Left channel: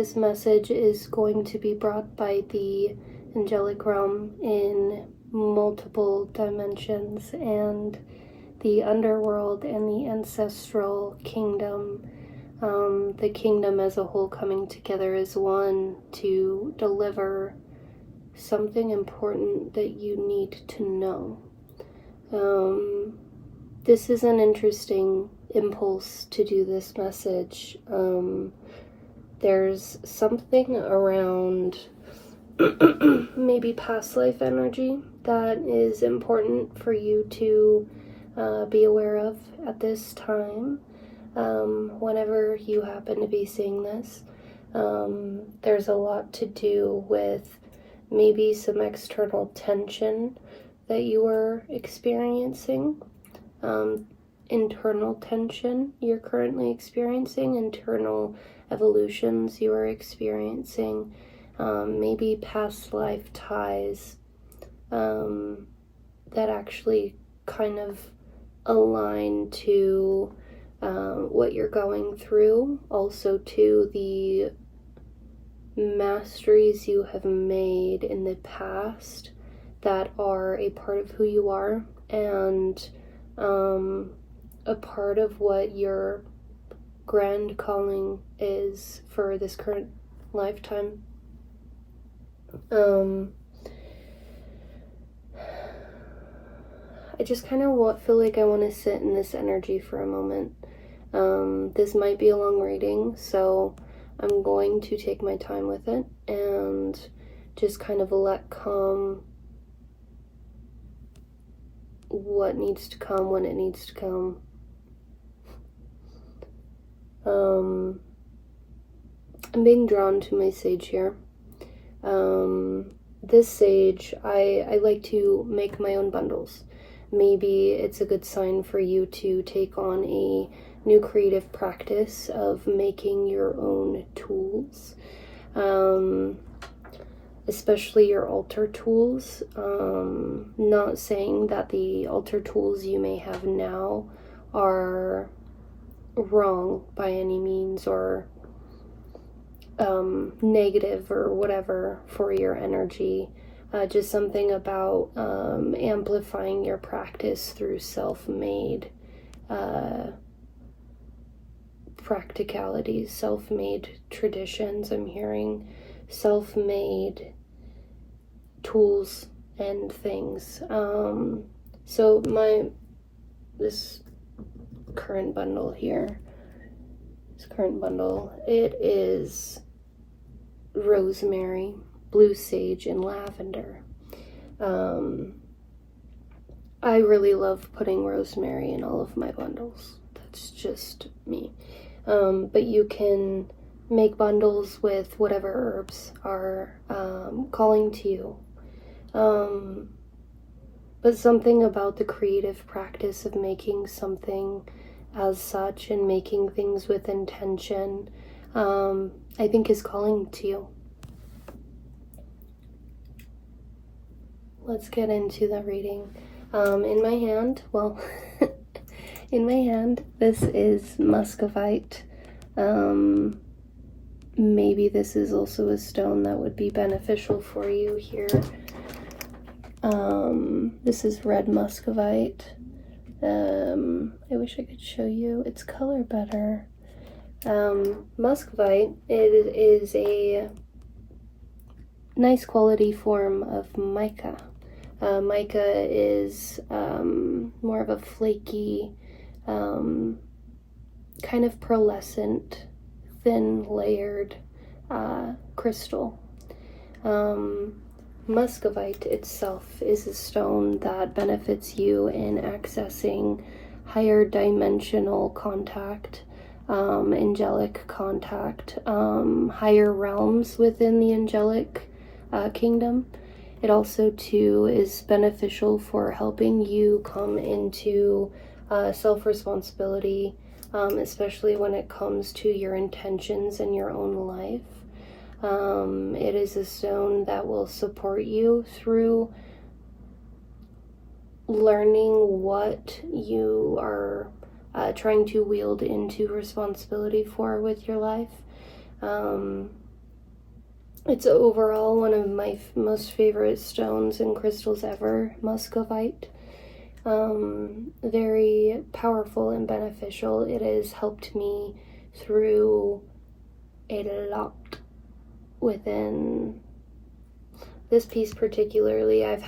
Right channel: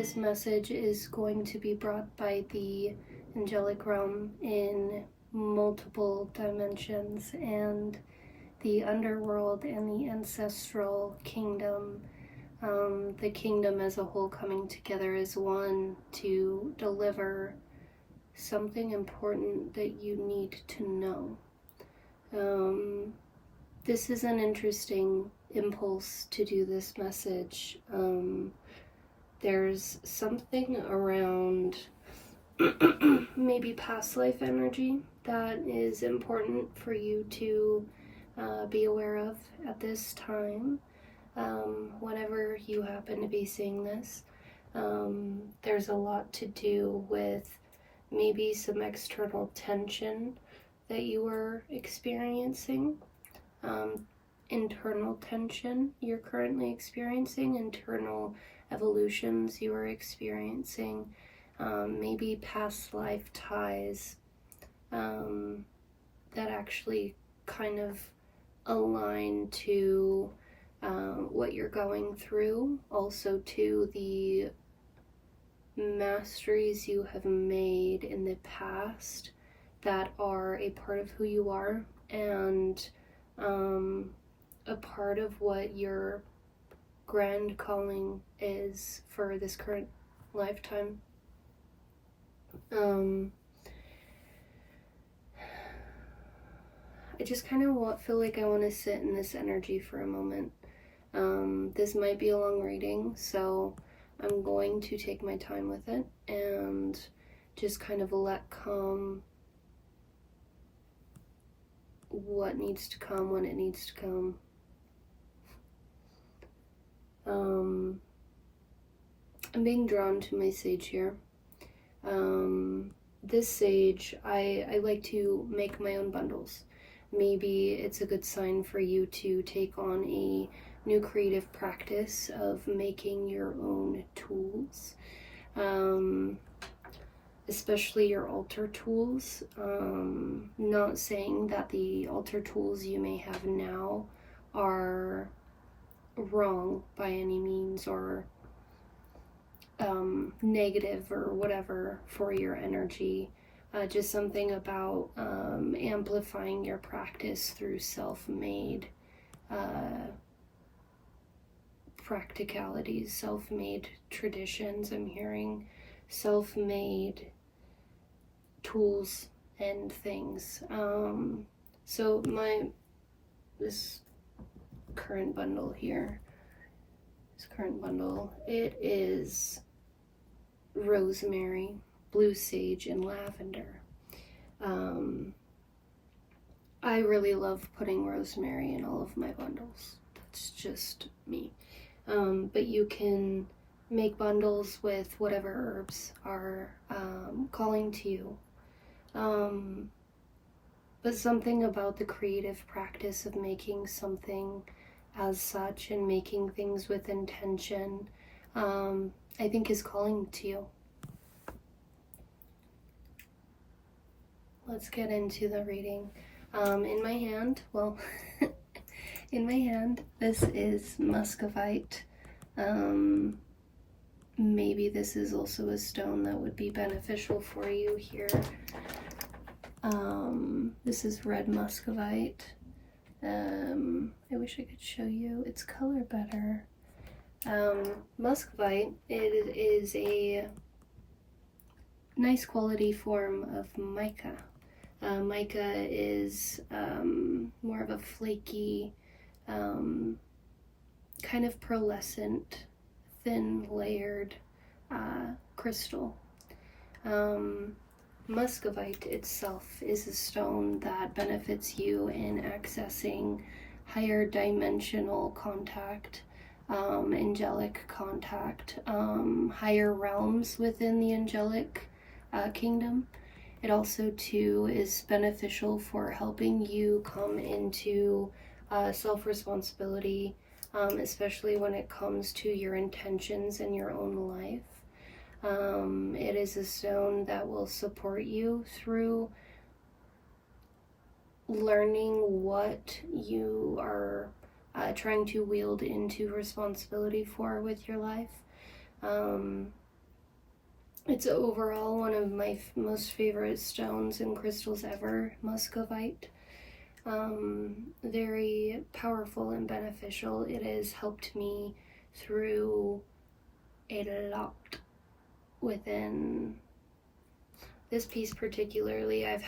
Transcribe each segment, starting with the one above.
this message is going to be brought by the angelic realm in multiple dimensions, and the underworld and the ancestral kingdom, the kingdom as a whole coming together as one to deliver something important that you need to know. This is an interesting impulse to do this message. There's something around maybe past life energy that is important for you to be aware of at this time. Whenever you happen to be seeing this, there's a lot to do with maybe some external tension that you are experiencing, internal tension you're currently experiencing, internal evolutions you are experiencing, maybe past life ties that actually kind of align to what you're going through, also to the masteries you have made in the past that are a part of who you are, and a part of what your grand calling is for this current lifetime. I just kind of feel like I want to sit in this energy for a moment. This might be a long reading, so I'm going to take my time with it and just kind of let come what needs to come when it needs to come. I'm being drawn to my sage here. This sage, I like to make my own bundles. Maybe it's a good sign for you to take on a new creative practice of making your own tools, especially your altar tools. Not saying that the altar tools you may have now are wrong by any means, or negative or whatever for your energy. Just something about amplifying your practice through self-made practicalities, self-made traditions. I'm hearing self-made tools and things. So this current bundle here, it is rosemary, blue sage, and lavender. I really love putting rosemary in all of my bundles. That's just me. But you can make bundles with whatever herbs are calling to you. But something about the creative practice of making something as such and making things with intention, I think is calling to you. Let's get into the reading. In my hand, this is muscovite. Maybe this is also a stone that would be beneficial for you here. This is red muscovite. I wish I could show you its color better. Muscovite, it is a nice quality form of mica. Mica is more of a flaky, kind of pearlescent, thin layered crystal. Muscovite itself is a stone that benefits you in accessing higher dimensional contact, angelic contact, higher realms within the angelic kingdom. It also too is beneficial for helping you come into self-responsibility, especially when it comes to your intentions in your own life. It is a stone that will support you through learning what you are trying to wield into responsibility for with your life. It's overall one of my most favorite stones and crystals ever, muscovite. Very powerful and beneficial. It has helped me through a lot within this piece particularly. I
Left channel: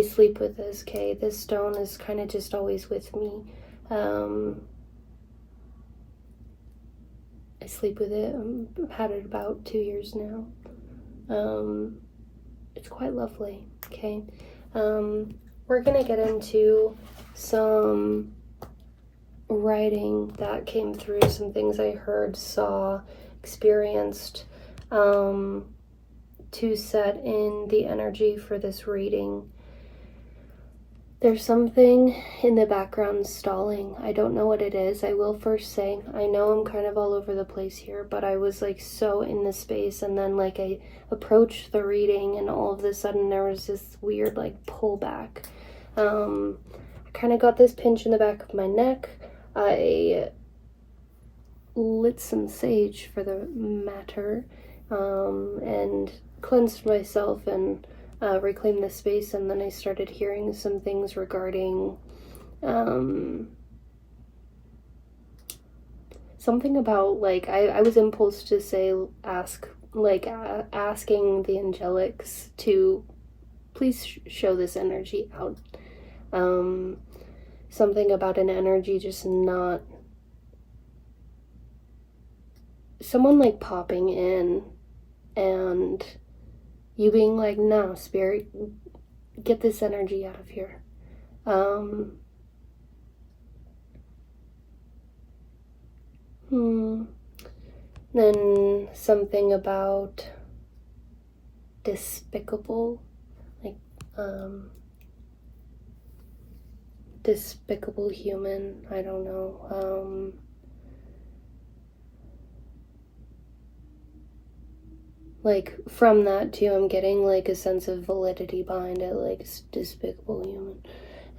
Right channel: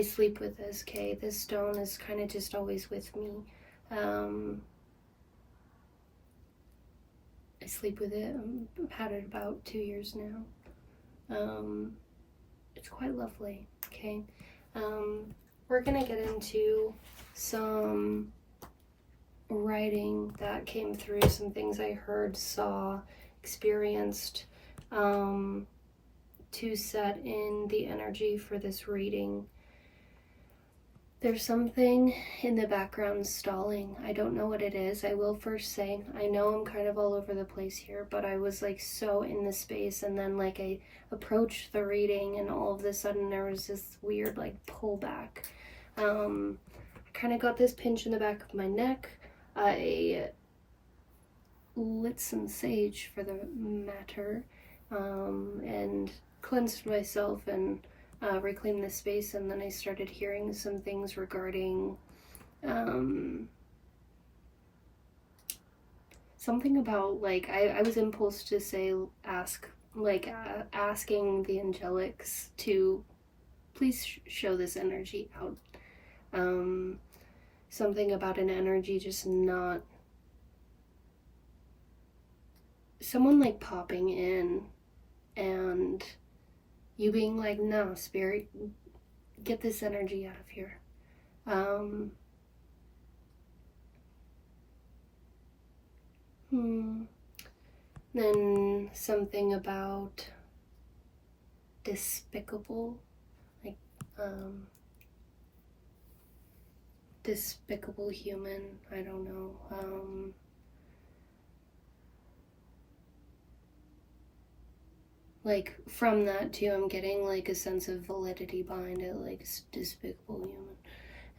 sleep with this, okay? This stone is kind of just always with me. I sleep with it. I've had it about 2 years now. It's quite lovely, okay? We're gonna get into some writing that came through, some things I heard, saw, experienced, to set in the energy for this reading. There's something in the background stalling. I don't know what it is. I will first say, I know I'm kind of all over the place here, but I was like so in the space, and then like I approached the reading and all of a sudden there was this weird like pullback. I kind of got this pinch in the back of my neck. I lit some sage for the matter, and cleansed myself and reclaimed the space, and then I started hearing some things regarding something about like I was impulsed to say asking the angelics to please show this energy out. Something about an energy just not, someone like popping in and you being like, no, spirit, get this energy out of here. Then something about despicable, like despicable human, I don't know. Like from that too, I'm getting like a sense of validity behind it, like despicable human.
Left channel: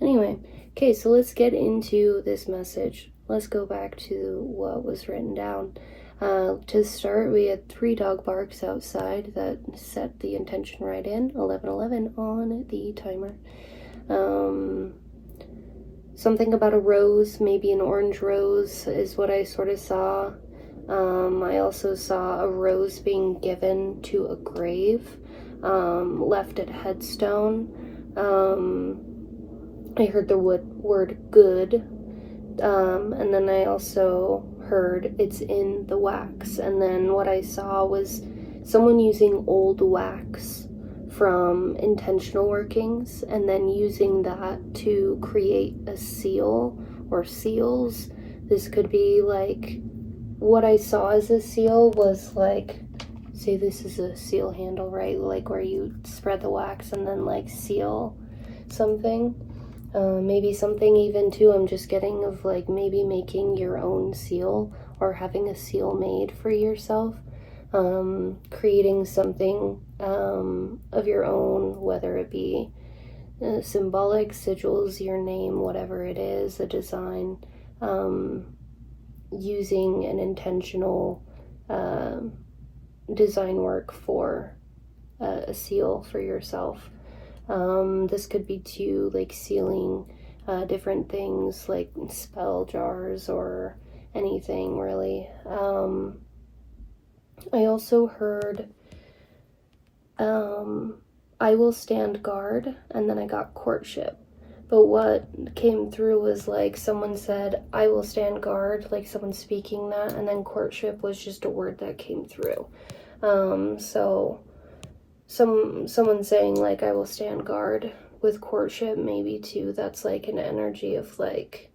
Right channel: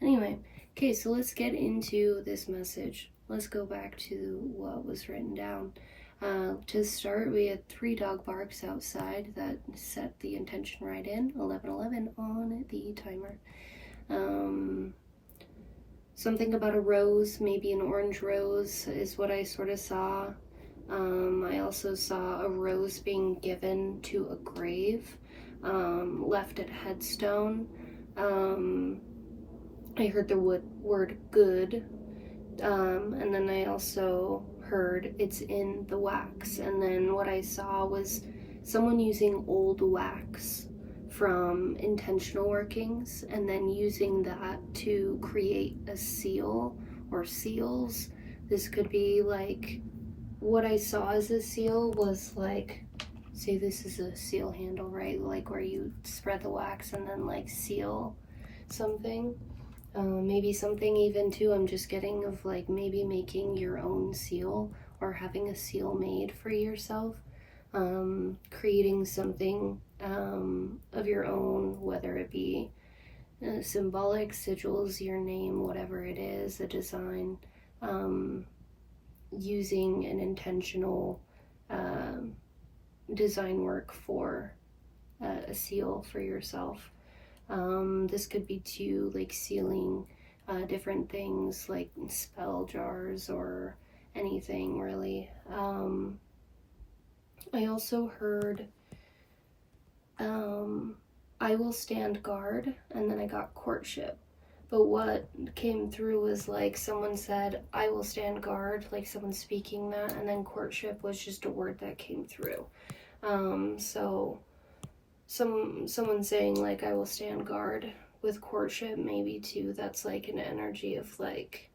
Anyway, okay, so let's get into this message. Let's go back to what was written down. To start, we had 3 dog barks outside that set the intention right in. 11:11 on the timer. Something about a rose, maybe an orange rose, is what I sort of saw. I also saw a rose being given to a grave, left at headstone. I heard the word good, and then I also heard it's in the wax, and then what I saw was someone using old wax from intentional workings and then using that to create a seal or seals. This could be like, what I saw as a seal was like, say this is a seal handle, right? Like where you spread the wax and then like seal something. Maybe something even too, I'm just getting of like maybe making your own seal or having a seal made for yourself. Creating something of your own, whether it be symbolic, sigils, your name, whatever it is, a design, using an intentional design work for a seal for yourself. This could be too like sealing different things like spell jars or anything really. I also heard I will stand guard, and then I got courtship. But what came through was like someone said, I will stand guard, like someone speaking that, and then courtship was just a word that came through. So someone saying like I will stand guard with courtship, maybe too, that's like an energy of like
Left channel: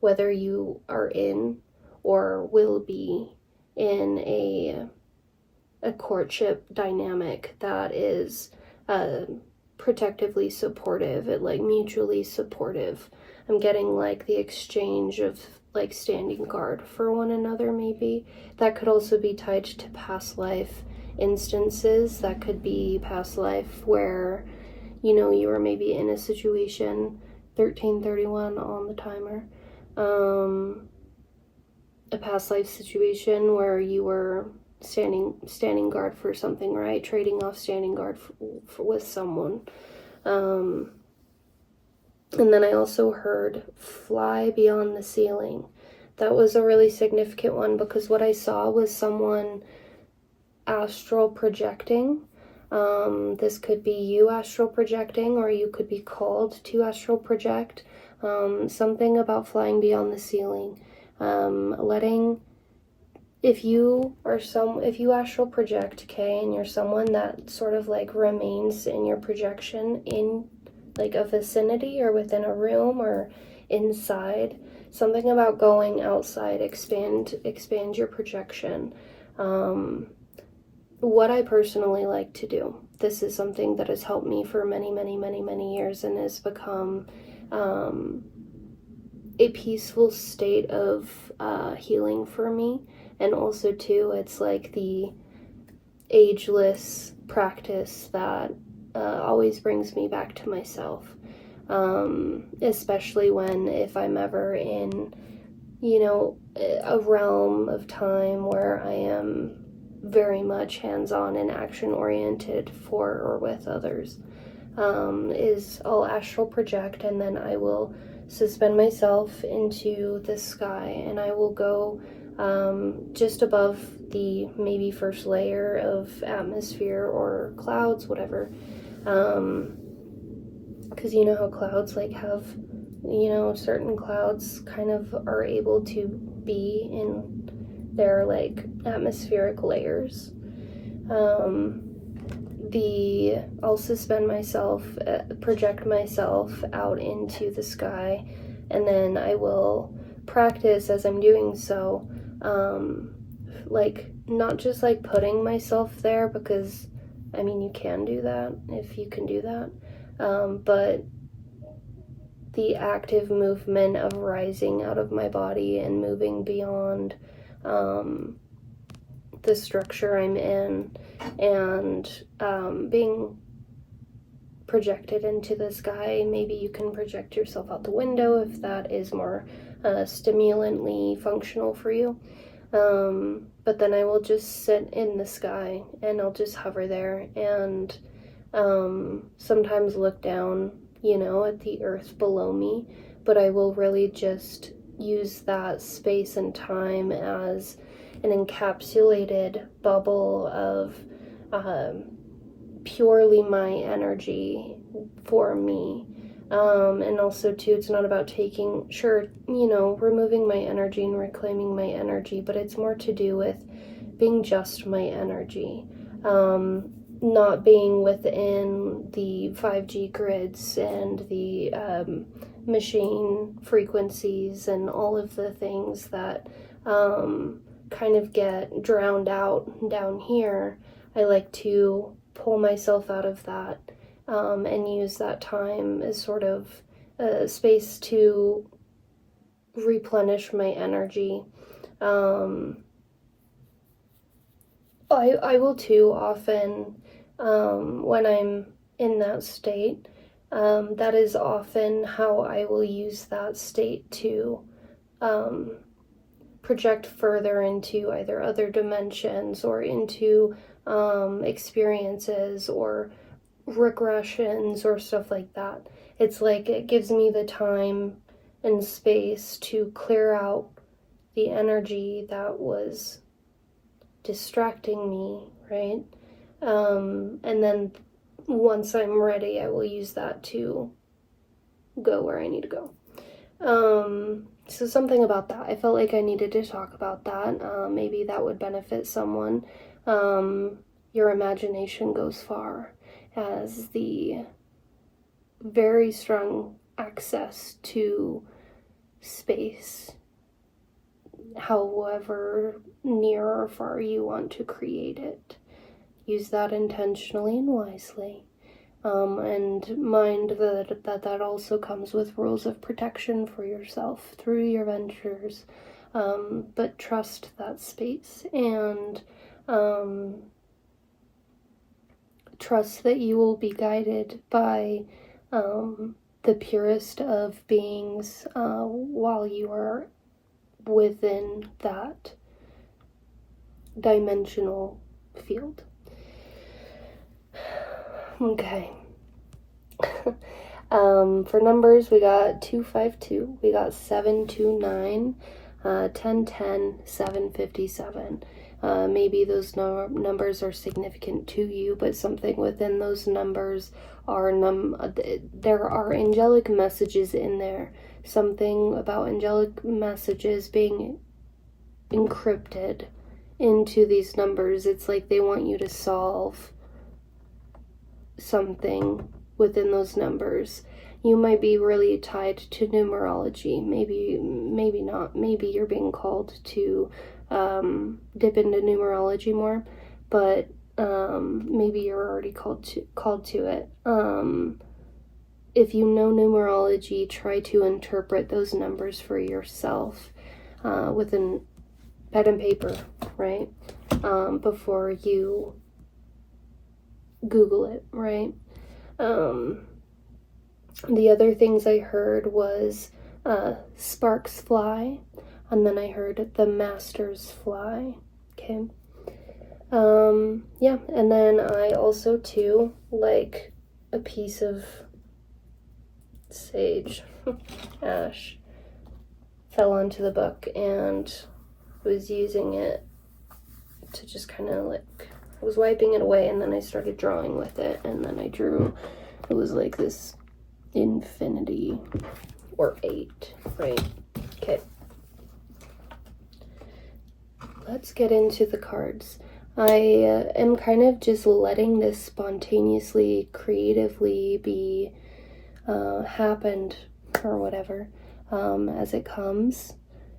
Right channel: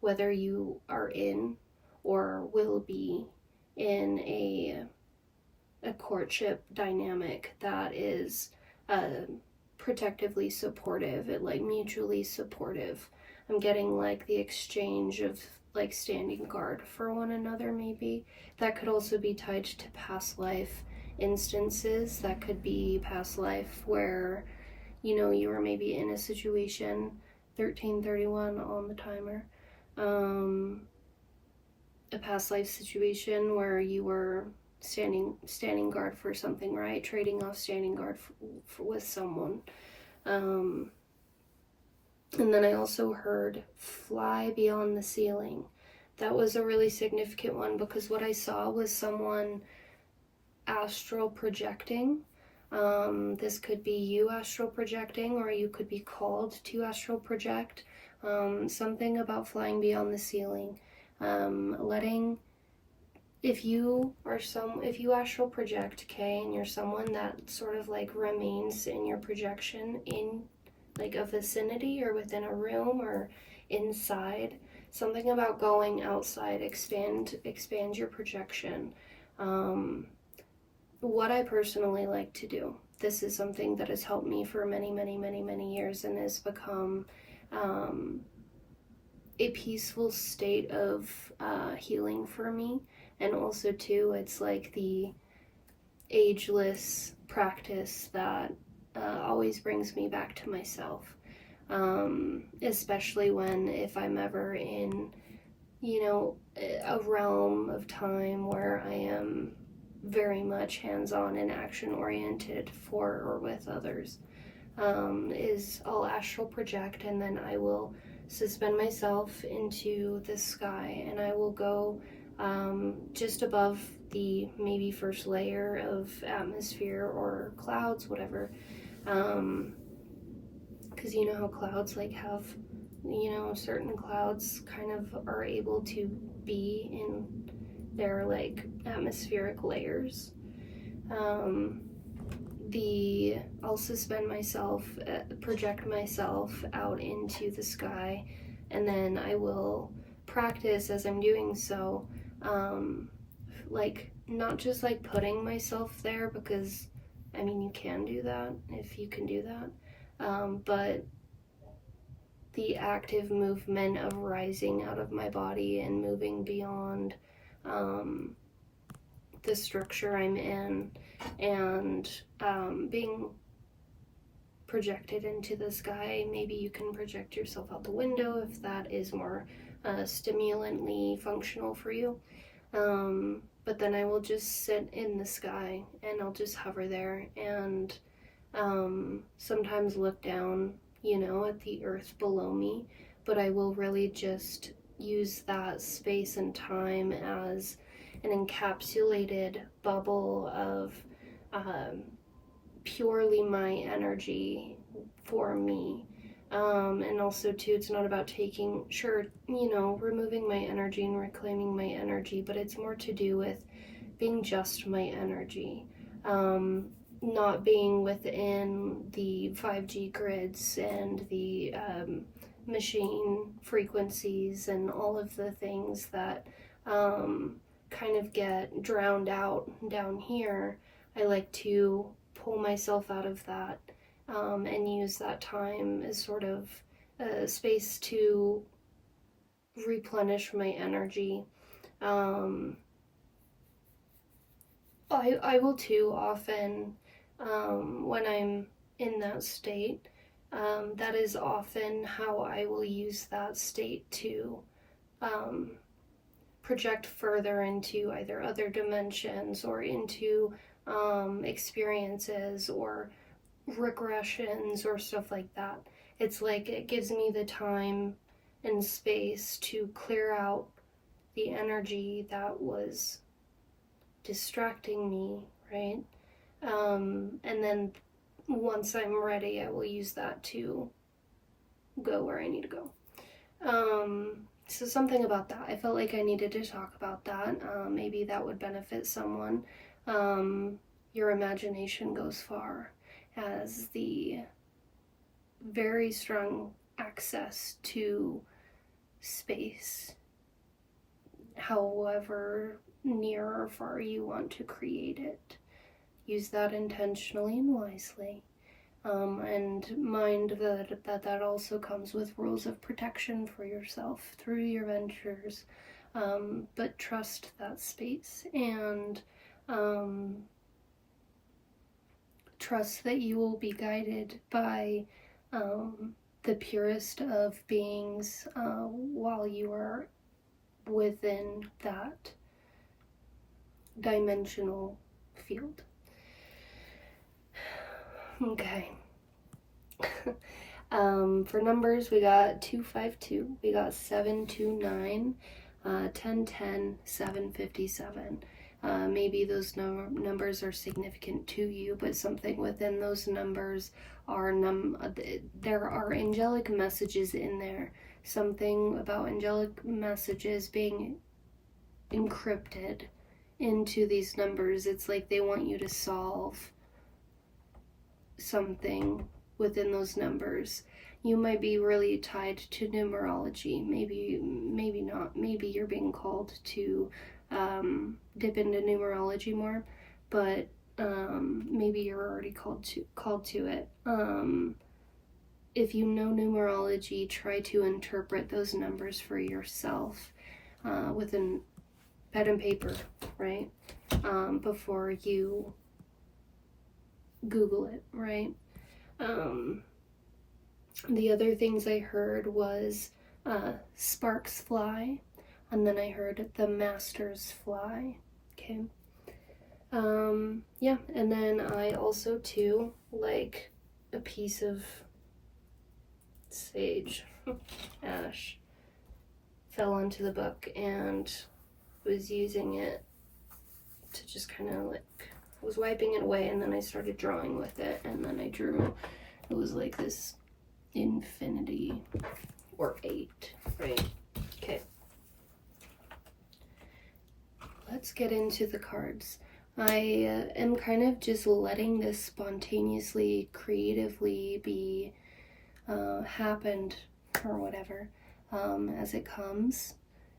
whether you are in or will be in a courtship dynamic that is protectively supportive, it like mutually supportive. I'm getting like the exchange of like standing guard for one another. Maybe that could also be tied to past life instances. That could be past life where, you know, you were maybe in a situation. 13:31 on the timer. a past life situation where you were standing guard for something, right? Trading off standing guard with someone. And then I also heard fly beyond the ceiling. That was a really significant one because what I saw was someone astral projecting. This could be you astral projecting, or you could be called to astral project. Something about flying beyond the ceiling. Letting, if you astral project, okay, and you're someone that sort of like remains in your projection in like a vicinity or within a room or inside, something about going outside, expand your projection. What I personally like to do, this is something that has helped me for many years and has become a peaceful state of healing for me. And also too, it's like the ageless practice that always brings me back to myself, especially if I'm ever in, a realm of time where I am very much hands-on and action-oriented for or with others. I'll astral project, and then I will suspend myself into the sky, and I will go just above the maybe first layer of atmosphere or clouds, whatever. Because you know how clouds like have, certain clouds kind of are able to be in their like atmospheric layers. I'll suspend myself, project myself out into the sky, and then I will practice as I'm doing so, like not just like putting myself there, because I mean you can do that if you can do that, but the active movement of rising out of my body and moving beyond the structure I'm in, and being projected into the sky. Maybe you can project yourself out the window if that is more stimulantly functional for you. But then I will just sit in the sky and I'll just hover there, and sometimes look down, at the earth below me, but I will really just use that space and time as an encapsulated bubble of purely my energy for me. And also too, it's not about removing my energy and reclaiming my energy, but it's more to do with being just my energy. Not being within the 5G grids and the machine frequencies and all of the things that kind of get drowned out down here. I like to pull myself out of that and use that time as sort of a space to replenish my energy. I will too often, when I'm in that state, that is often how I will use that state to project further into either other dimensions or into experiences or regressions or stuff like that. It's like it gives me the time and space to clear out the energy that was distracting me, right? And then once I'm ready, I will use that to go where I need to go. So something about that. I felt like I needed to talk about that. Maybe that would benefit someone. Your imagination goes far, as the very strong access to space, however near or far you want to create it. Use that intentionally and wisely. And mind that also comes with rules of protection for yourself through your ventures. But trust that space, and trust that you will be guided by the purest of beings while you are within that dimensional field. Okay. For numbers, we got 252, we got 729, 1010, 757. Maybe those numbers are significant to you, but something within those numbers are there are angelic messages in there. Something about angelic messages being encrypted into these numbers. It's like they want you to solve something within those numbers. You might be really tied to numerology. Maybe not. Maybe you're being called to dip into numerology more, but maybe you're already called to it. If you know numerology, try to interpret those numbers for yourself with a pen and paper, right? Before you Google it, right? The other things I heard was sparks fly, and then I heard the masters fly. Okay. Yeah, and then I also too like a piece of sage ash fell onto the book, and was using it to just kind of like, I was wiping it away, and then I started drawing with it, and then I drew, it was like this infinity, or 8, right? Okay. Let's get into the cards. I am kind of just letting this spontaneously, creatively be happened, or whatever, as it comes.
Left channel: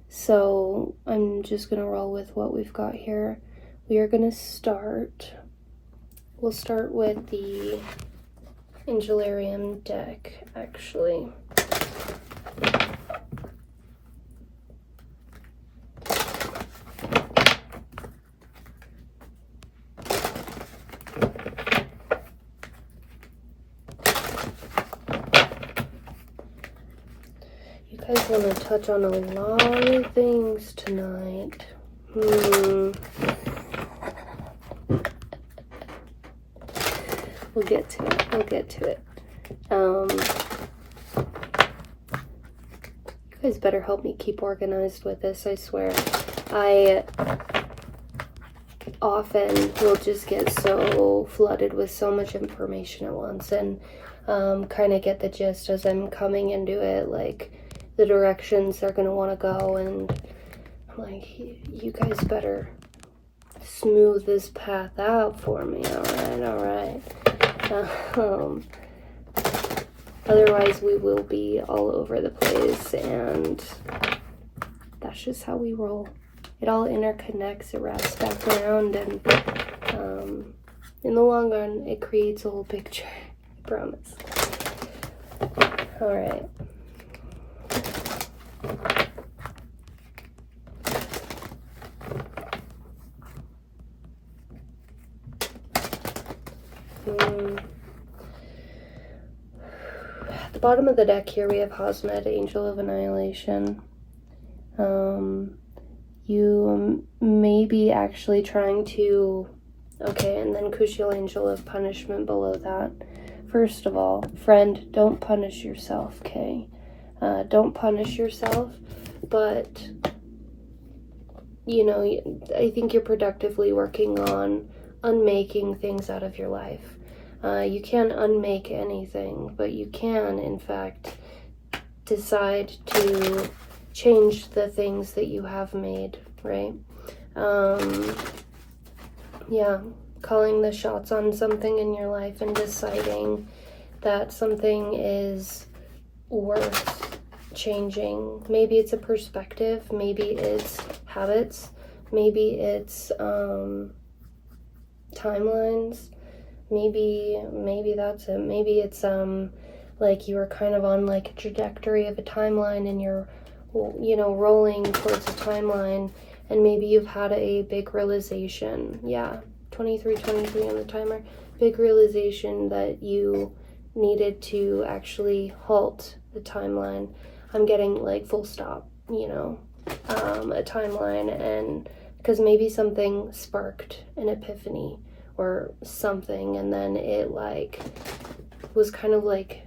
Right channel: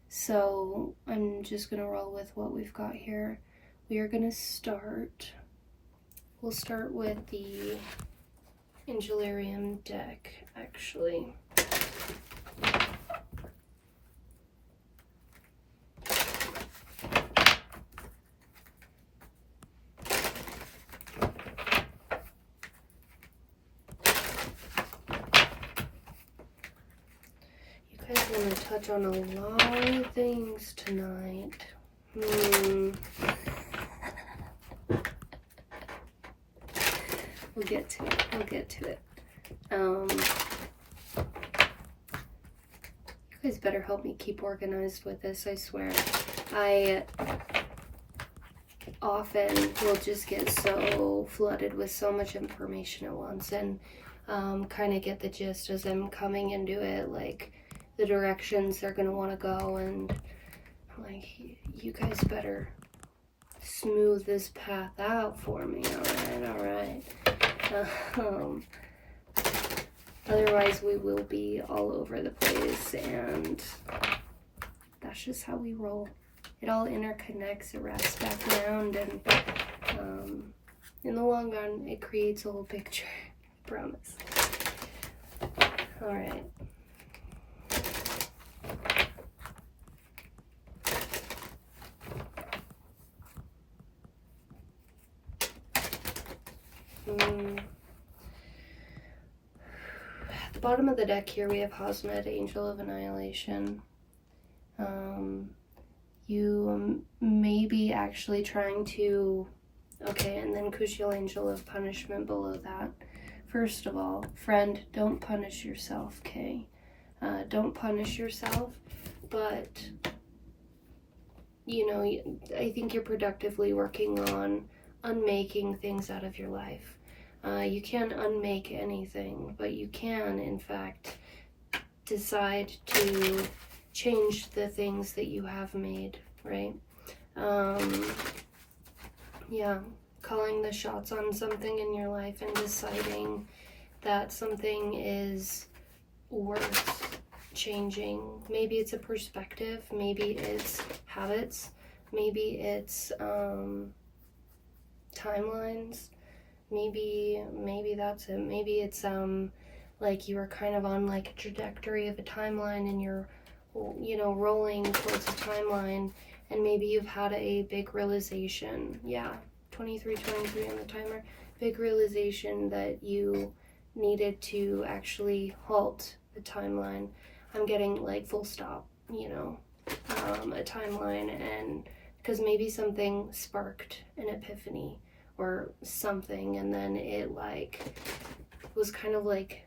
So I'm just gonna roll with what we've got here. We are gonna we'll start with the Angelarium deck, actually. You guys want to touch on a lot of things tonight. We'll get to it. You guys better help me keep organized with this, I swear. I often will just get so flooded with so much information at once, and kind of get the gist as I'm coming into it, like the directions they're going to want to go, and I'm like, you guys better smooth this path out for me, all right. Otherwise we will be all over the place, and that's just how we roll. It all interconnects, it wraps back around, and in the long run it creates a whole picture, I promise. All right. At the bottom of the deck here we have Hosmet, Angel of Annihilation. You may be actually trying to, okay, and then Kushiel, Angel of Punishment below that. First of all, friend, don't punish yourself, okay? Don't punish yourself, but, you know, I think you're productively working on unmaking things out of your life. You can't unmake anything, but you can, in fact, decide to change the things that you have made, right? Yeah, calling the shots on something in your life and deciding that something is worth changing. Maybe it's a perspective, maybe it's habits, maybe it's timelines, maybe that's it. Maybe it's like you were kind of on like a trajectory of a timeline, and you're, you know, rolling towards a timeline, and maybe you've had a big realization. Yeah, 23 on the timer. Big realization that you needed to actually halt the timeline. I'm getting like full stop, you know, a timeline, and because maybe something sparked an epiphany or something, and then it like was kind of like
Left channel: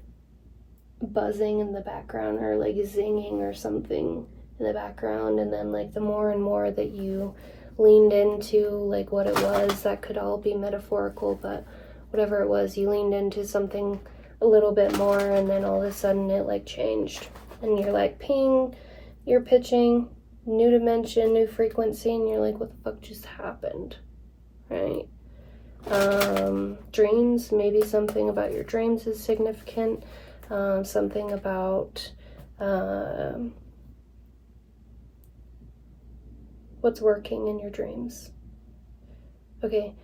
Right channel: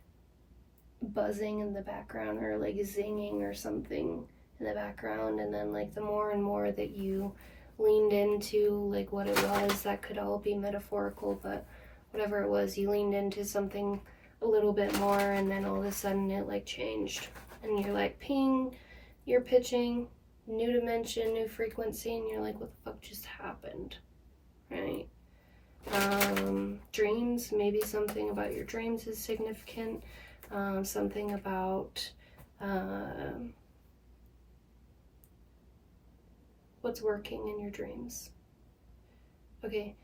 buzzing in the background or like zinging or something in the background, and then like the more and more that you leaned into like what it was, that could all be metaphorical, but whatever it was, you leaned into something a little bit more, and then all of a sudden it like changed, and you're like, ping, you're pitching new dimension, new frequency, and you're like, what the fuck just happened, right? Dreams, maybe something about your dreams is significant. Something about what's working in your dreams. Okay.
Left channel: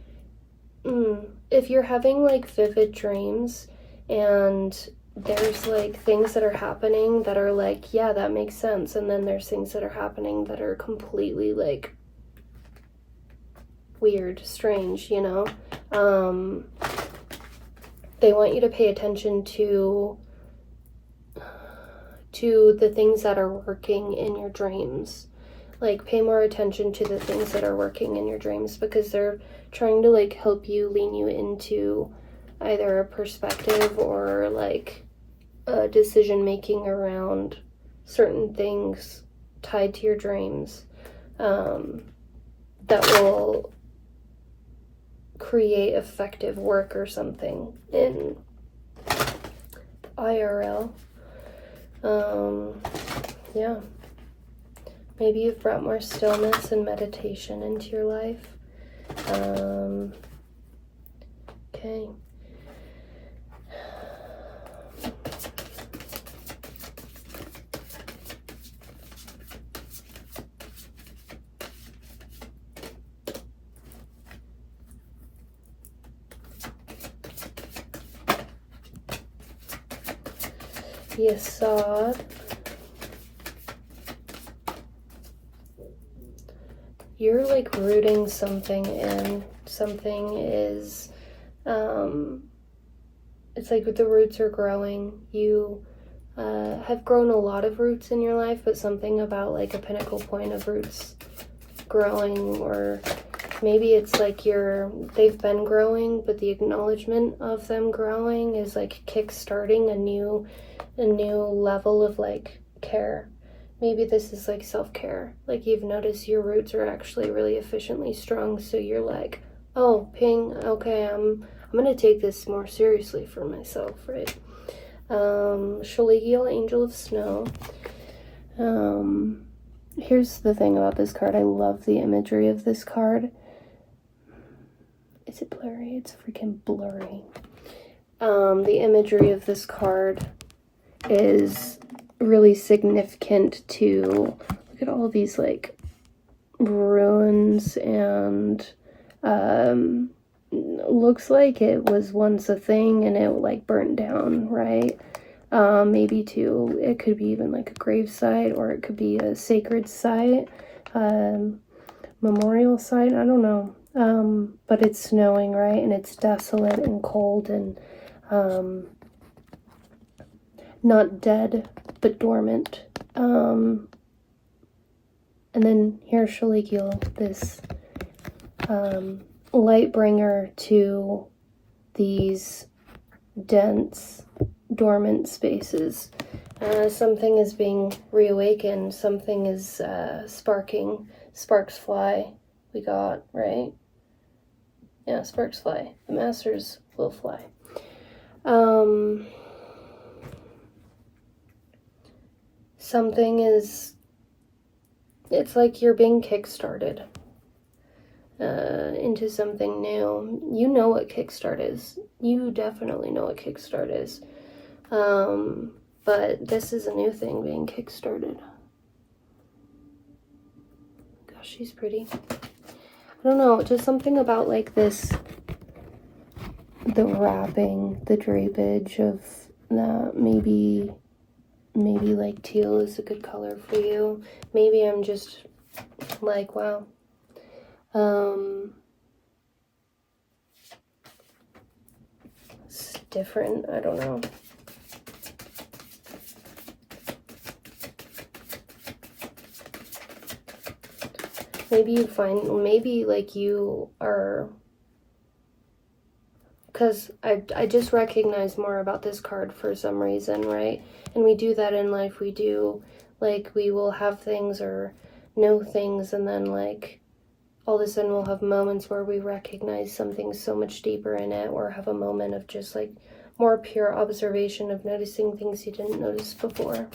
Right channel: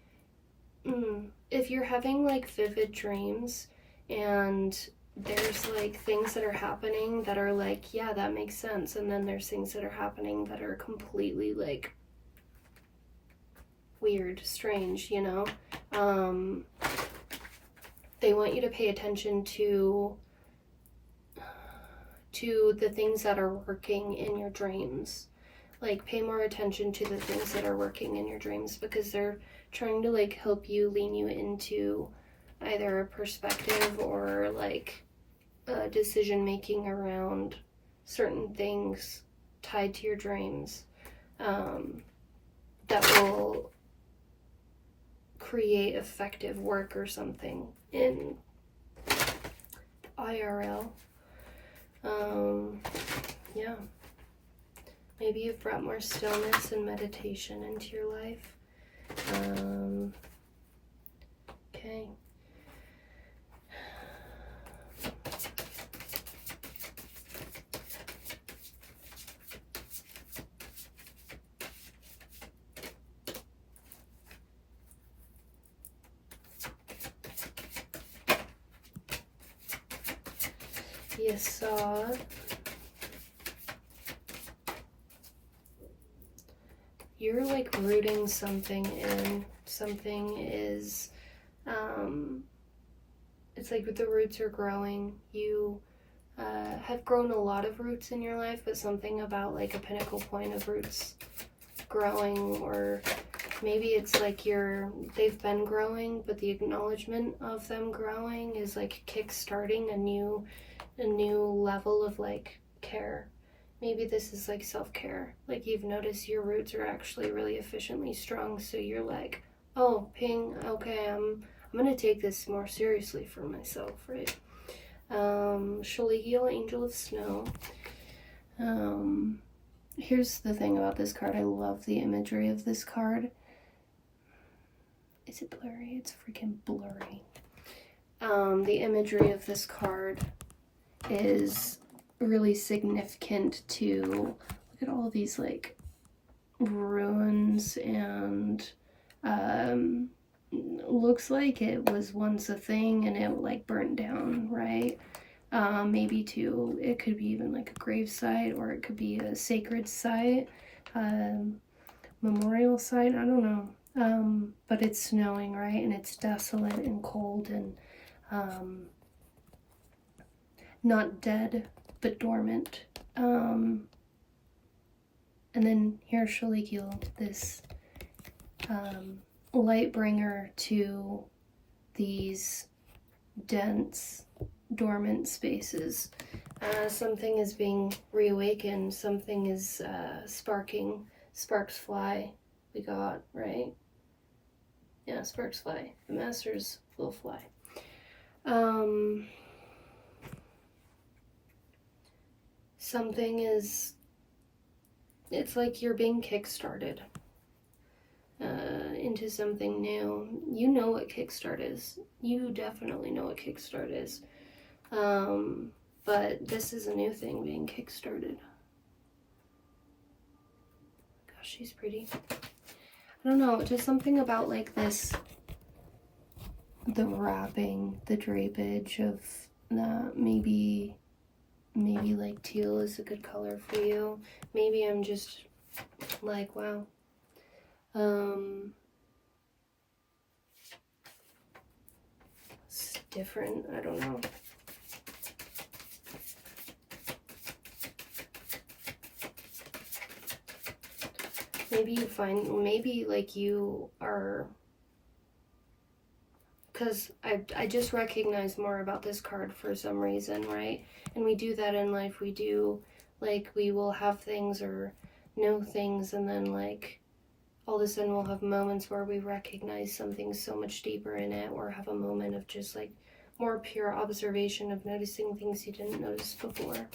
If you're having like vivid dreams and there's like things that are happening that are like, yeah, that makes sense, and then there's things that are happening that are completely like weird, strange, you know, they want you to pay attention to the things that are working in your dreams. Like, pay more attention to the things that are working in your dreams, because they're trying to like help you, lean you into either a perspective or like a decision making around certain things tied to your dreams, that will create effective work or something in IRL. Yeah. Maybe you've brought more stillness and meditation into your life. Okay. Yesod. You're like rooting something in. Something is, it's like the roots are growing. You have grown a lot of roots in your life, but something about like a pinnacle point of roots growing, or maybe it's like they've been growing, but the acknowledgement of them growing is like kick-starting a new level of like care. Maybe this is like self-care. Like, you've noticed your roots are actually really efficiently strong, so you're like, oh, ping, okay, I'm gonna take this more seriously for myself, right? Shaligiel, Angel of Snow. Here's the thing about this card. I love the imagery of this card. Is it blurry? It's freaking blurry. The imagery of this card is really significant to, look at all these like ruins, and looks like it was once a thing and it like burnt down, right? Maybe too, it could be even like a grave site, or it could be a sacred site, memorial site, I don't know. But it's snowing, right? And it's desolate and cold and not dead, but dormant. And then here's Shaligiel, this light bringer to these dense, dormant spaces. Something is being reawakened, something is sparking. Sparks fly, we got, right? Yeah, sparks fly. The masters will fly. Something is, it's like you're being kickstarted into something new. You know what kickstart is. You definitely know what kickstart is. But this is a new thing being kickstarted. Gosh, she's pretty. I don't know, just something about like this, the wrapping, the drapage of that. Maybe like teal is a good color for you. Maybe I'm just like, wow. It's different, I don't know. maybe you find, maybe like you are, because I just recognize more about this card for some reason, right? And we do that in life. We do, like, we will have things or know things, and then like all of a sudden we'll have moments where we recognize something so much deeper in it, or have a moment of just like more pure observation of noticing things you didn't notice before.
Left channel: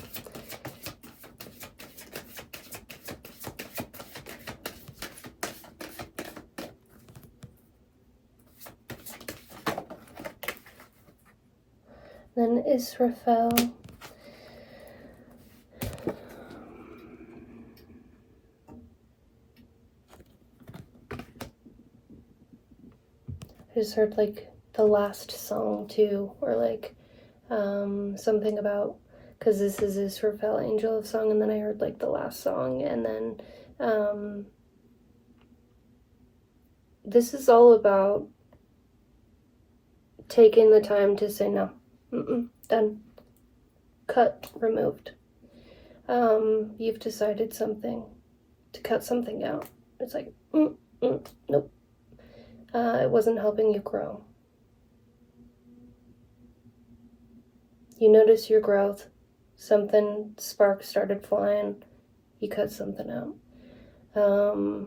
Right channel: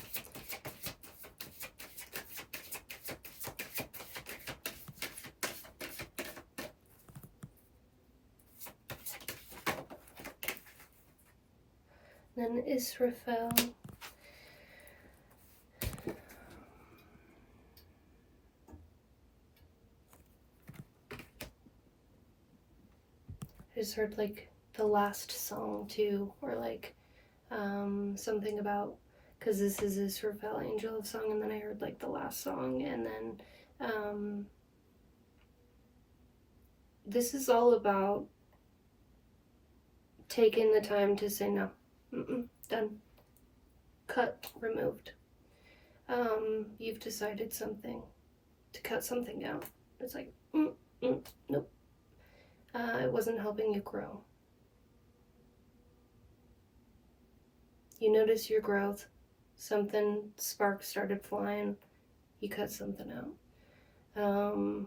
Then Israfel. I just heard like the last song too, or like something about, because this is Israfel, Angel of Song, and then I heard like the last song, and then this is all about taking the time to say no, done, cut, removed. You've decided something, to cut something out. It's like, nope. It wasn't helping you grow. You notice your growth, something, sparks started flying, you cut something out.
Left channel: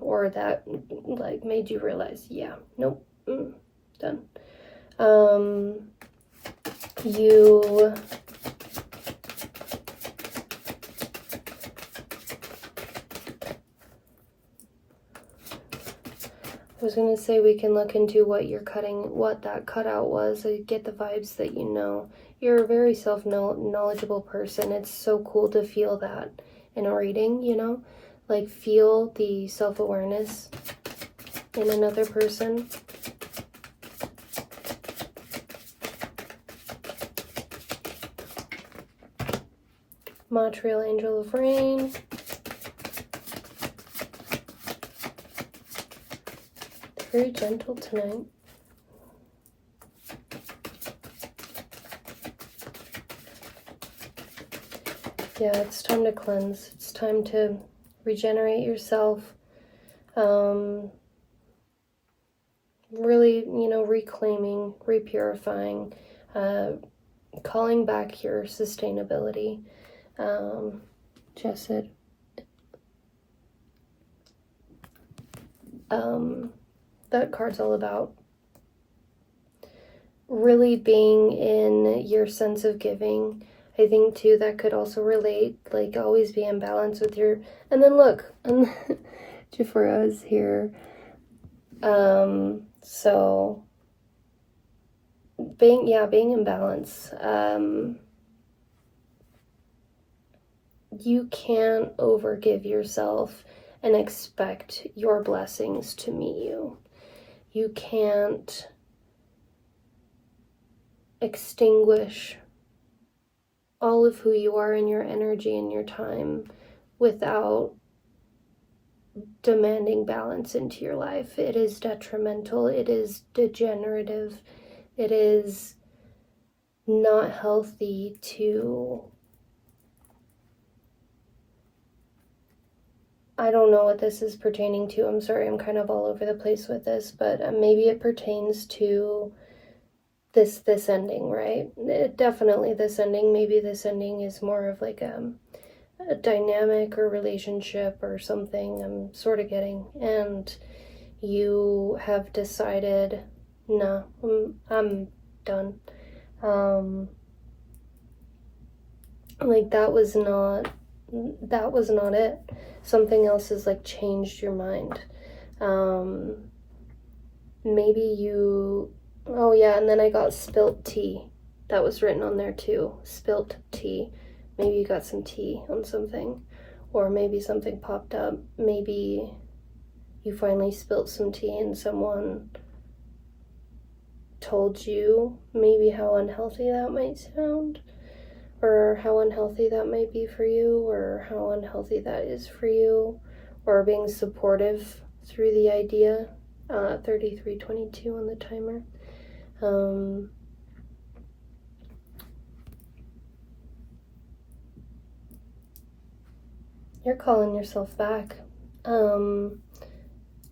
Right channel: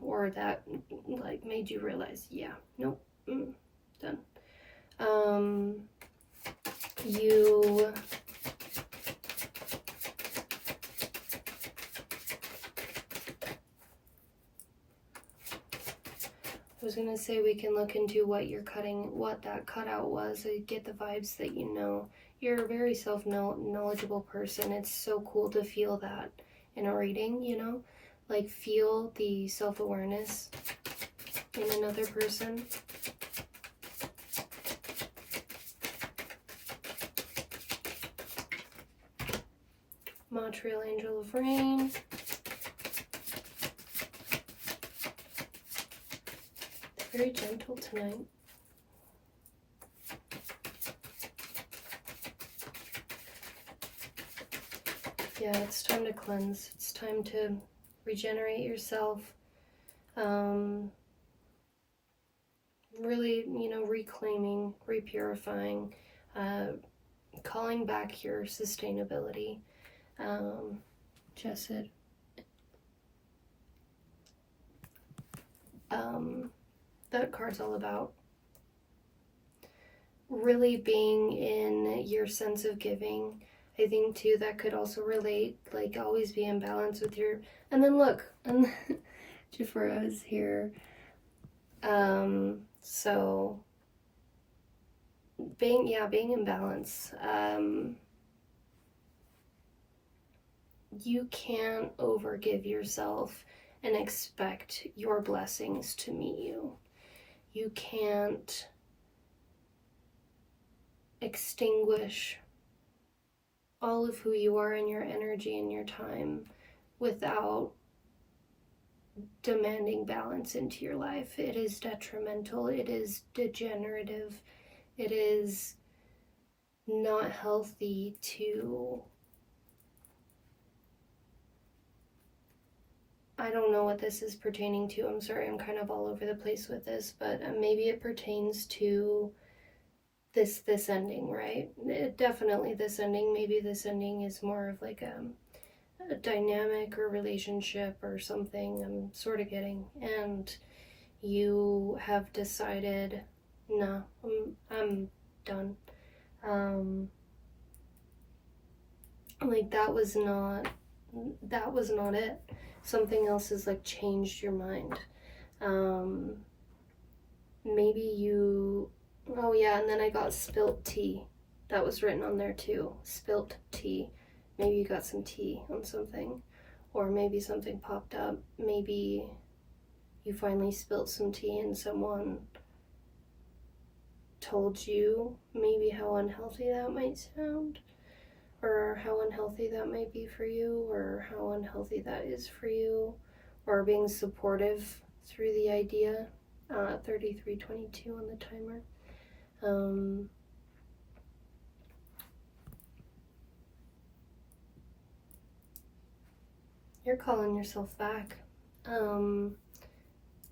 Or that like made you realize, yeah, nope, done. You I was gonna say we can look into what you're cutting, what that cutout was. I get the vibes that you know. You're a very self-knowledgeable person. It's so cool to feel that in a reading, you know? Like, feel the self-awareness in another person. Montreal Angel of Rain. Very gentle tonight. Yeah, it's time to cleanse. It's time to regenerate yourself. Really, you know, reclaiming, repurifying, calling back your sustainability. Jessid. That card's all about really being in your sense of giving. I think too that could also relate, like always be in balance with your, and then look, Jafura is here. So being in balance. You can't overgive yourself and expect your blessings to meet you. You can't extinguish all of who you are and your energy and your time without demanding balance into your life. It is detrimental. It is degenerative. It is not healthy to, I don't know what this is pertaining to. I'm sorry, I'm kind of all over the place with this, but maybe it pertains to this ending, right? Definitely this ending. Maybe this ending is more of like a dynamic or relationship or something I'm sort of getting, and you have decided, no, I'm done. Like that was not it. Something else has like changed your mind. Maybe you, oh yeah, and then I got spilt tea. That was written on there too. Spilt tea. Maybe you got some tea on something, or maybe something popped up. Maybe you finally spilt some tea and someone told you maybe how unhealthy that might sound, or how unhealthy that might be for you, or how unhealthy that is for you, or being supportive through the idea. 33:22 on the timer. You're calling yourself back.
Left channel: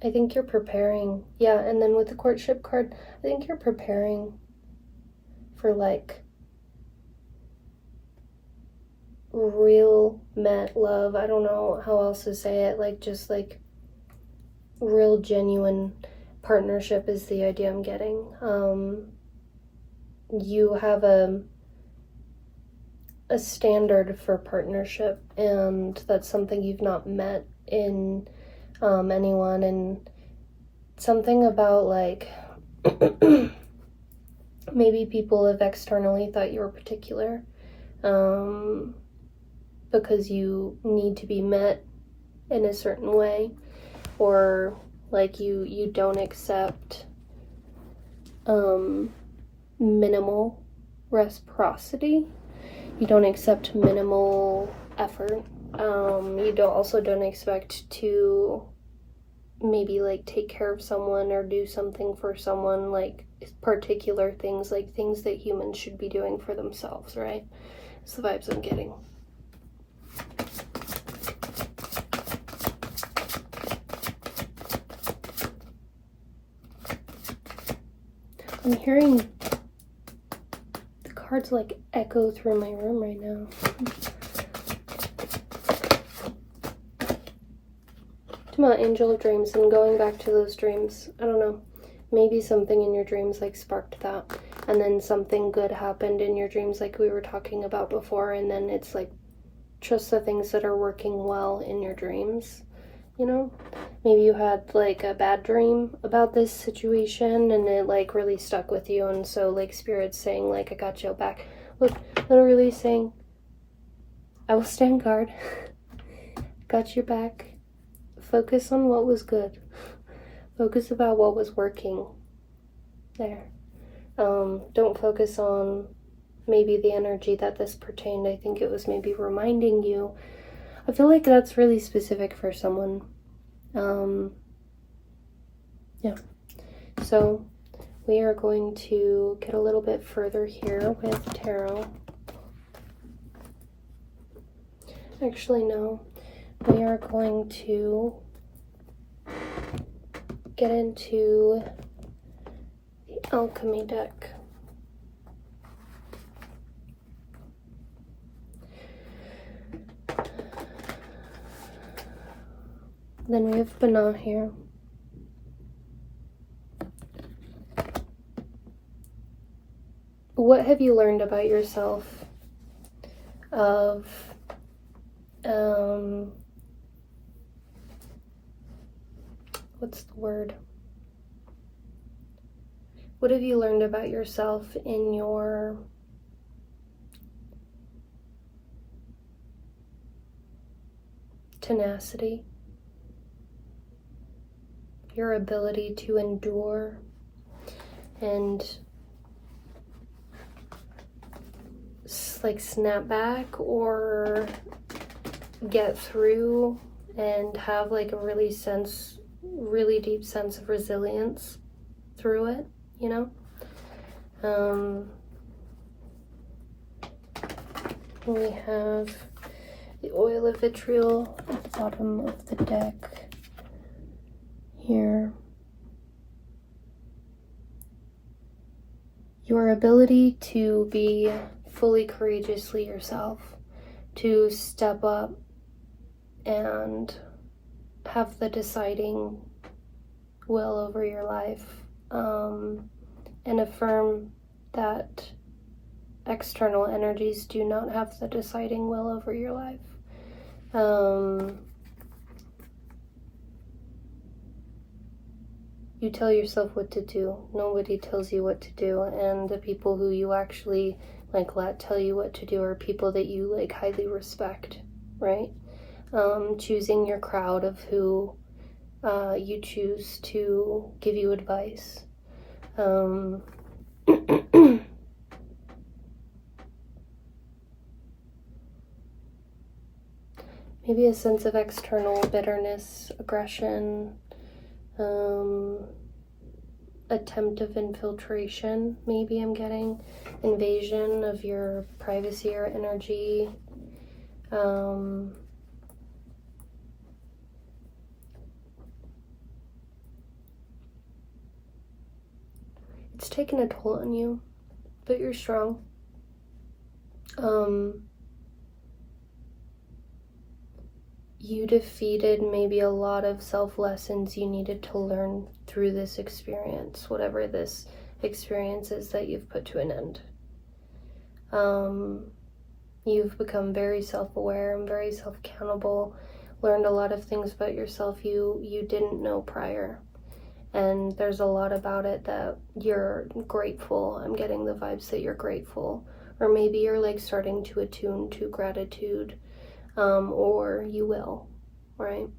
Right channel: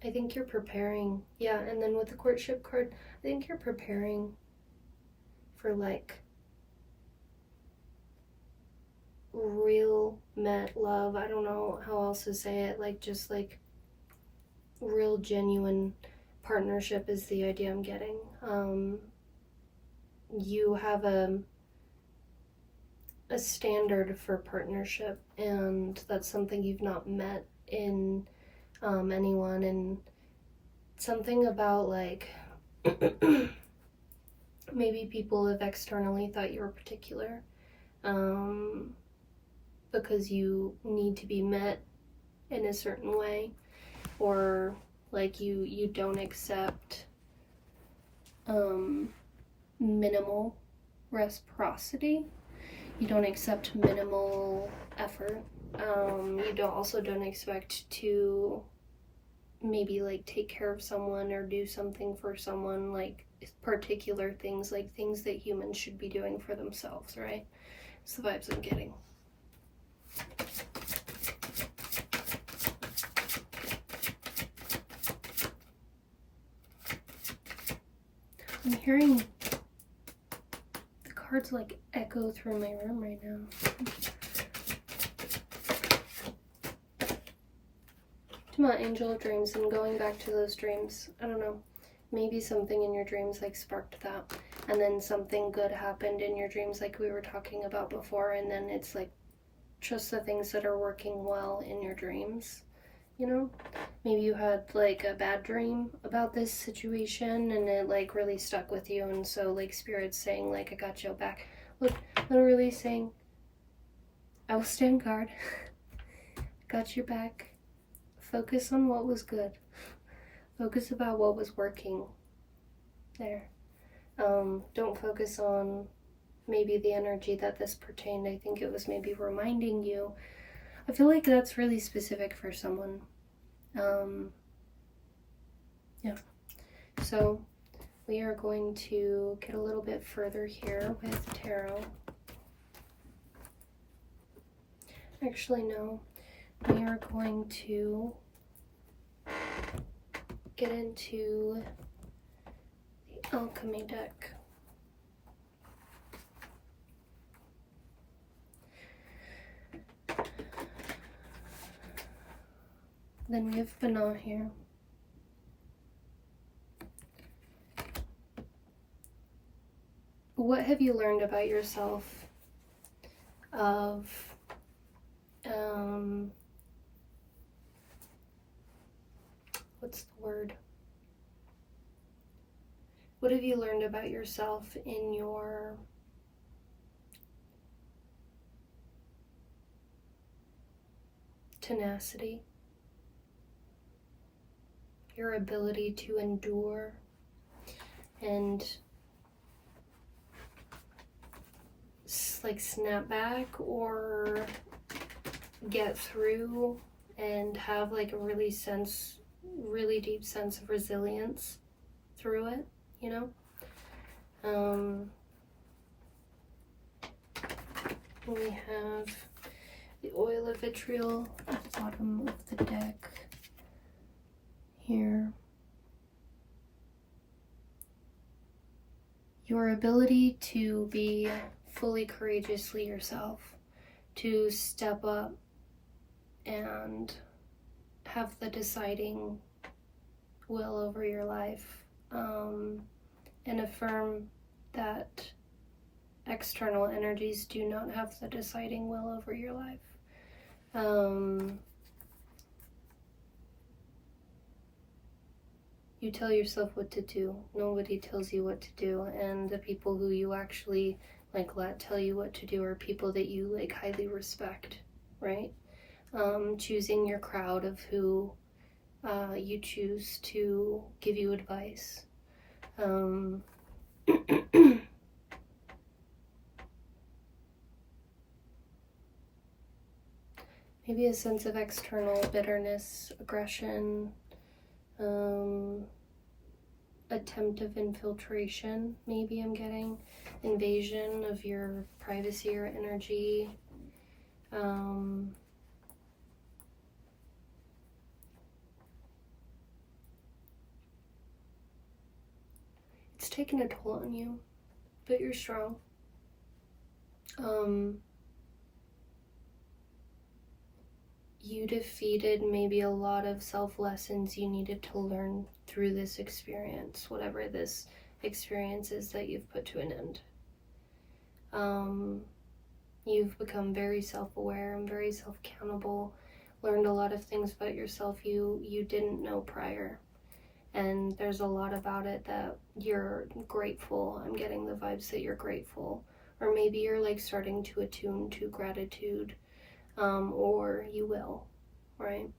I think you're preparing. Yeah, and then with the courtship card, I think you're preparing for like real met love. I don't know how else to say it. Like just like real genuine partnership is the idea I'm getting. You have a standard for partnership, and that's something you've not met in anyone, and something about like maybe people have externally thought you were particular because you need to be met in a certain way, or like you don't accept minimal reciprocity. You don't accept minimal effort. You don't expect to maybe like take care of someone or do something for someone, like particular things, like things that humans should be doing for themselves, right? It's the vibes I'm getting. I'm hearing the cards like echo through my room right now. About angel of dreams and going back to those dreams. I don't know. Maybe something in your dreams like sparked that, and then something good happened in your dreams like we were talking about before, and then it's like just the things that are working well in your dreams, you know? Maybe you had like a bad dream about this situation and it like really stuck with you, and so like Spirit's saying like, I got your back. Look, literally saying, I will stand guard. Got your back. Focus on what was good. Focus about what was working there. Don't focus on maybe the energy that this pertained. I think it was maybe reminding you. I feel like that's really specific for someone. Yeah. So we are going to get a little bit further here with tarot. Actually, no. We are going to get into the alchemy deck. Then we have Bana here. What have you learned about yourself of what's the word? What have you learned about yourself in your tenacity, your ability to endure and like snap back or get through and have like a really deep sense of resilience through it, you know? We have the oil of vitriol at the bottom of the deck here. Your ability to be fully courageously yourself, to step up and have the deciding will over your life, and affirm that external energies do not have the deciding will over your life. You tell yourself what to do. Nobody tells you what to do, and the people who you actually like let tell you what to do are people that you like highly respect, right? Choosing your crowd of who you choose to give you advice. Maybe a sense of external bitterness, aggression, attempt of infiltration, maybe I'm getting invasion of your privacy or energy. It's taken a toll on you, but you're strong. You defeated maybe a lot of self-lessons you needed to learn through this experience, whatever this experience is that you've put to an end. You've become very self-aware and very self-accountable, learned a lot of things about yourself you didn't know prior. And there's a lot about it that you're grateful. I'm getting the vibes that you're grateful. Or maybe you're like starting to attune to gratitude, or you will, right?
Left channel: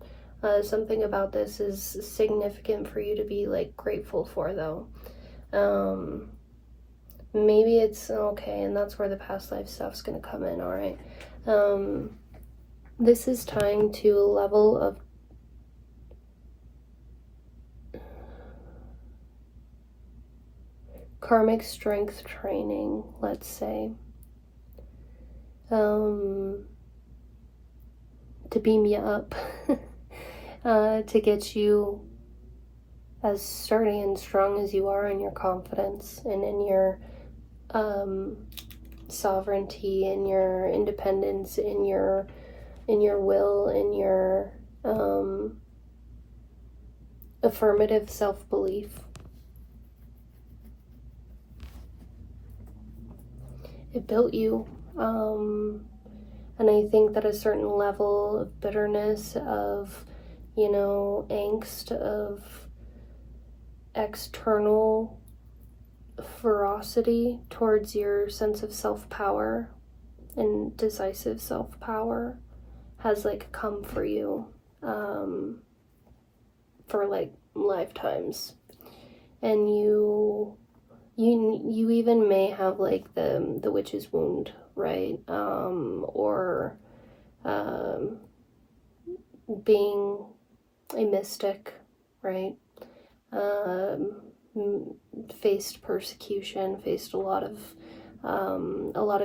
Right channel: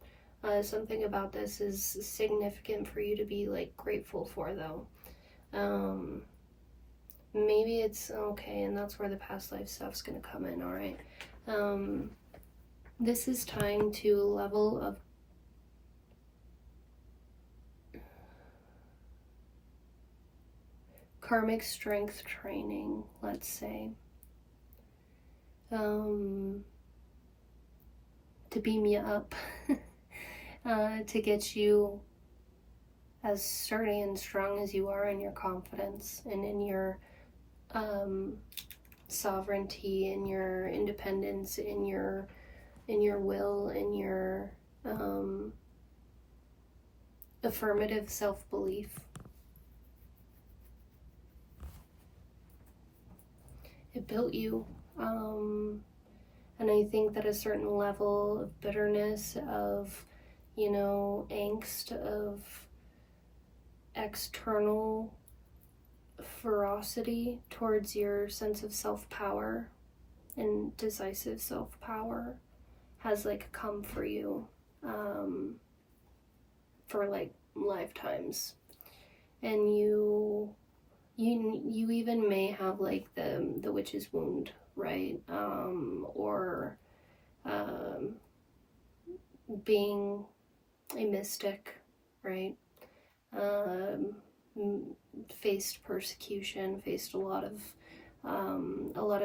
Something about this is significant for you to be like grateful for, though. Maybe it's okay, and that's where the past life stuff's gonna come in, all right? This is tying to a level of karmic strength training, let's say, to beam you up, to get you as sturdy and strong as you are in your confidence and in your sovereignty, in your independence, in your will, in your affirmative self-belief. It built you, and I think that a certain level of bitterness, of, angst, of external ferocity towards your sense of self-power and decisive self-power has like come for you for like lifetimes, and you even may have like the witch's wound, right? Or being a mystic, right? Faced persecution, faced a lot of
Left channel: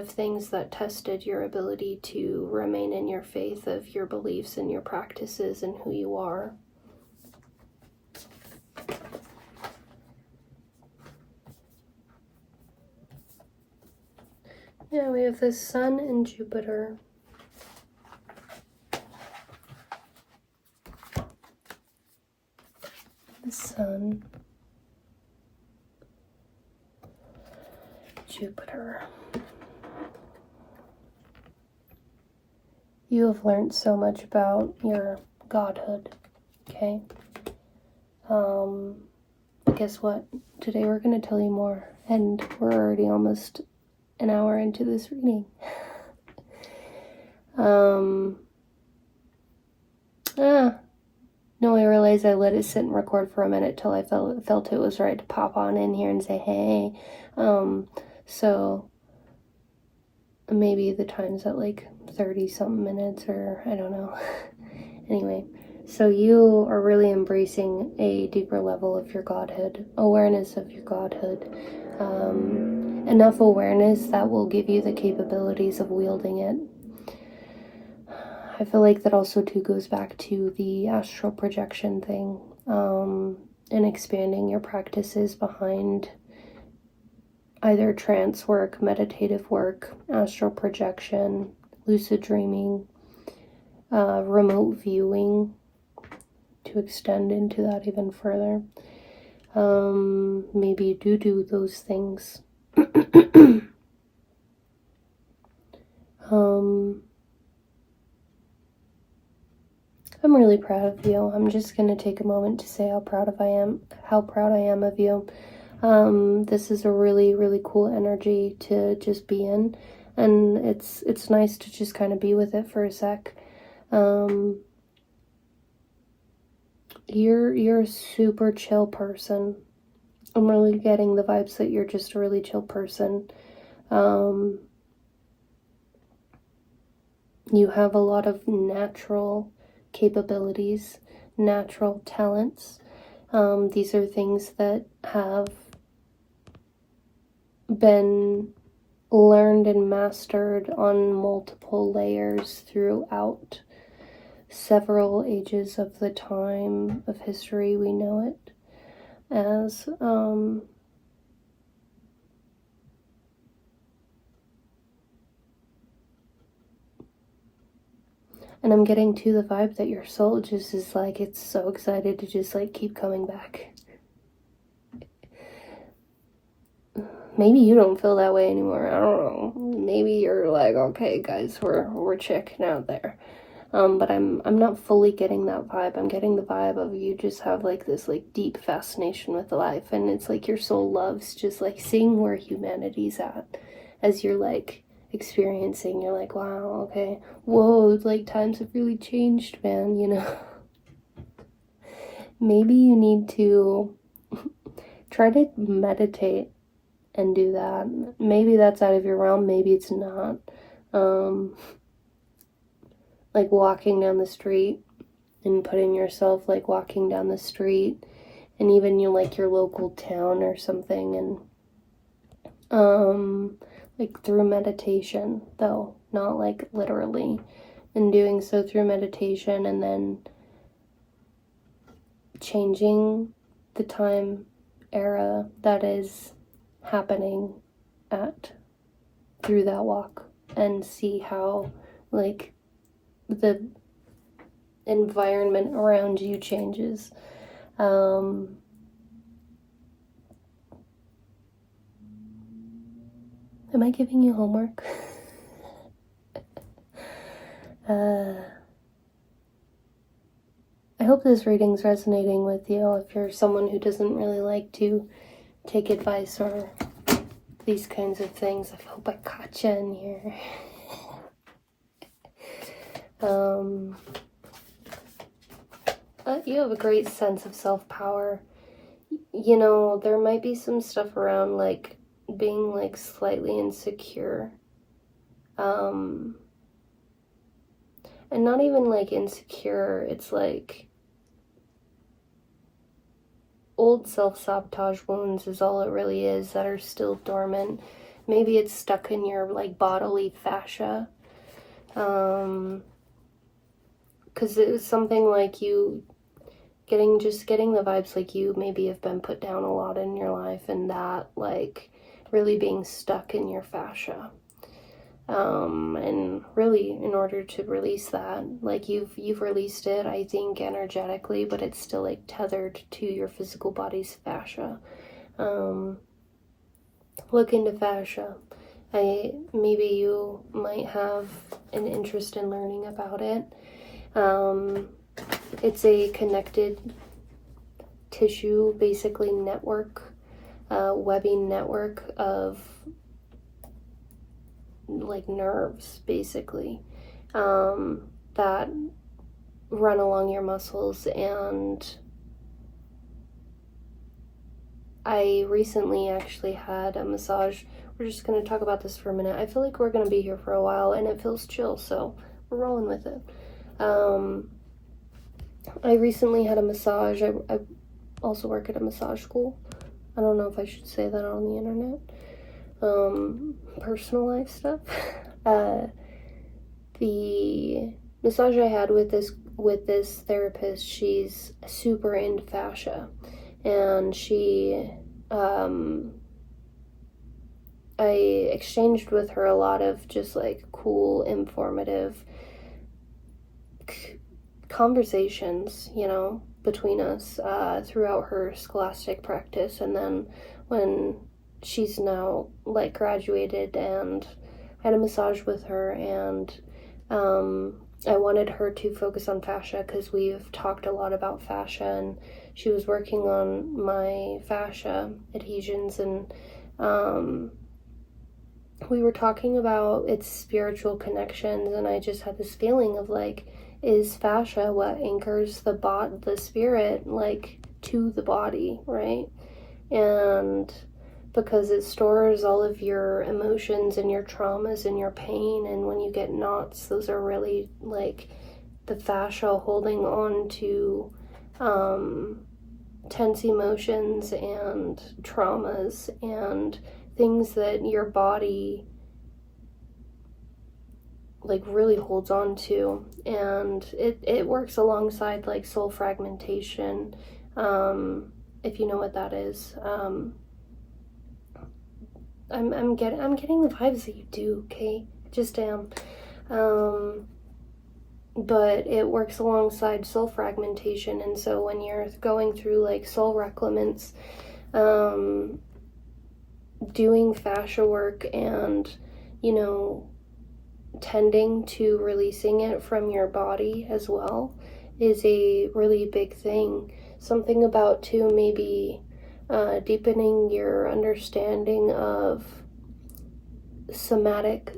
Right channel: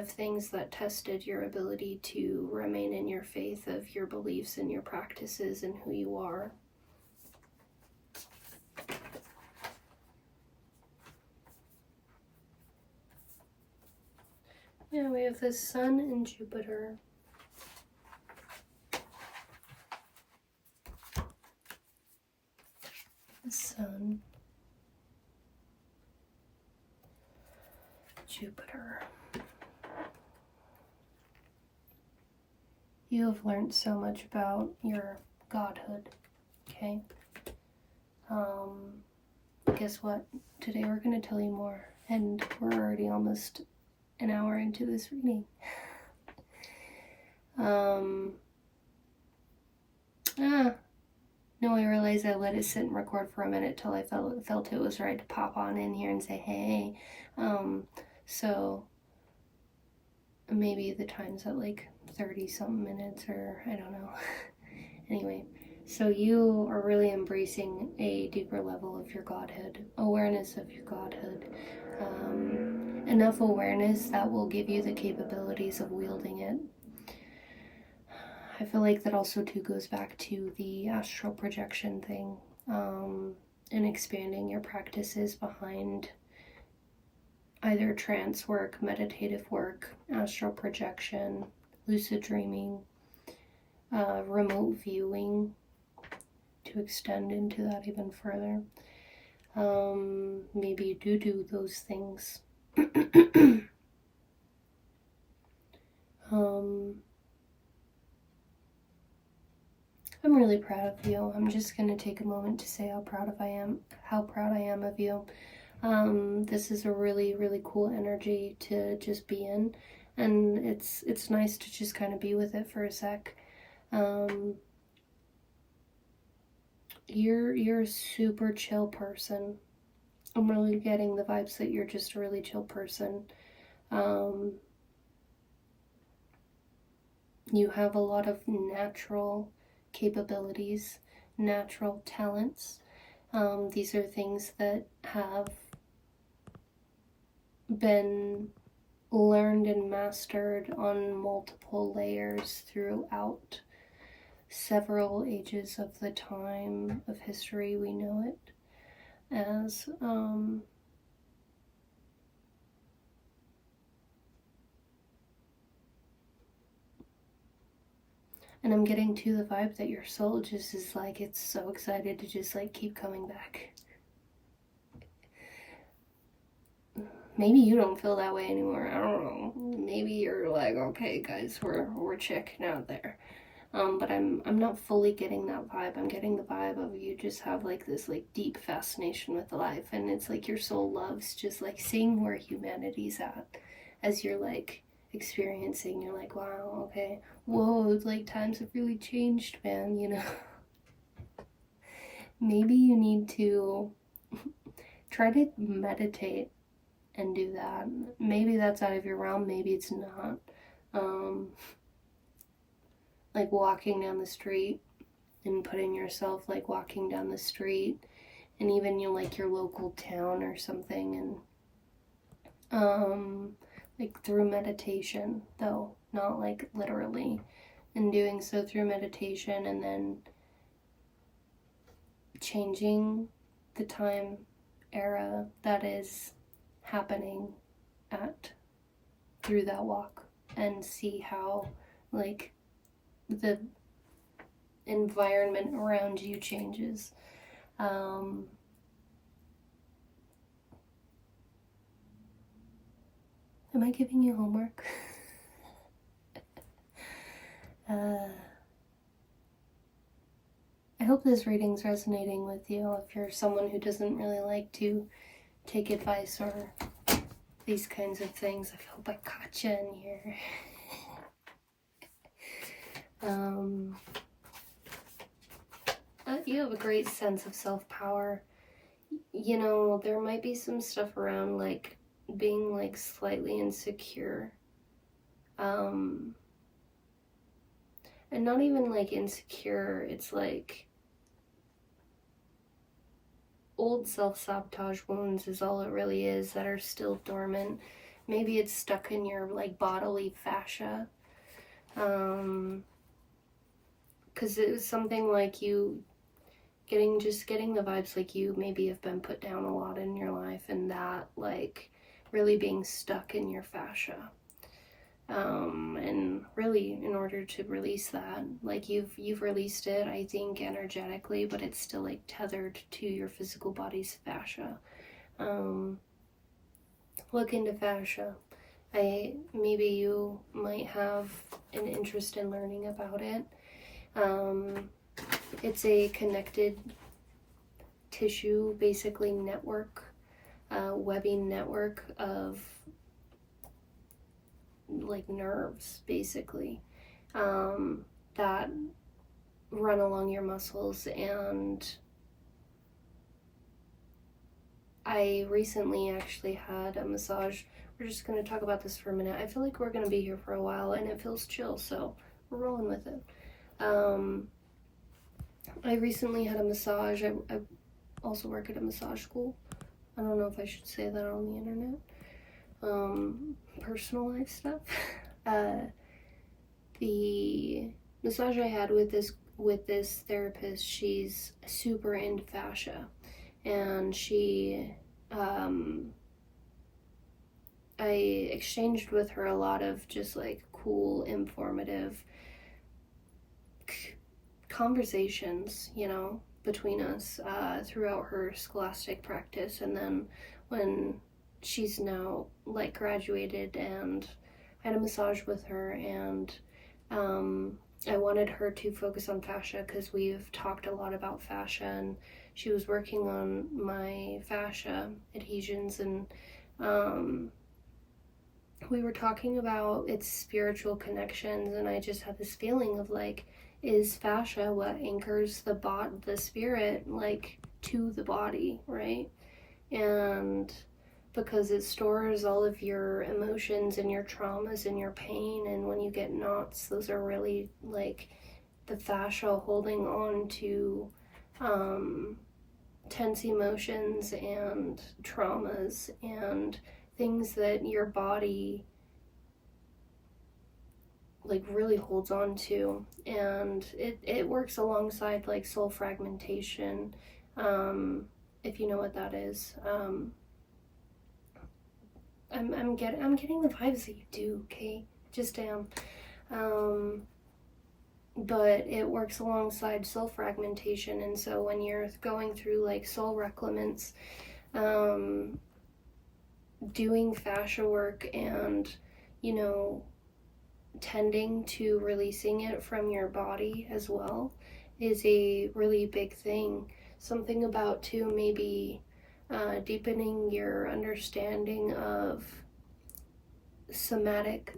things that tested your ability to remain in your faith of your beliefs and your practices and who you are. Yeah, we have the Sun and Jupiter. The Sun, Jupiter. You have learned so much about your godhood, okay? Guess what? Today we're going to tell you more, and we're already almost an hour into this reading. No, I realized I let it sit and record for a minute till I felt it was right to pop on in here and say, hey. So maybe the time's at like 30-something minutes, or I don't know. Anyway, so you are really embracing a deeper level of your godhood, awareness of your godhood. Enough awareness that will give you the capabilities of wielding it. I feel like that also too goes back to the astral projection thing, and expanding your practices behind either trance work, meditative work, astral projection, lucid dreaming, remote viewing, to extend into that even further. Maybe do those things. I'm really proud of you. I'm just going to take a moment to say how proud I am of you. This is a really, really cool energy to just be in, and it's nice to just kind of be with it for a sec. You're a super chill person. I'm really getting the vibes that you're just a really chill person. You have a lot of natural capabilities, natural talents. These are things that have been learned and mastered on multiple layers throughout several ages of the time of history we know it as. And I'm getting to the vibe that your soul just is like, it's so excited to just like keep coming back. Maybe you don't feel that way anymore. I don't know. Maybe you're like, okay, guys, we're checking out there. But I'm not fully getting that vibe. I'm getting the vibe of you just have like this like deep fascination with life, and it's like your soul loves just like seeing where humanity's at as you're like experiencing. You're like, wow, okay, whoa, it's like times have really changed, man, you know. Maybe you need to try to meditate and do that. Maybe that's out of your realm, maybe it's not. Like walking down the street and putting yourself like walking down the street, and even you like your local town or something, and like through meditation, though not like literally, and doing so through meditation, and then changing the time era that is happening at through that walk, and see how like the environment around you changes. Am I giving you homework? I hope this reading's resonating with you. If you're someone who doesn't really like to take advice or these kinds of things, I hope I caught you in here. You have a great sense of self-power. You know, there might be some stuff around like being like slightly insecure. And not even like insecure, it's like old self-sabotage wounds is all it really is that are still dormant. Maybe it's stuck in your like bodily fascia. Because it was something like you getting the vibes like you maybe have been put down a lot in your life, and that like really being stuck in your fascia. And really in order to release that, like you've released it, I think, energetically, but it's still like tethered to your physical body's fascia. Look into fascia. Maybe you might have an interest in learning about it. It's a connected tissue, basically network, webbing network of like nerves, basically, that run along your muscles. And I recently actually had a massage. We're just going to talk about this for a minute. I feel like we're going to be here for a while, and it feels chill, so we're rolling with it. I recently had a massage. I also work at a massage school. I don't know if I should say that on the internet. Personal life stuff. The massage I had with this therapist, she's super into fascia, and I exchanged with her a lot of just like cool, informative conversations, you know, between us throughout her scholastic practice. And then when she's now like graduated, and I had a massage with her, and I wanted her to focus on fascia because we've talked a lot about fascia, and she was working on my fascia adhesions, and we were talking about its spiritual connections, and I just had this feeling of like, is fascia what anchors the spirit like to the body, right? And because it stores all of your emotions and your traumas and your pain, and when you get knots, those are really like the fascia holding on to tense emotions and traumas and things that your body like really holds on to. And it works alongside like soul fragmentation, if you know what that is. I'm getting the vibes that you do, okay? I just am. but it works alongside soul fragmentation. And so when you're going through like soul reclamants, doing fascia work and, you know, tending to releasing it from your body as well is a really big thing. Something about too maybe deepening your understanding of somatic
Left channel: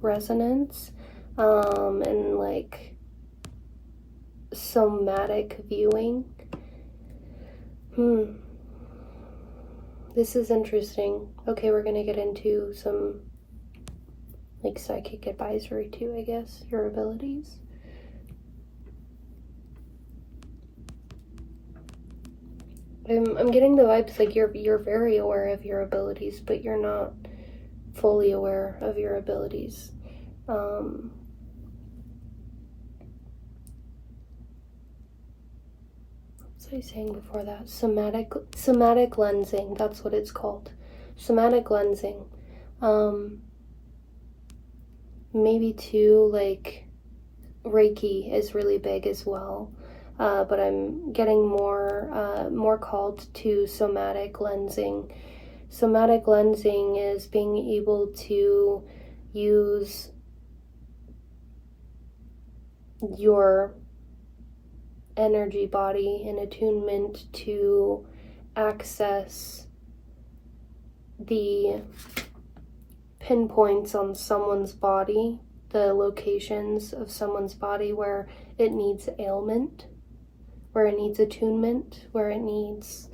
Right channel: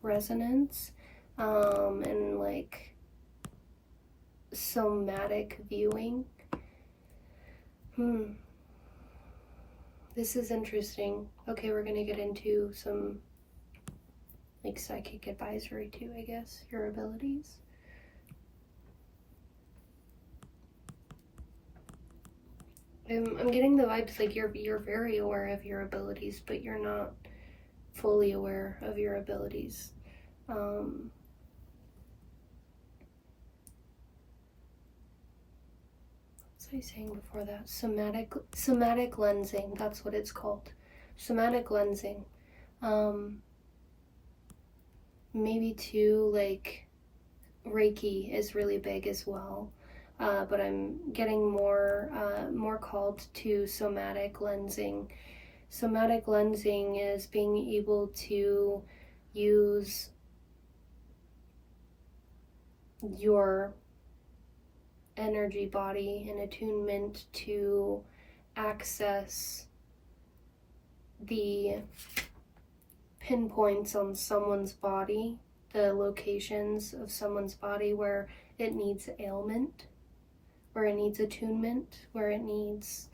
resonance, and like somatic viewing. This is interesting. Okay, we're gonna get into some like psychic advisory too, I guess, your abilities. I'm getting the vibes like you're very aware of your abilities, but you're not fully aware of your abilities. What was I saying before that? Somatic lensing, that's what it's called. Somatic lensing. Maybe too, like Reiki is really big as well. But I'm getting more called to somatic lensing. Somatic lensing is being able to use your energy body in attunement to access the pinpoints on someone's body, the locations of someone's body where it needs ailment, where it needs attunement, where it needs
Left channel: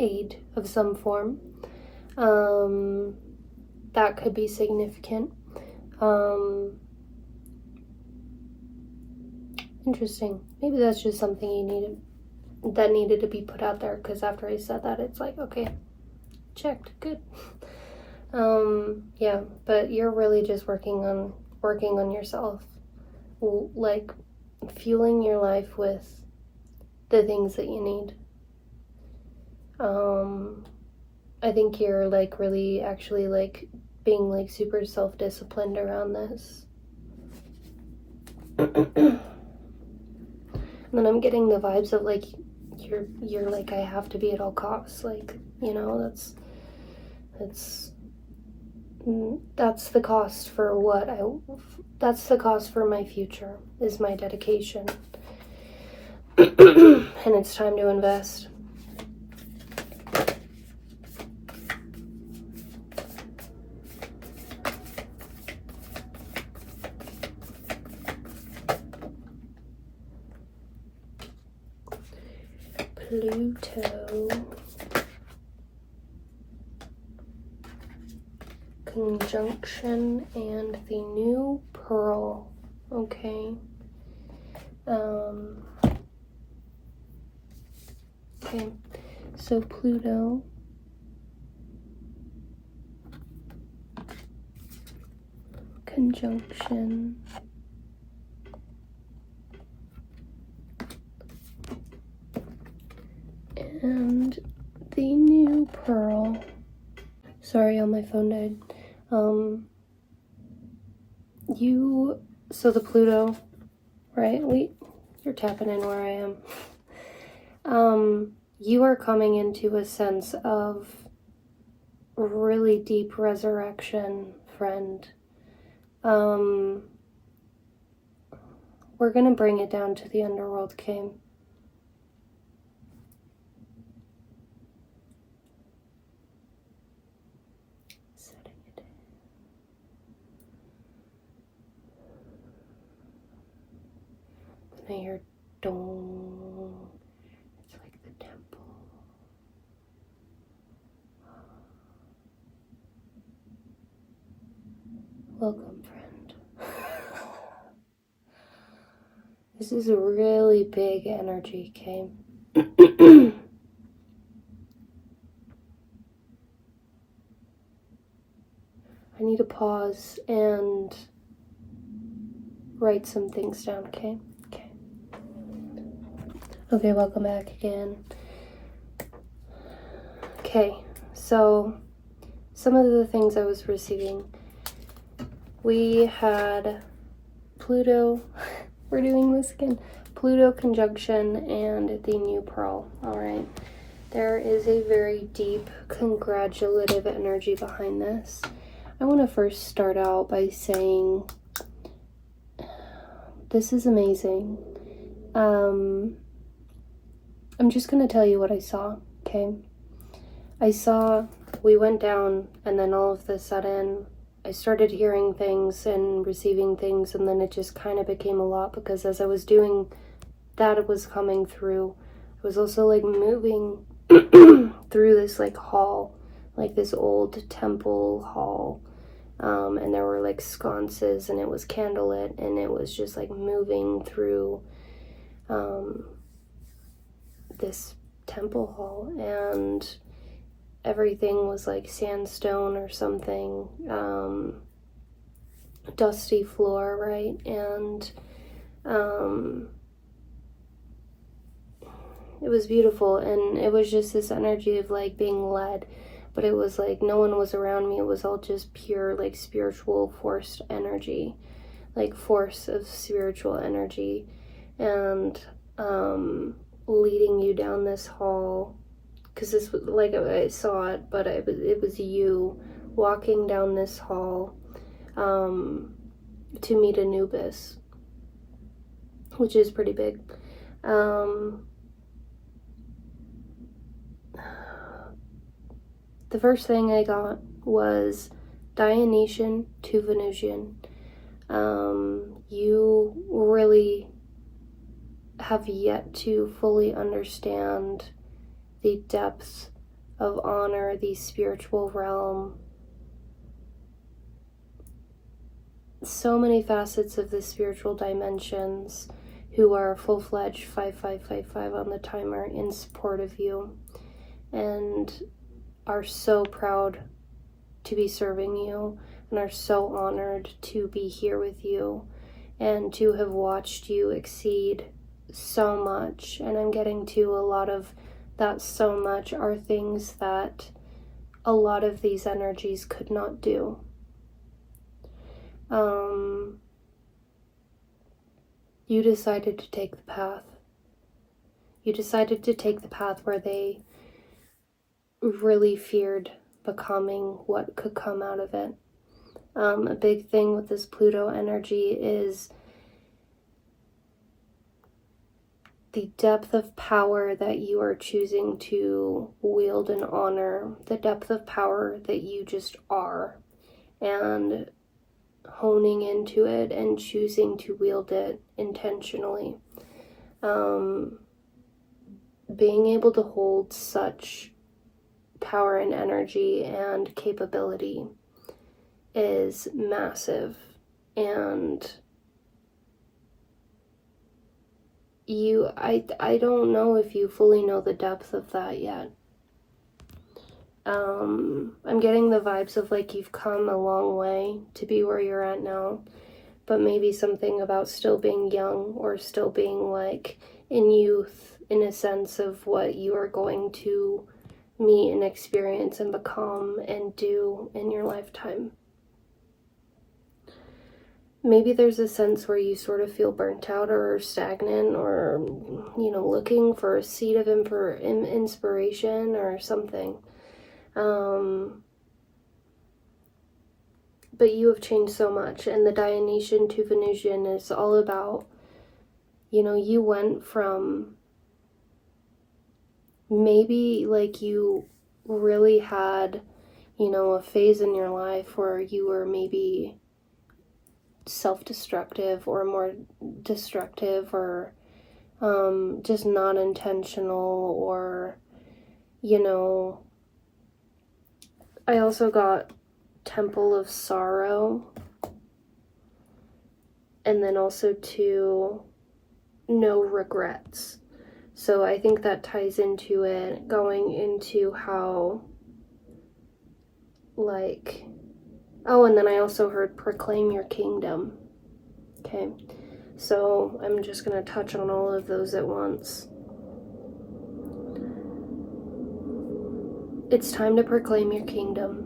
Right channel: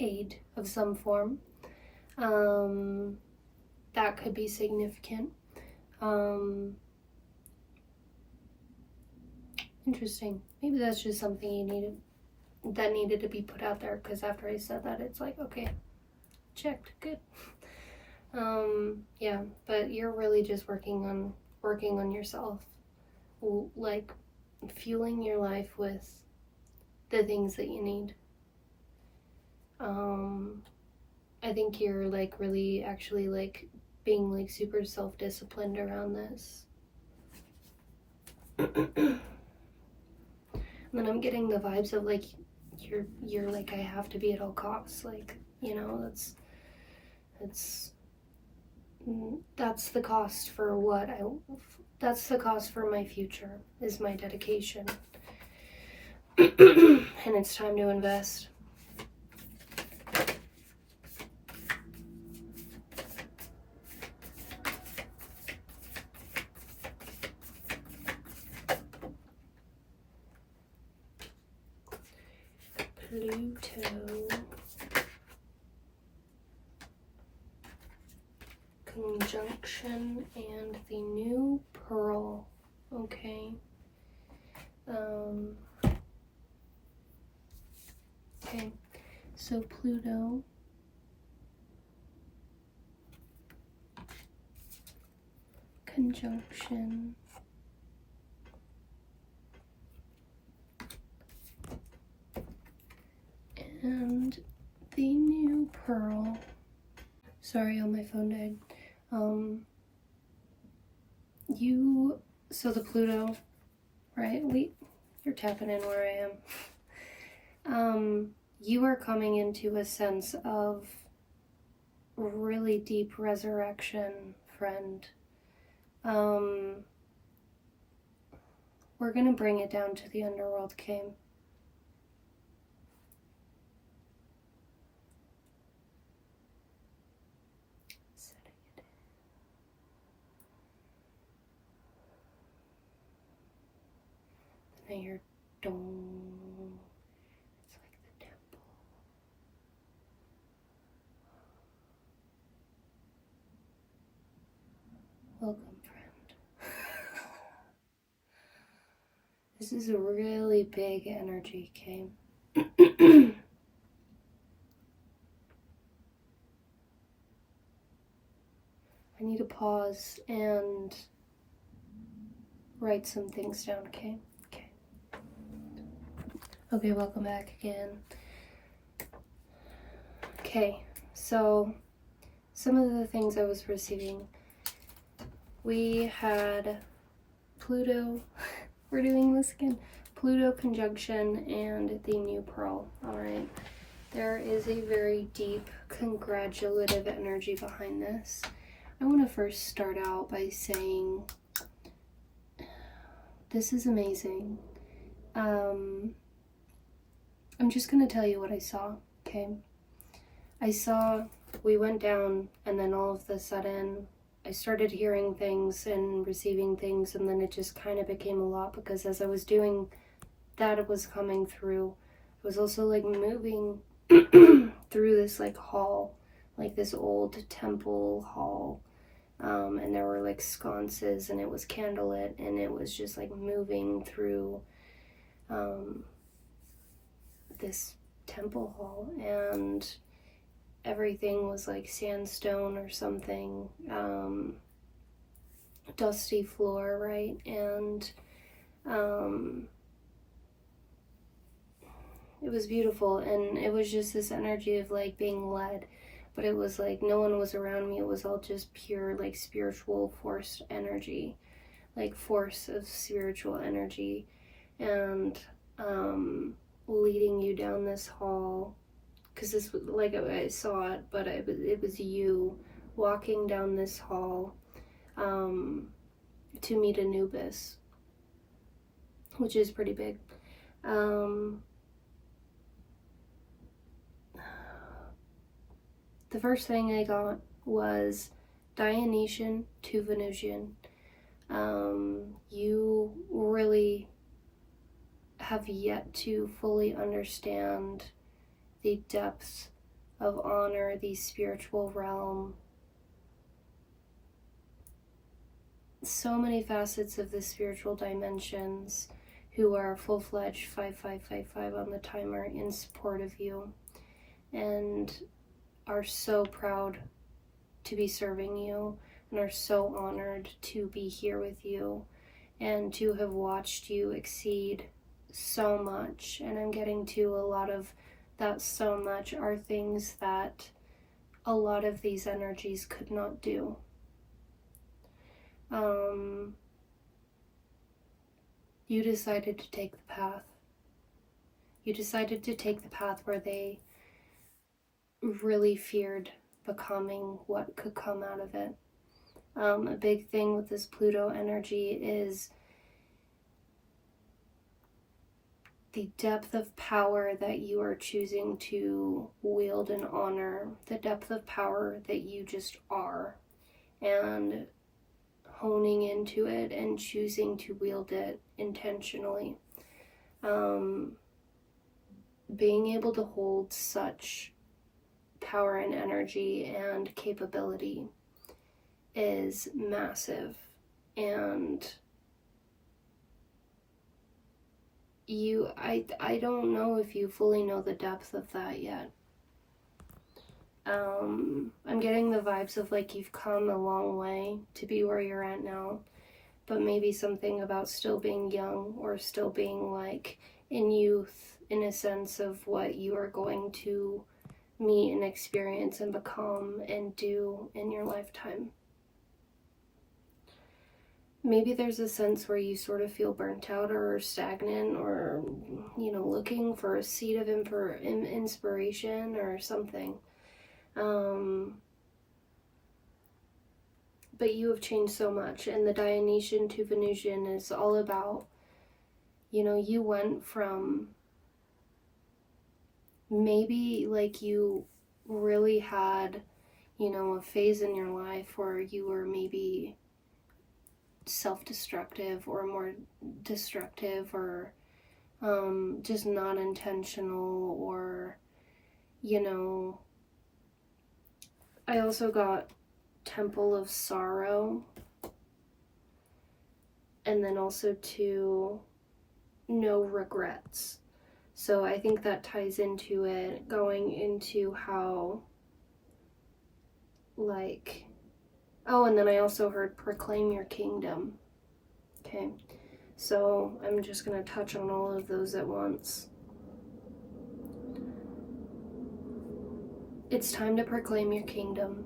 aid of some form. That could be significant. Interesting. Maybe that's just something that needed to be put out there, because after I said that, it's like, okay, checked, good. Yeah, but you're really just working on yourself, like fueling your life with the things that you need. I think you're like really actually like being like super self-disciplined around this. And then I'm getting the vibes of like you're like, I have to be at all costs, like, you know, that's the cost for that's the cost for my future, is my dedication. And it's time to invest. Pluto conjunction and the new pearl. Okay. Okay, so Pluto conjunction and the new pearl. Sorry, my phone died. So the Pluto, right? You're tapping in where I am. You are coming into a sense of really deep resurrection, friend. We're gonna bring it down to the underworld, Kim. Setting it in. Then I hear dong. It's like the temple. Welcome, friend. This is a really big energy, Kim. I need to pause and write some things down, okay? Okay, welcome back again. Okay, so some of the things I was receiving. we had Pluto, we're doing this again, Pluto conjunction and the new pearl. All right. There is a very deep congratulative energy behind this. I want to first start out by saying this is amazing. I'm just going to tell you what I saw, okay? I saw we went down, and then all of a sudden I started hearing things and receiving things, and then it just kind of became a lot, because as I was doing that, it was coming through. It was also like moving through this like hall, like this old temple hall, and there were like sconces, and it was candlelit, and it was just like moving through this temple hall, and everything was like sandstone or something, dusty floor, right? And it was beautiful, and it was just this energy of like being led, but it was like no one was around me. It was all just pure like spiritual forced energy, like force of spiritual energy, and leading you down this hall, because this was like I saw it, but it was you walking down this hall to meet Anubis, which is pretty big. The first thing I got was Dionysian to Venusian. You really have yet to fully understand the depths of honor, the spiritual realm. So many facets of the spiritual dimensions who are full-fledged 5555 on the timer in support of you, and are so proud to be serving you, and are so honored to be here with you and to have watched you exceed so much. And I'm getting to a lot of that so much are things that a lot of these energies could not do. You decided to take the path. You decided to take the path where they really feared becoming what could come out of it. A big thing with this Pluto energy is the depth of power that you are choosing to wield and honor, the depth of power that you just are, and honing into it and choosing to wield it intentionally. Being able to hold such power and energy and capability is massive, and I don't know if you fully know the depth of that yet. I'm getting the vibes of like you've come a long way to be where you're at now, but maybe something about still being young, or still being like in youth, in a sense of what you are going to meet and experience and become and do in your lifetime. Maybe there's a sense where you sort of feel burnt out or stagnant, or, you know, looking for a seed of inspiration or something. But you have changed so much, and the Dionysian to Venusian is all about, you know, you went from maybe like you really had, you know, a phase in your life where you were maybe self-destructive or more destructive, or just not intentional, or, you know, I also got Temple of Sorrow, and then also to no regrets. So I think that ties into it, going into how, like, oh, and then I also heard proclaim your kingdom. Okay, so I'm just going to touch on all of those at once. It's time to proclaim your kingdom.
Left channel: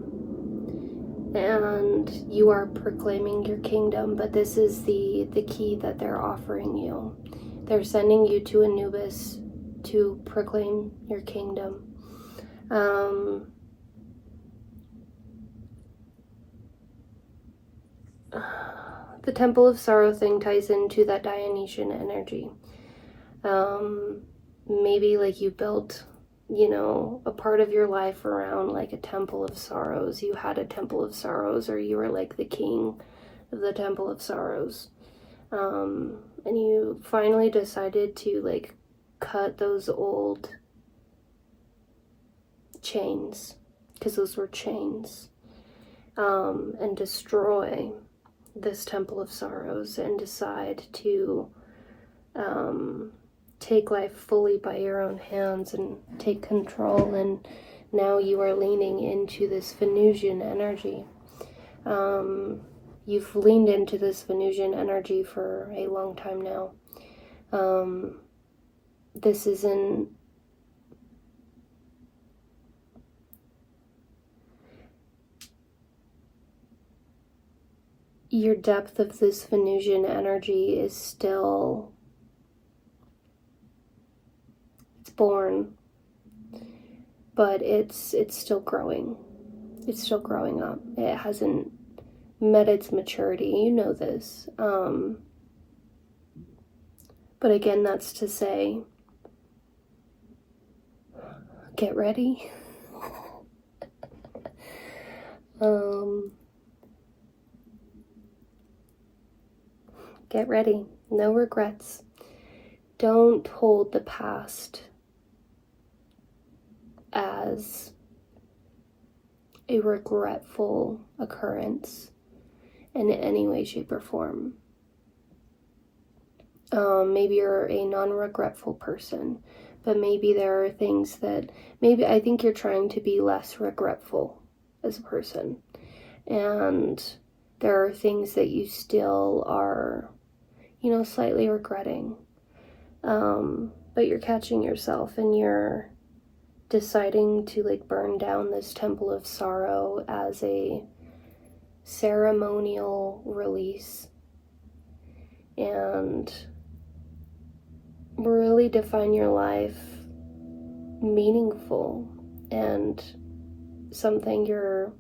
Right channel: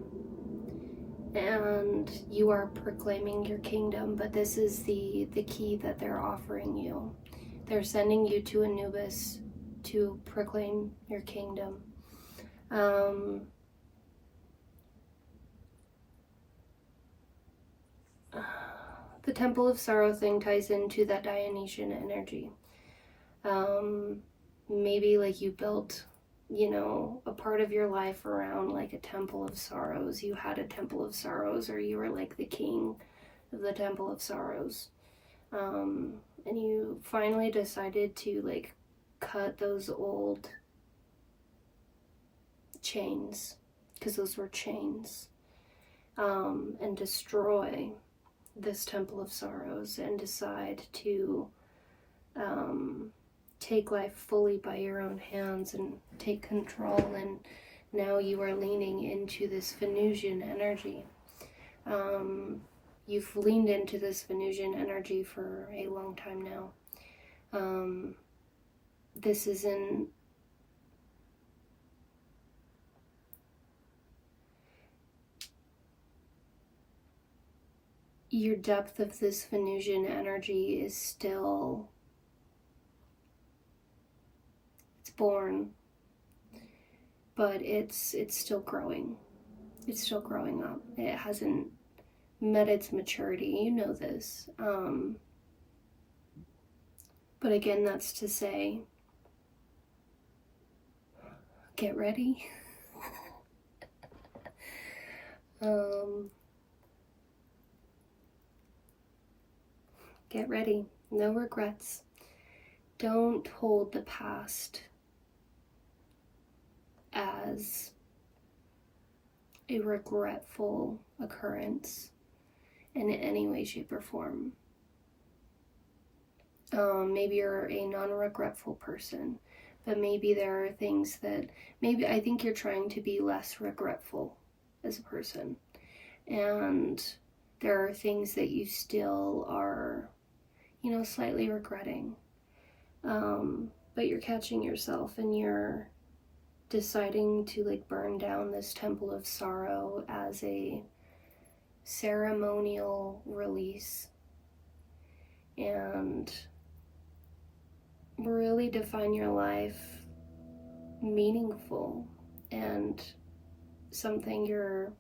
and you are proclaiming your kingdom, but this is the key that they're offering you. They're sending you to Anubis to proclaim your kingdom. The Temple of Sorrow thing ties into that Dionysian energy. Maybe like you built, a part of your life around like a Temple of Sorrows. You had a Temple of Sorrows, or you were like the king of the Temple of Sorrows. And you finally decided to like cut those old chains, because those were chains, and destroy this Temple of Sorrows and decide to take life fully by your own hands and take control. And now you are leaning into this Venusian energy. You've leaned into this Venusian energy for a long time now. This isn't your depth of this Venusian energy is still, it's born, but it's still growing. It's still growing up. It hasn't met its maturity. You know this. But again, that's to say, get ready. Get ready. No regrets. Don't hold the past as a regretful occurrence in any way, shape, or form. Maybe you're a non-regretful person, but maybe there are things that, maybe I think you're trying to be less regretful as a person. And there are things that you still are, slightly regretting. But you're catching yourself and you're deciding to like burn down this Temple of Sorrow as a ceremonial release and really define your life meaningful and something you're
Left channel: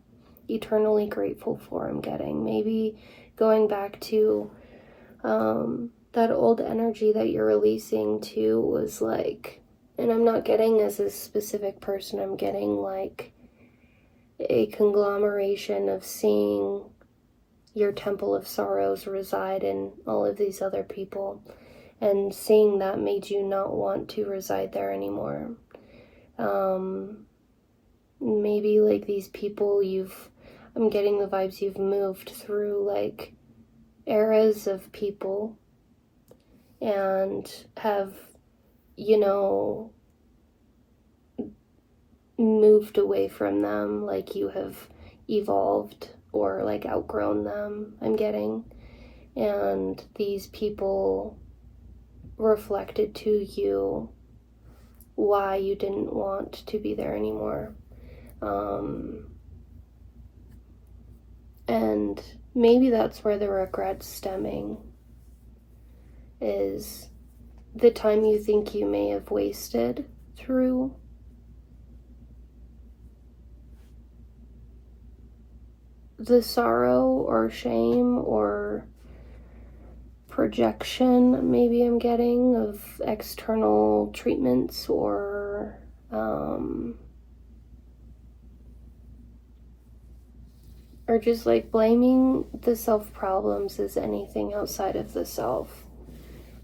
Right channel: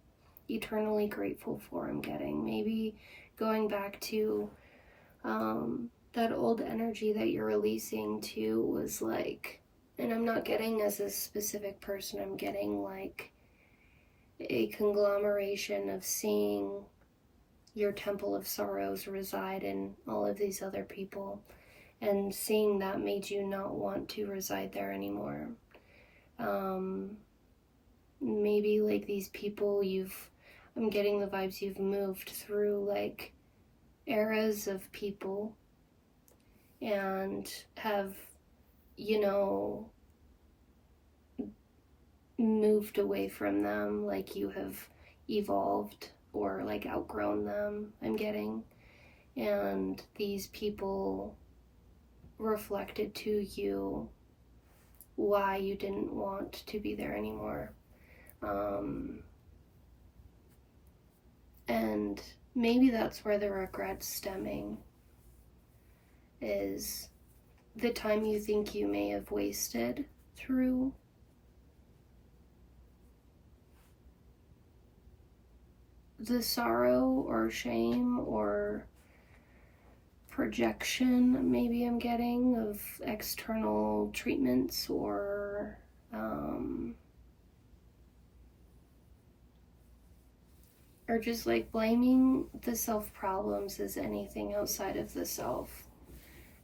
eternally grateful for. I'm getting maybe going back to that old energy that you're releasing to was like, and I'm not getting as a specific person, I'm getting like a conglomeration of seeing your Temple of Sorrows reside in all of these other people, and seeing that made you not want to reside there anymore. Maybe like these people I'm getting the vibes you've moved through like eras of people and have, moved away from them, like you have evolved or like outgrown them, I'm getting. And these people reflected to you why you didn't want to be there anymore. And maybe that's where the regret's stemming, is the time you think you may have wasted through the sorrow or shame or projection, maybe I'm getting, of external treatments or just like blaming the self problems as anything outside of the self.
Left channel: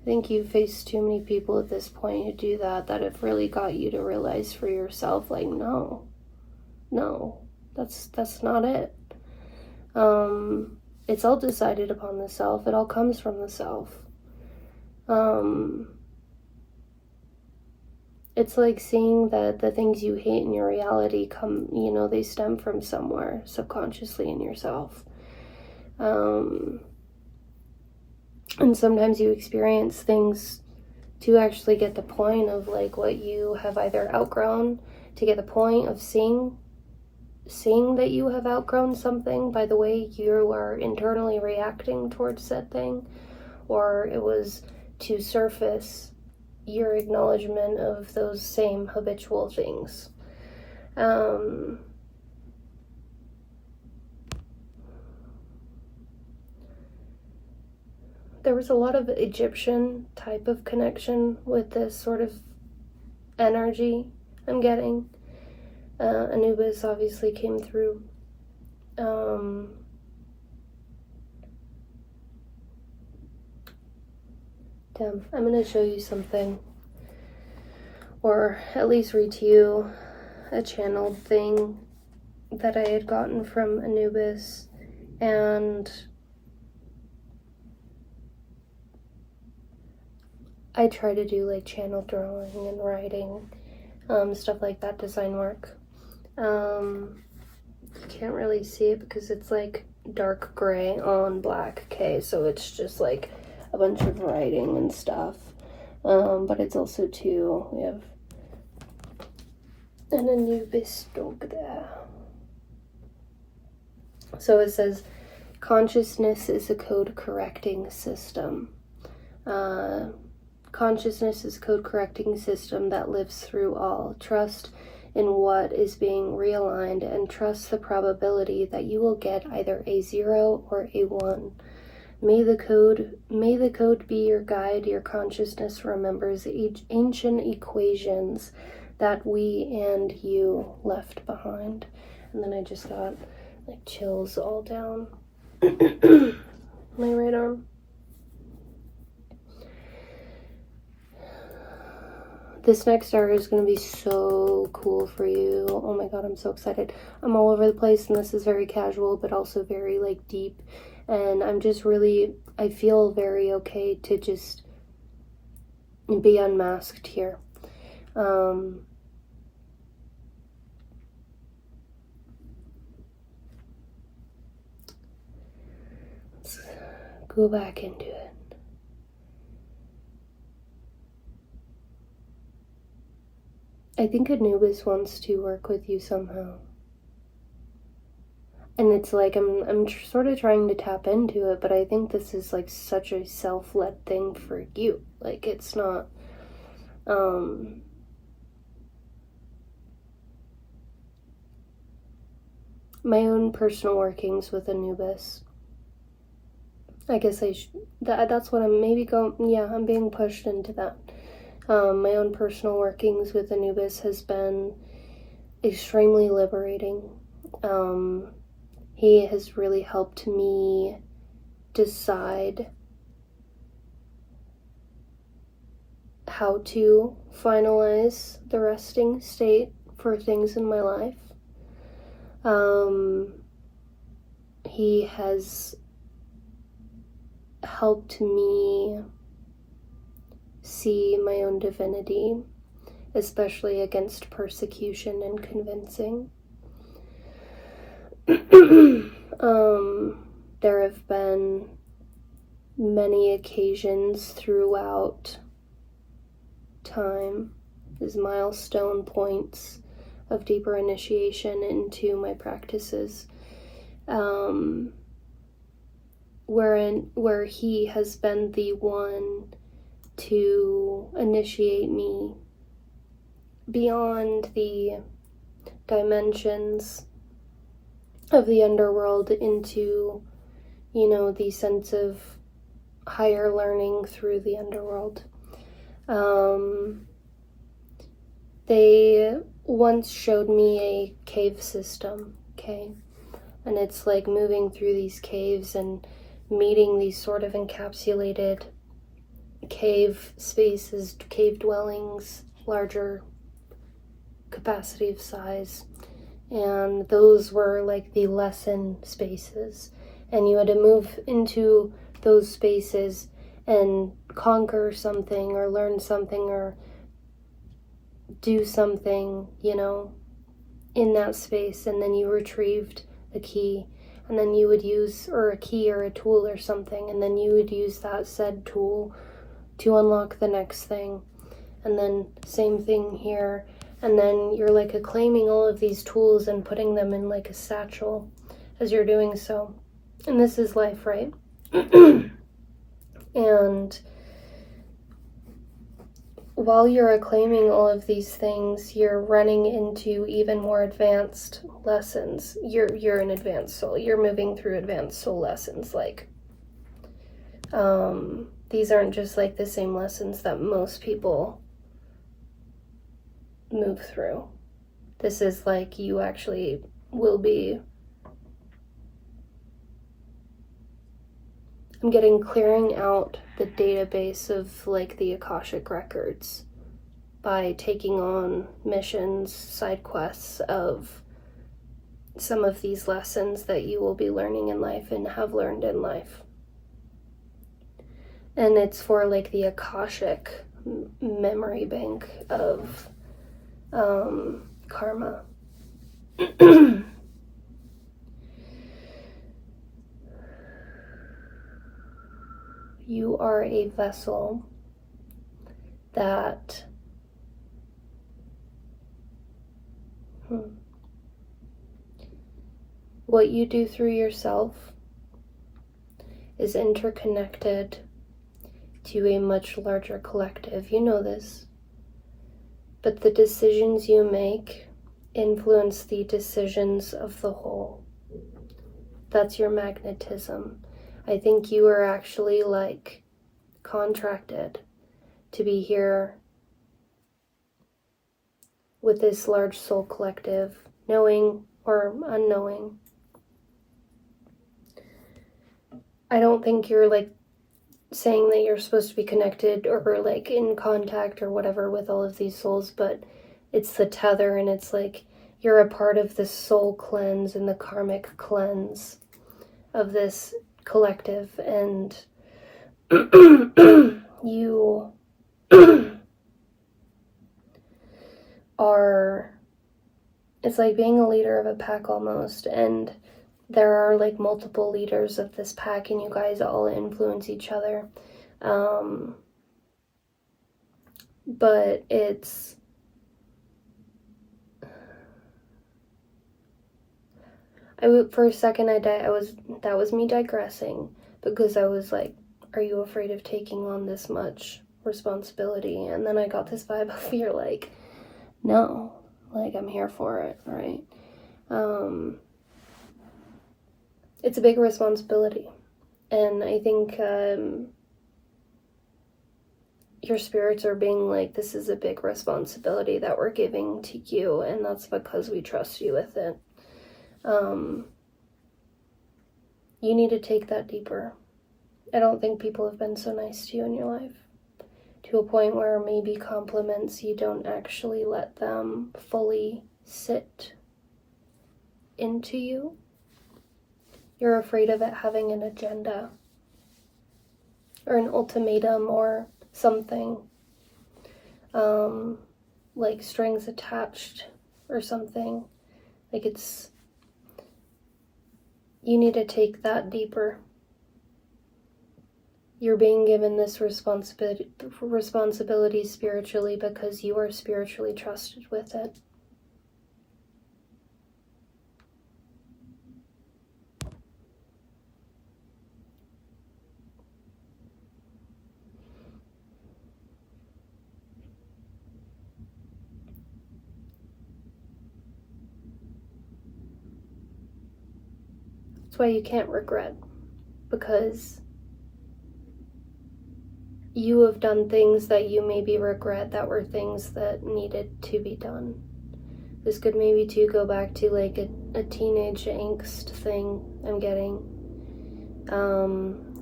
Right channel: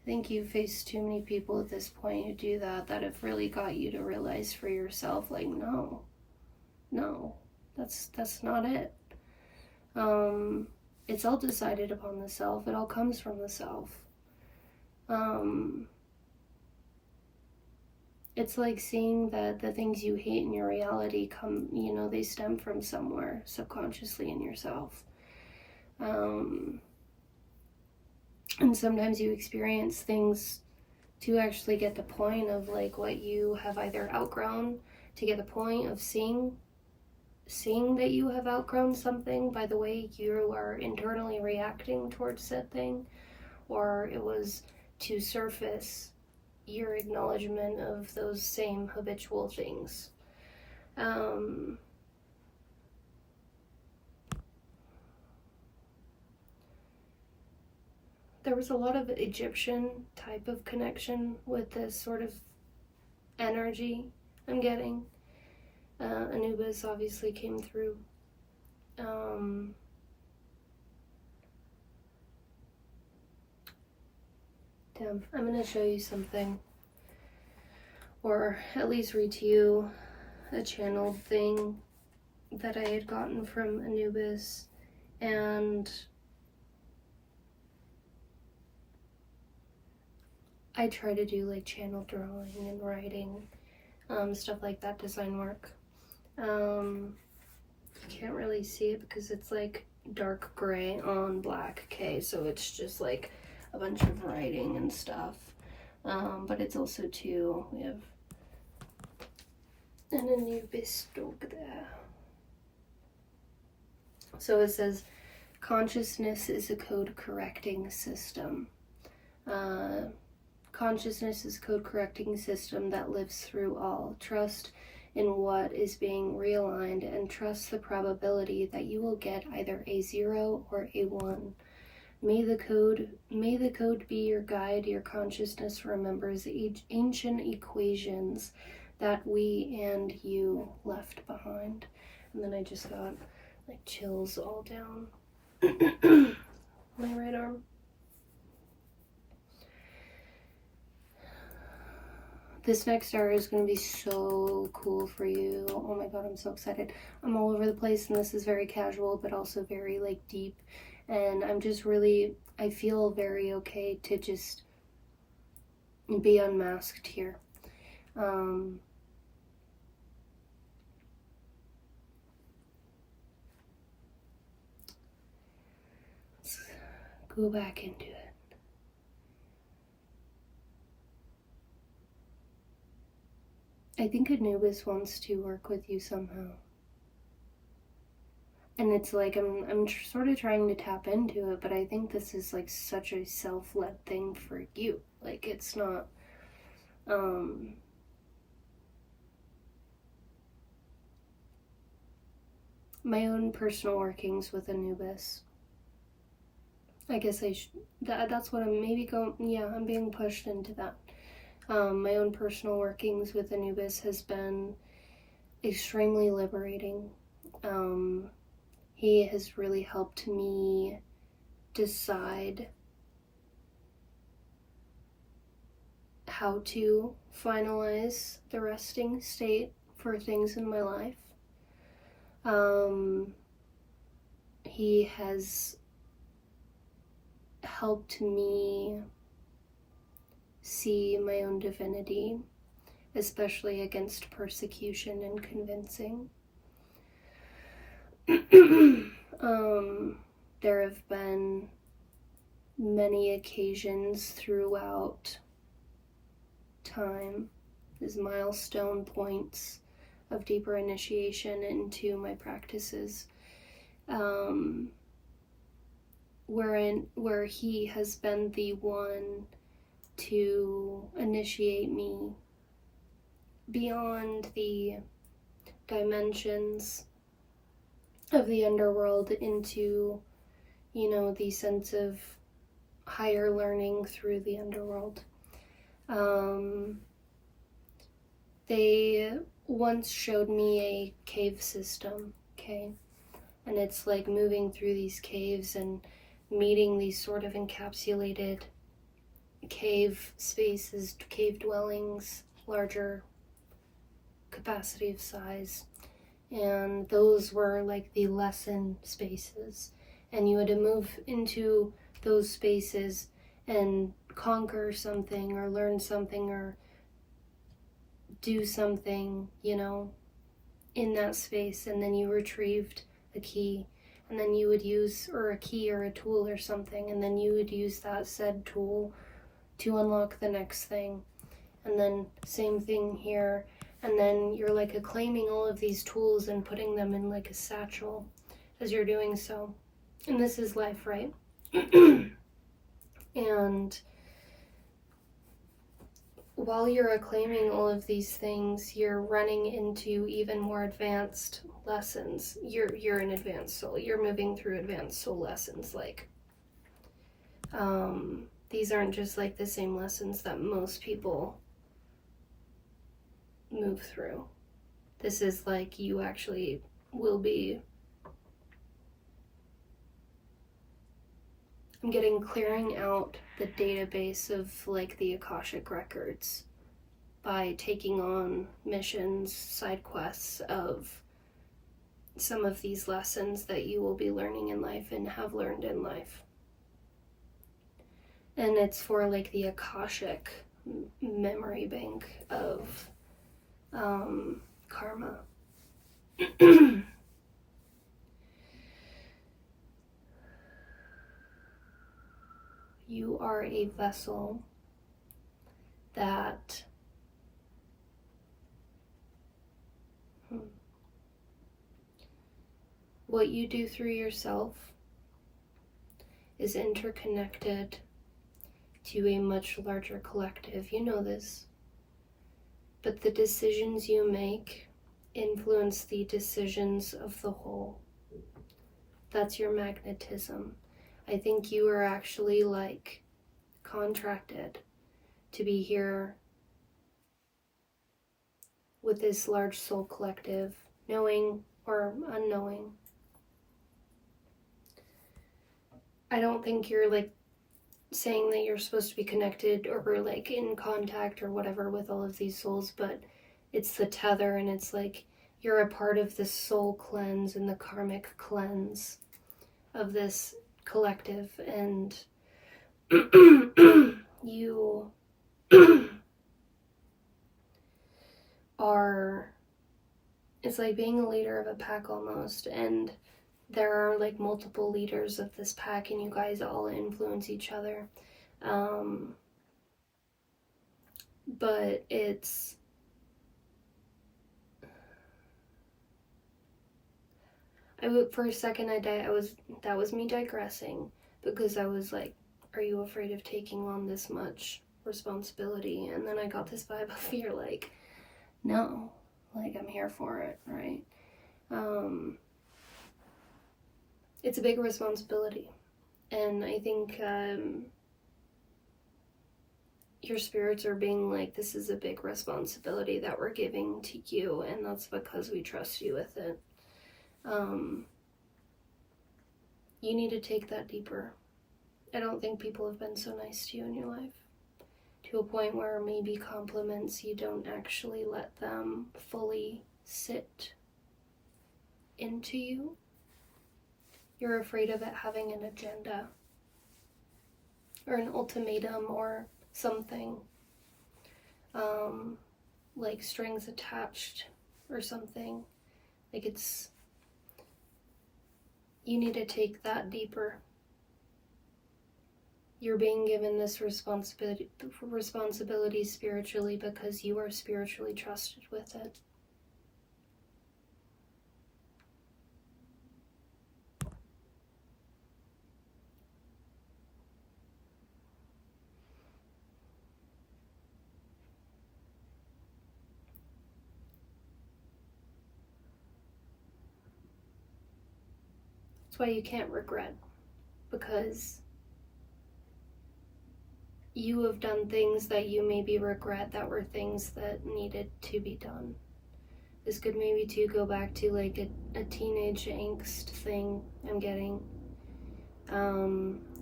I think you've faced too many people at this point who do that have really got you to realize for yourself, like, no, that's not it. It's all decided upon the self. It all comes from the self. It's like seeing that the things you hate in your reality come, they stem from somewhere subconsciously in yourself. And sometimes you experience things to actually get the point of like what you have either outgrown, to get the point of seeing seeing that you have outgrown something by the way you are internally reacting towards said thing, or it was to surface your acknowledgement of those same habitual things. There was a lot of Egyptian type of connection with this sort of energy I'm getting. Anubis obviously came through. Damn, I'm going to show you something, or at least read to you a channeled thing that I had gotten from Anubis, and I try to do like channel drawing and writing, stuff like that, design work. You can't really see it because it's like dark gray on black, okay, so it's just like a bunch of writing and stuff. But it's also too, we have an Anubis dog there. So it says, consciousness is a code correcting system. Consciousness is a code correcting system that lives through all. Trust in what is being realigned and trust the probability that you will get either a 0 or a 1. May the code be your guide. Your consciousness remembers ancient equations that we and you left behind. And then I just got like chills all down my right arm. This next hour is going to be so cool for you. Oh my god, I'm so excited. I'm all over the place, and this is very casual, but also very like deep. And I'm just really, I feel very okay to just be unmasked here. Let's go back into it. I think Anubis wants to work with you somehow. And it's like, I'm sort of trying to tap into it, but I think this is like such a self-led thing for you. Like, it's not, my own personal workings with Anubis. I guess that's what I'm maybe going, yeah, I'm being pushed into that. My own personal workings with Anubis has been extremely liberating. He has really helped me decide how to finalize the resting state for things in my life. He has helped me see my own divinity, especially against persecution and convincing. There have been many occasions throughout time as milestone points of deeper initiation into my practices, where he has been the one to initiate me beyond the dimensions of the underworld into, you know, the sense of higher learning through the underworld. They once showed me a cave system, okay? And it's like moving through these caves and meeting these sort of encapsulated cave spaces, cave dwellings, larger capacity of size. And those were like the lesson spaces. And you had to move into those spaces and conquer something or learn something or do something, you know, in that space. And then you retrieved a key. And then you would use, or a key or a tool or something. And then you would use that said tool to unlock the next thing. And then same thing here. And then you're like acclaiming all of these tools and putting them in like a satchel as you're doing so. And this is life, right? And while you're acclaiming all of these things, you're running into even more advanced lessons. You're an advanced soul. You're moving through advanced soul lessons. Like, these aren't just like the same lessons that most people move through. This is like you actually will be. I'm getting clearing out the database of like the Akashic records by taking on missions, side quests of some of these lessons that you will be learning in life and have learned in life. And it's for like the Akashic memory bank of karma. You are a vessel that what you do through yourself is interconnected to a much larger collective. You know this. But the decisions you make influence the decisions of the whole. That's your magnetism. I think you are actually like contracted to be here with this large soul collective, knowing or unknowing. I don't think you're like saying that you're supposed to be connected or like in contact or whatever with all of these souls, but it's the tether, and it's like you're a part of the soul cleanse and the karmic cleanse of this collective, and you are, it's like being a leader of a pack almost, and there are like multiple leaders of this pack, and you guys all influence each other. But it's, for a second that was me digressing, because I was like, are you afraid of taking on this much responsibility? And then I got this vibe of you're like, no, like I'm here for it, right? It's a big responsibility, and I think your spirits are being like, this is a big responsibility that we're giving to you, and that's because we trust you with it. You need to take that deeper. I don't think people have been so nice to you in your life, to a point where maybe compliments, you don't actually let them fully sit into you. You're afraid of it having an agenda or an ultimatum or something, like strings attached or something. Like it's, you need to take that deeper. You're being given this responsibility spiritually because you are spiritually trusted with it. That's why you can't regret, because you have done things that you maybe regret that were things that needed to be done. This could maybe too go back to like a teenage angst thing I'm getting.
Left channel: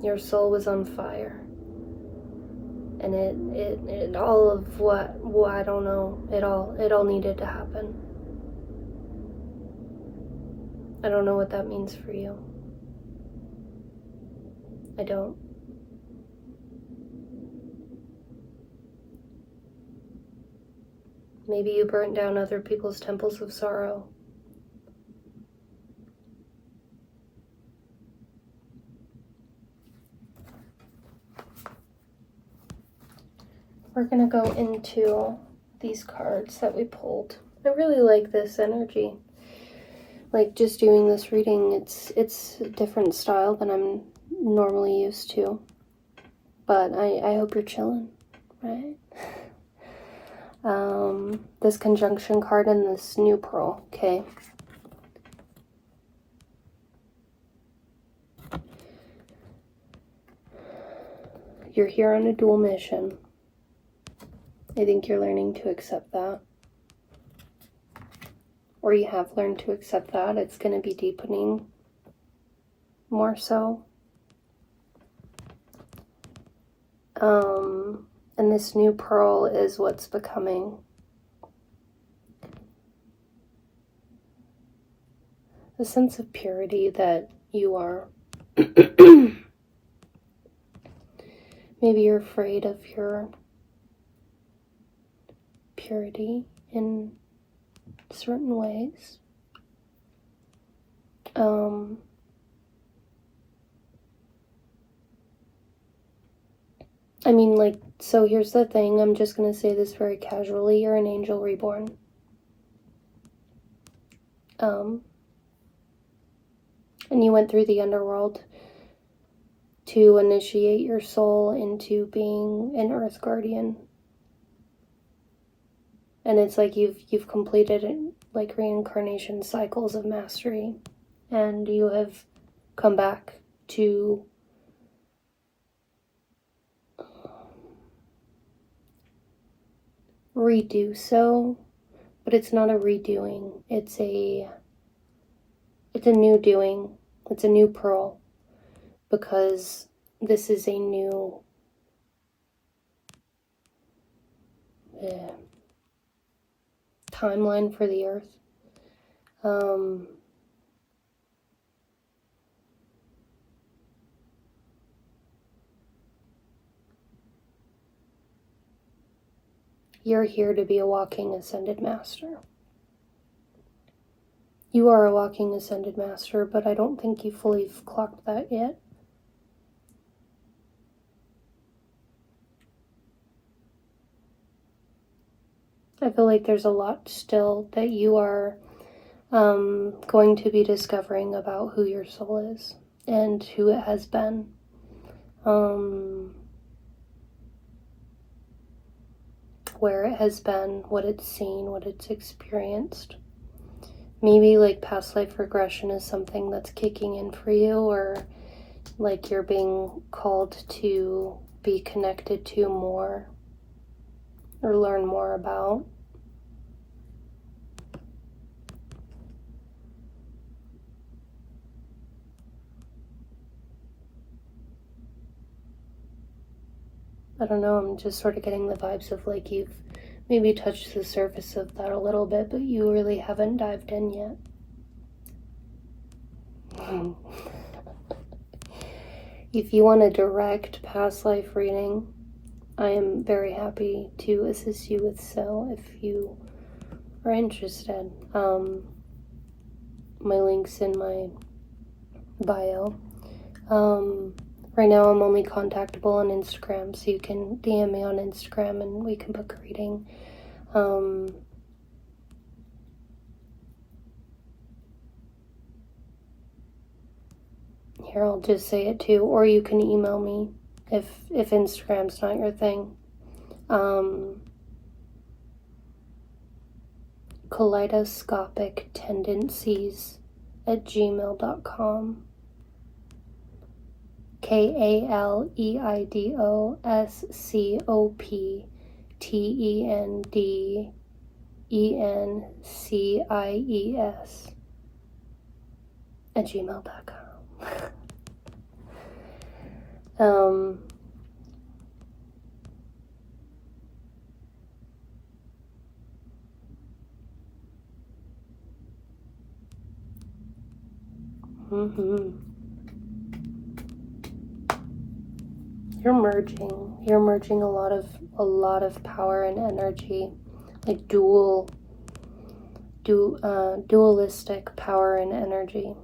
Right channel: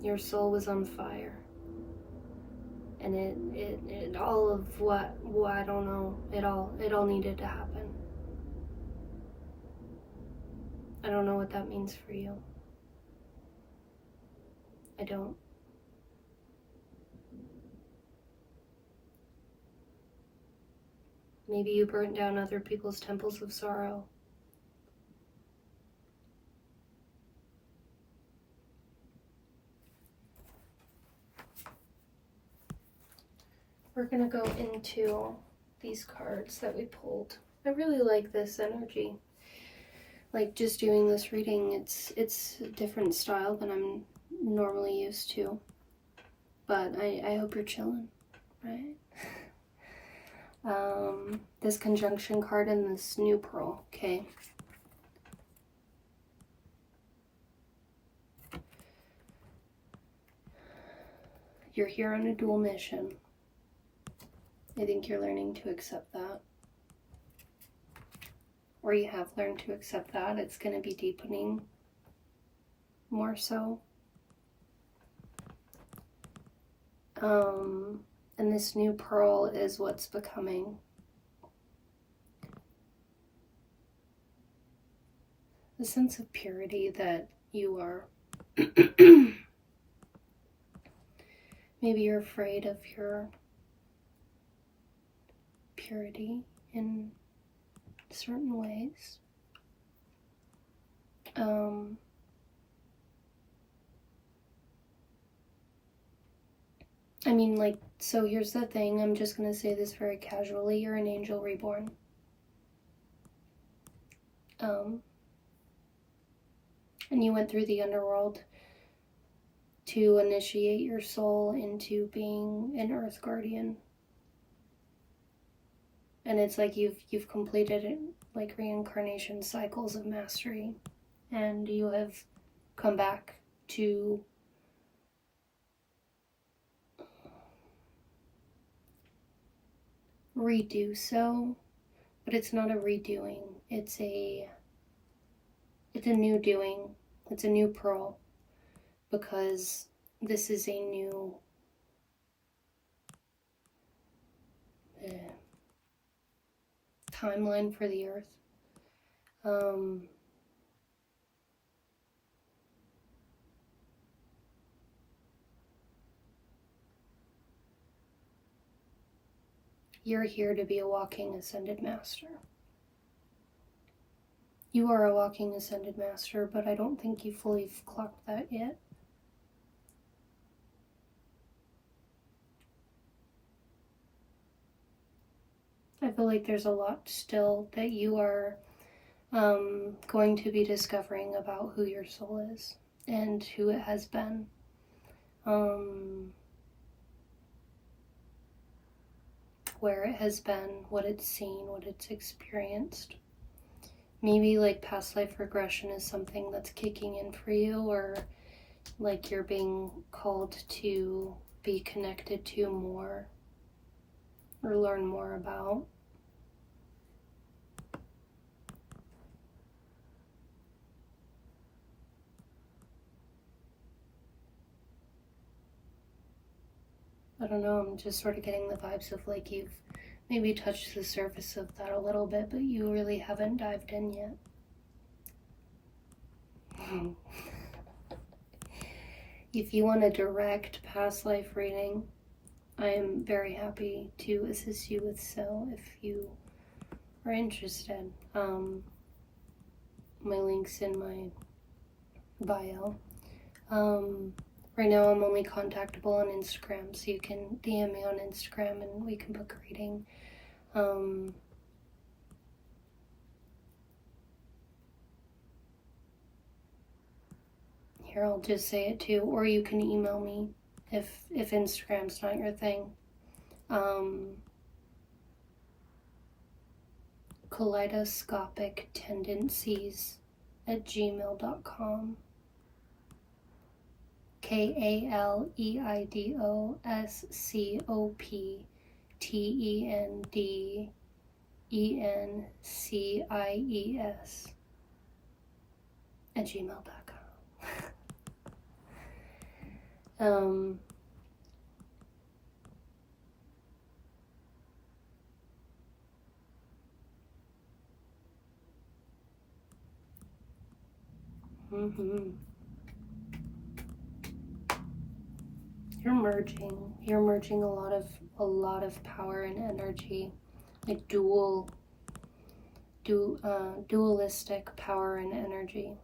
Your soul was on fire, and it all of what I don't know, it all needed to happen. I don't know what that means for you. I don't. Maybe you burnt down other people's temples of sorrow. We're gonna go into these cards that we pulled. I really like this energy. Like, just doing this reading, it's a different style than I'm normally used to. But I hope you're chilling, right? This conjunction card and this new pearl, okay? You're here on a dual mission. I think you're learning to accept that. Or you have learned to accept that. It's going to be deepening more so. And this new pearl is what's becoming. The sense of purity that you are. Maybe you're afraid of your purity in certain ways. I mean, like, so here's the thing. I'm just going to say this very casually. You're an angel reborn. And you went through the underworld to initiate your soul into being an earth guardian. And it's like you've completed like reincarnation cycles of mastery, and you have come back to redo so, but it's not a redoing. It's a new doing. It's a new pearl, because this is a new timeline for the earth. You're here to be a walking ascended master. You are a walking ascended master, but I don't think you fully clocked that yet. I feel like there's a lot still that you are going to be discovering about who your soul is and who it has been. Where it has been, what it's seen, what it's experienced. Maybe like past life regression is something that's kicking in for you, or like you're being called to be connected to more or learn more about. I don't know, I'm just sort of getting the vibes of like you've maybe touched the surface of that a little bit, but you really haven't dived in yet. If you want a direct past life reading, I am very happy to assist you with so if you are interested. My link's in my bio. Right now I'm only contactable on Instagram, so you can DM me on Instagram and we can book a reading. Here, I'll just say it too, or you can email me if Instagram's not your thing. kaleidoscopictendencies@gmail.com. KALEIDOSCOPICTENDENCIES@gmail.com. You're merging a lot of power and energy, like dualistic power and energy.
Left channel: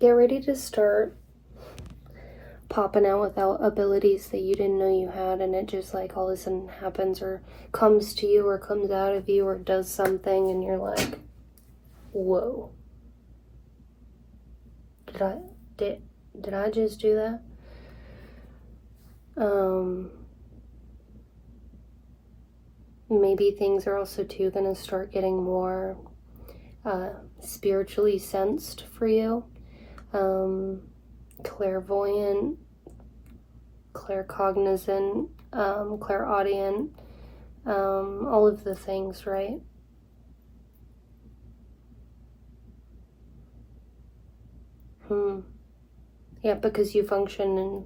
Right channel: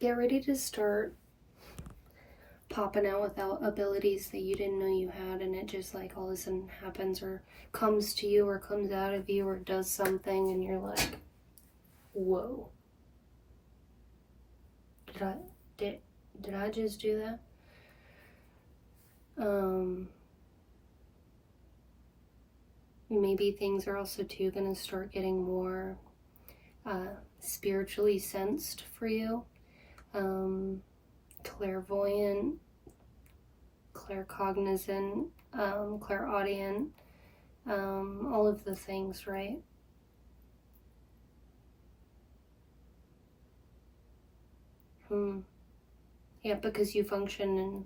get ready to start popping out without abilities that you didn't know you had, and it just like all of a sudden happens or comes to you or comes out of you or does something and you're like, whoa, did I just do that? Maybe things are also too going to start getting more spiritually sensed for you, clairvoyant, claircognizant, clairaudient, all of the things, right? Yeah, because you function in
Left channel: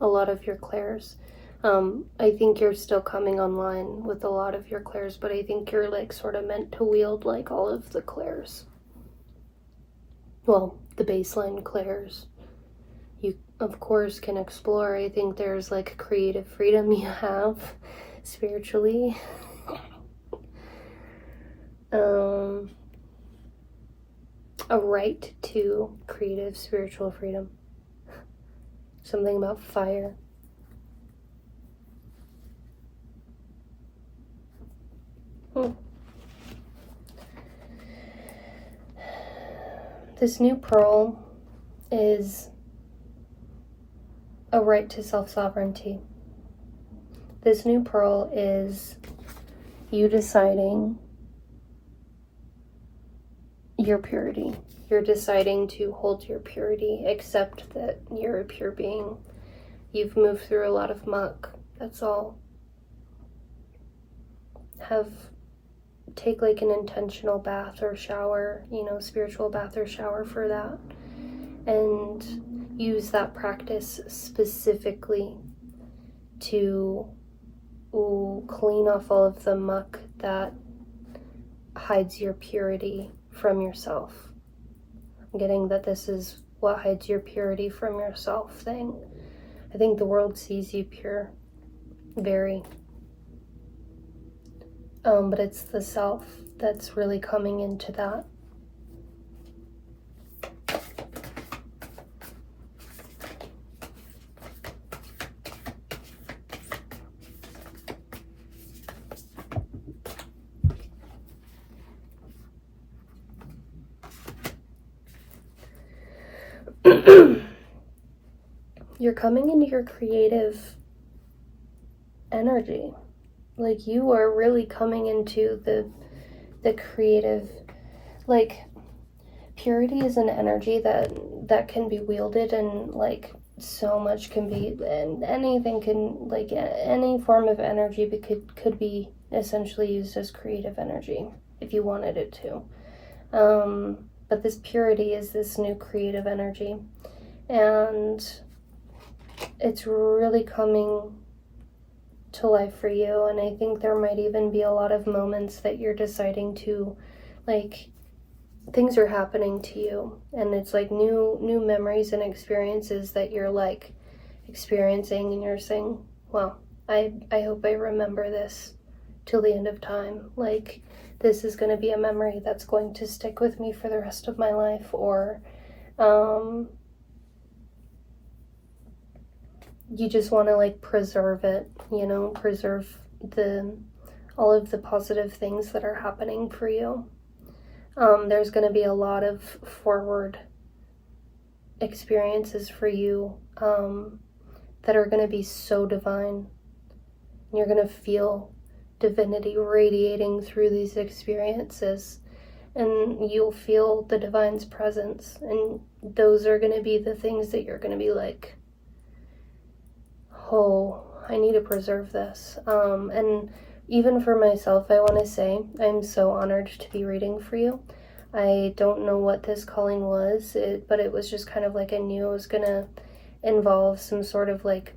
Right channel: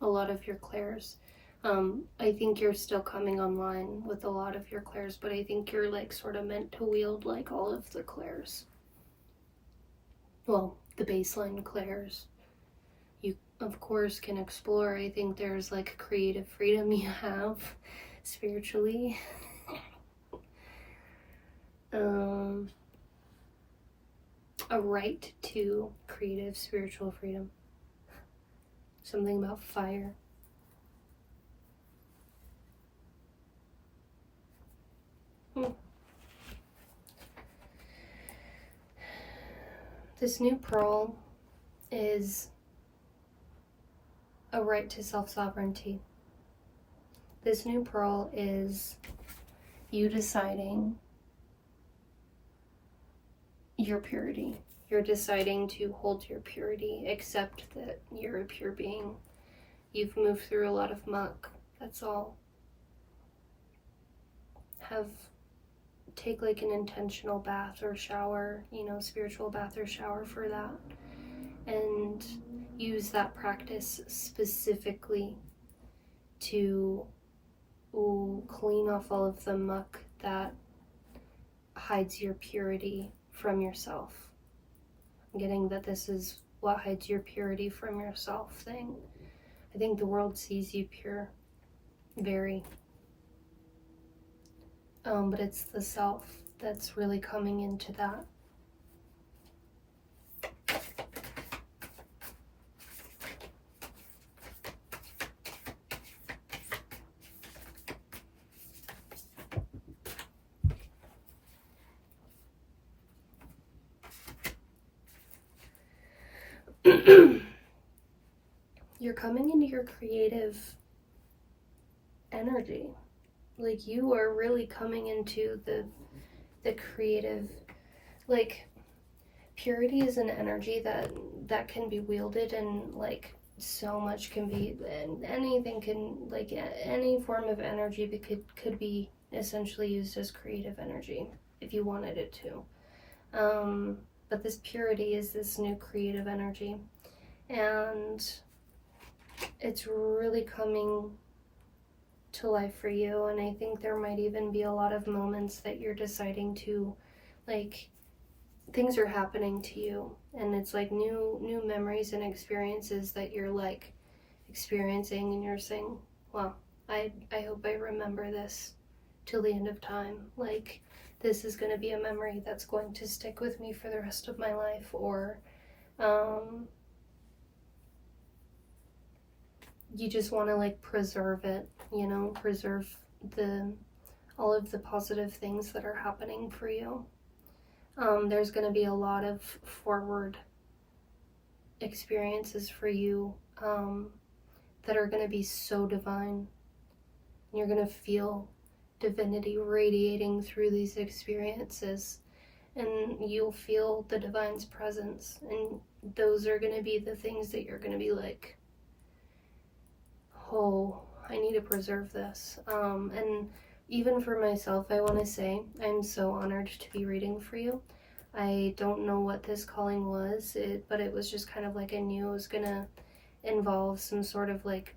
a lot of your clairs. I think you're still coming online with a lot of your clairs, but I think you're like sort of meant to wield like all of the clairs. Well, the baseline clairs. You, of course, can explore. I think there's like creative freedom you have spiritually. A right to creative spiritual freedom. Something about fire. This new pearl is a right to self-sovereignty. This new pearl is you deciding your purity. You're deciding to hold your purity, accept that you're a pure being. You've moved through a lot of muck, that's all. Take like an intentional bath or shower, spiritual bath or shower for that. And use that practice specifically to clean off all of the muck that hides your purity from yourself. I'm getting that this is what hides your purity from yourself thing. I think the world sees you pure, very. But it's the self that's really coming into that. You're coming into your creative energy. Like you are really coming into the creative, like purity is an energy that can be wielded, and like so much can be, and anything can, like any form of energy could be essentially used as creative energy if you wanted it to. But this purity is this new creative energy, and it's really coming to life for you. And I think there might even be a lot of moments that you're deciding to, like, things are happening to you, and it's like new memories and experiences that you're like experiencing, and you're saying, well, I hope I remember this till the end of time. Like, this is going to be a memory that's going to stick with me for the rest of my life. Or you just want to like preserve it, preserve all of the positive things that are happening for you. There's going to be a lot of forward experiences for you that are going to be so divine. You're going to feel divinity radiating through these experiences, and you'll feel the divine's presence, and those are going to be the things that you're going to be like, oh, I need to preserve this. And even for myself, I want to say I'm so honored to be reading for you. I don't know what this calling was, but it was just kind of like I knew it was going to involve some sort of like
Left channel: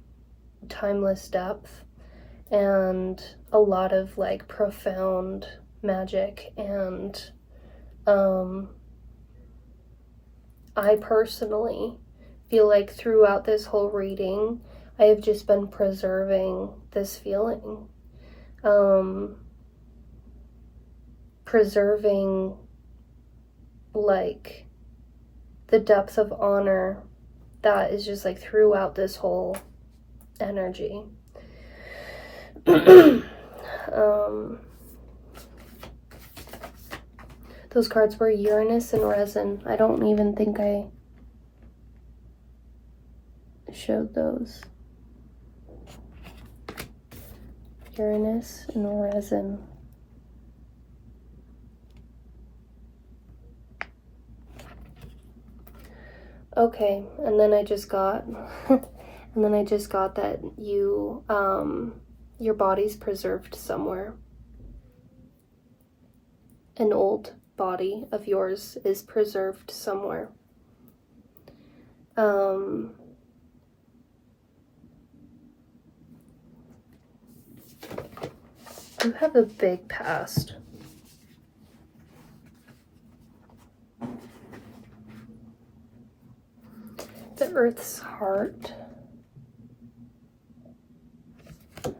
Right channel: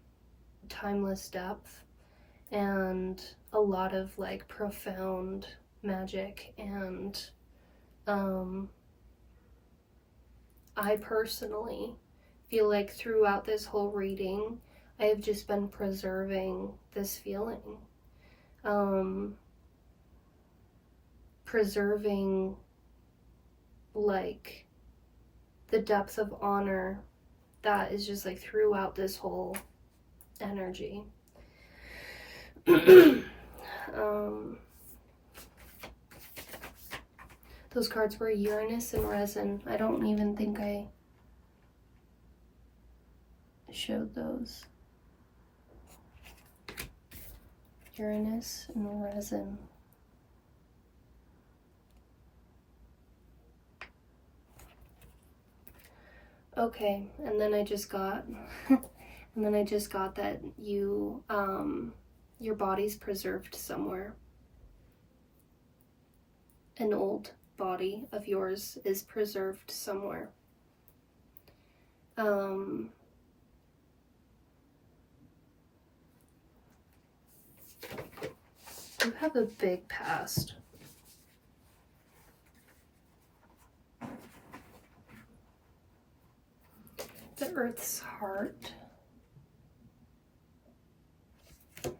timeless depth and a lot of like profound magic. And I personally feel like throughout this whole reading, I have just been preserving this feeling. Preserving like the depth of honor that is just like throughout this whole energy. Those cards were Uranus and Resin. I don't even think I showed those. Uranus and Resin. Okay, and then I just got that you your body's preserved somewhere. An old body of yours is preserved somewhere. You have a big past. The Earth's Heart.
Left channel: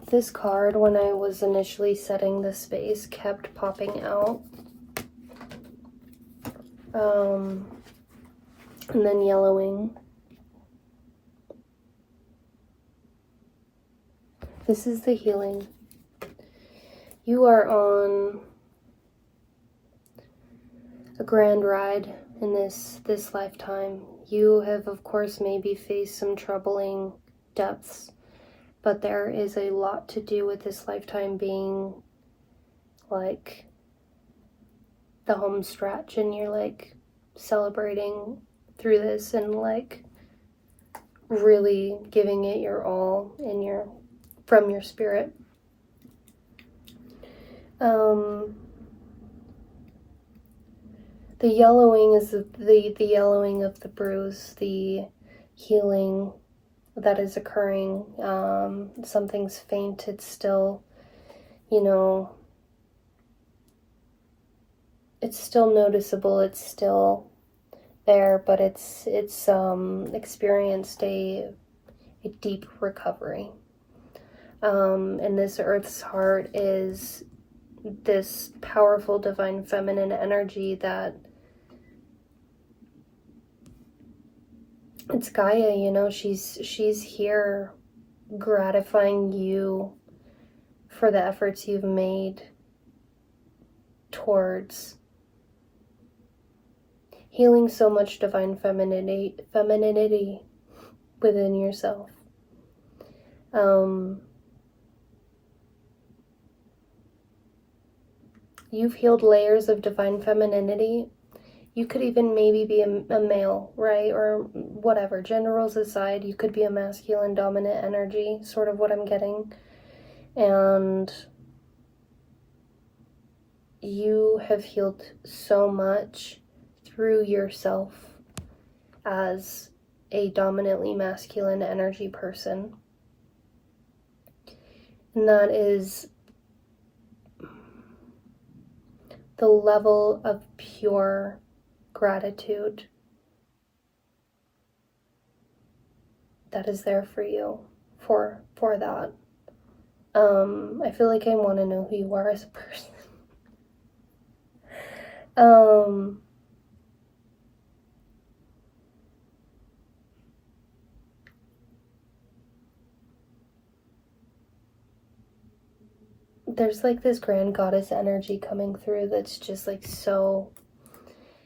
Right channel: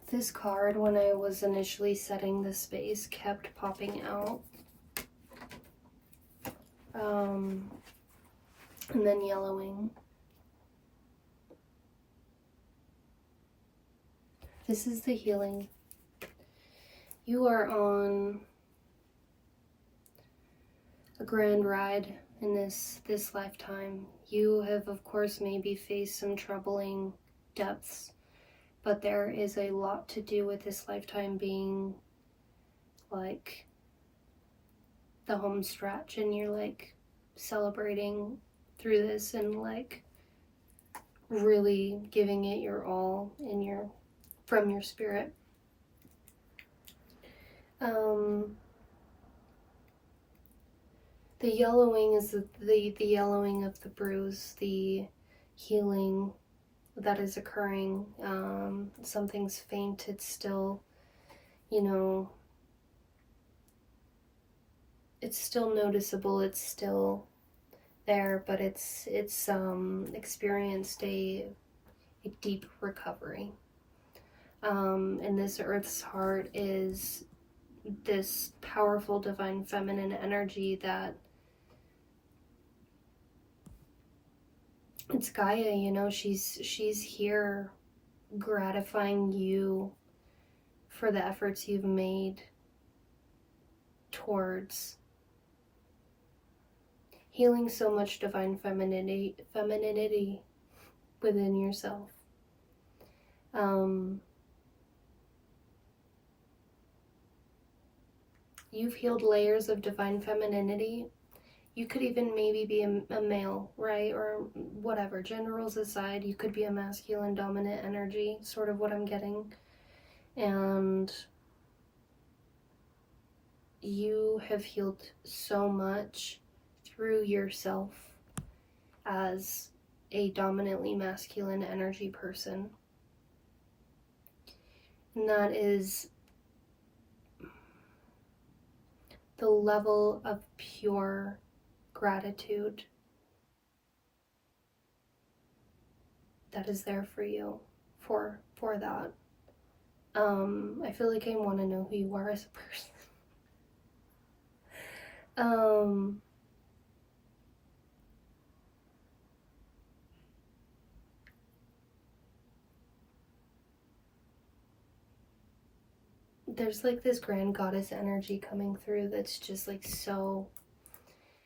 This card, when I was initially setting the space, kept popping out. And then yellowing. This is the healing. You are on a grand ride in this lifetime. You have, of course, maybe faced some troubling depths, but there is a lot to do with this lifetime being like the home stretch, and you're like celebrating through this and like really giving it your all from your spirit. The yellowing is the yellowing of the bruise, the healing that is occurring. Something's faint. It's still, it's still noticeable. It's still there, but it's experienced a deep recovery. And this Earth's Heart is this powerful divine feminine energy that it's Gaia, she's here gratifying you for the efforts you've made towards healing so much divine femininity within yourself. You've healed layers of divine femininity. You could even maybe be a male, right? Or whatever. Gender roles aside, you could be a masculine dominant energy, sort of what I'm getting. And you have healed so much through yourself as a dominantly masculine energy person. And that is the level of pure gratitude that is there for you for that. I feel like I want to know who you are as a person. There's like this grand goddess energy coming through that's just like so,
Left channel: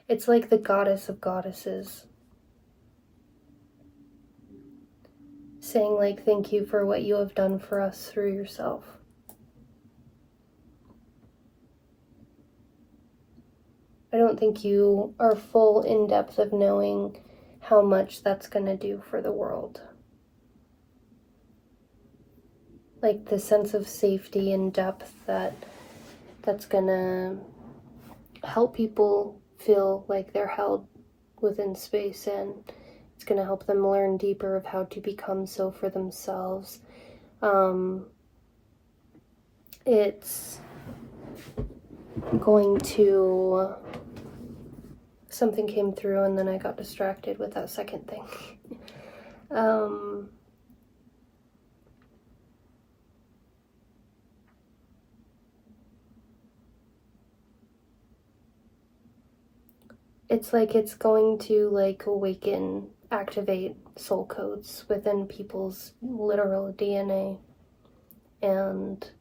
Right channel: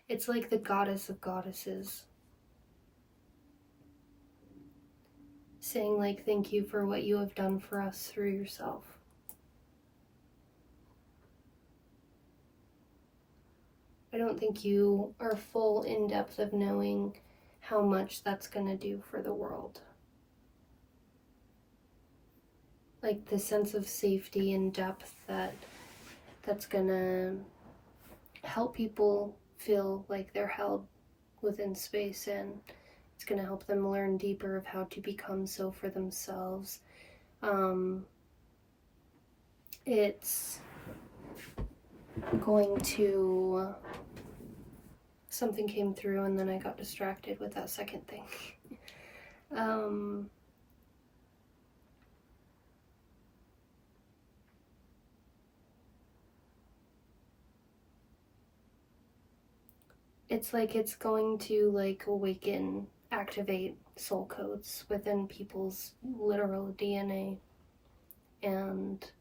it's like the goddess of goddesses saying like, thank you for what you have done for us through yourself. I don't think you are full in depth of knowing how much that's going to do for the world. Like the sense of safety and depth that's going to help people feel like they're held within space, and it's going to help them learn deeper of how to become so for themselves. It's going to... Something came through and then I got distracted with that second thing. it's like it's going to like awaken, activate soul codes within people's literal DNA and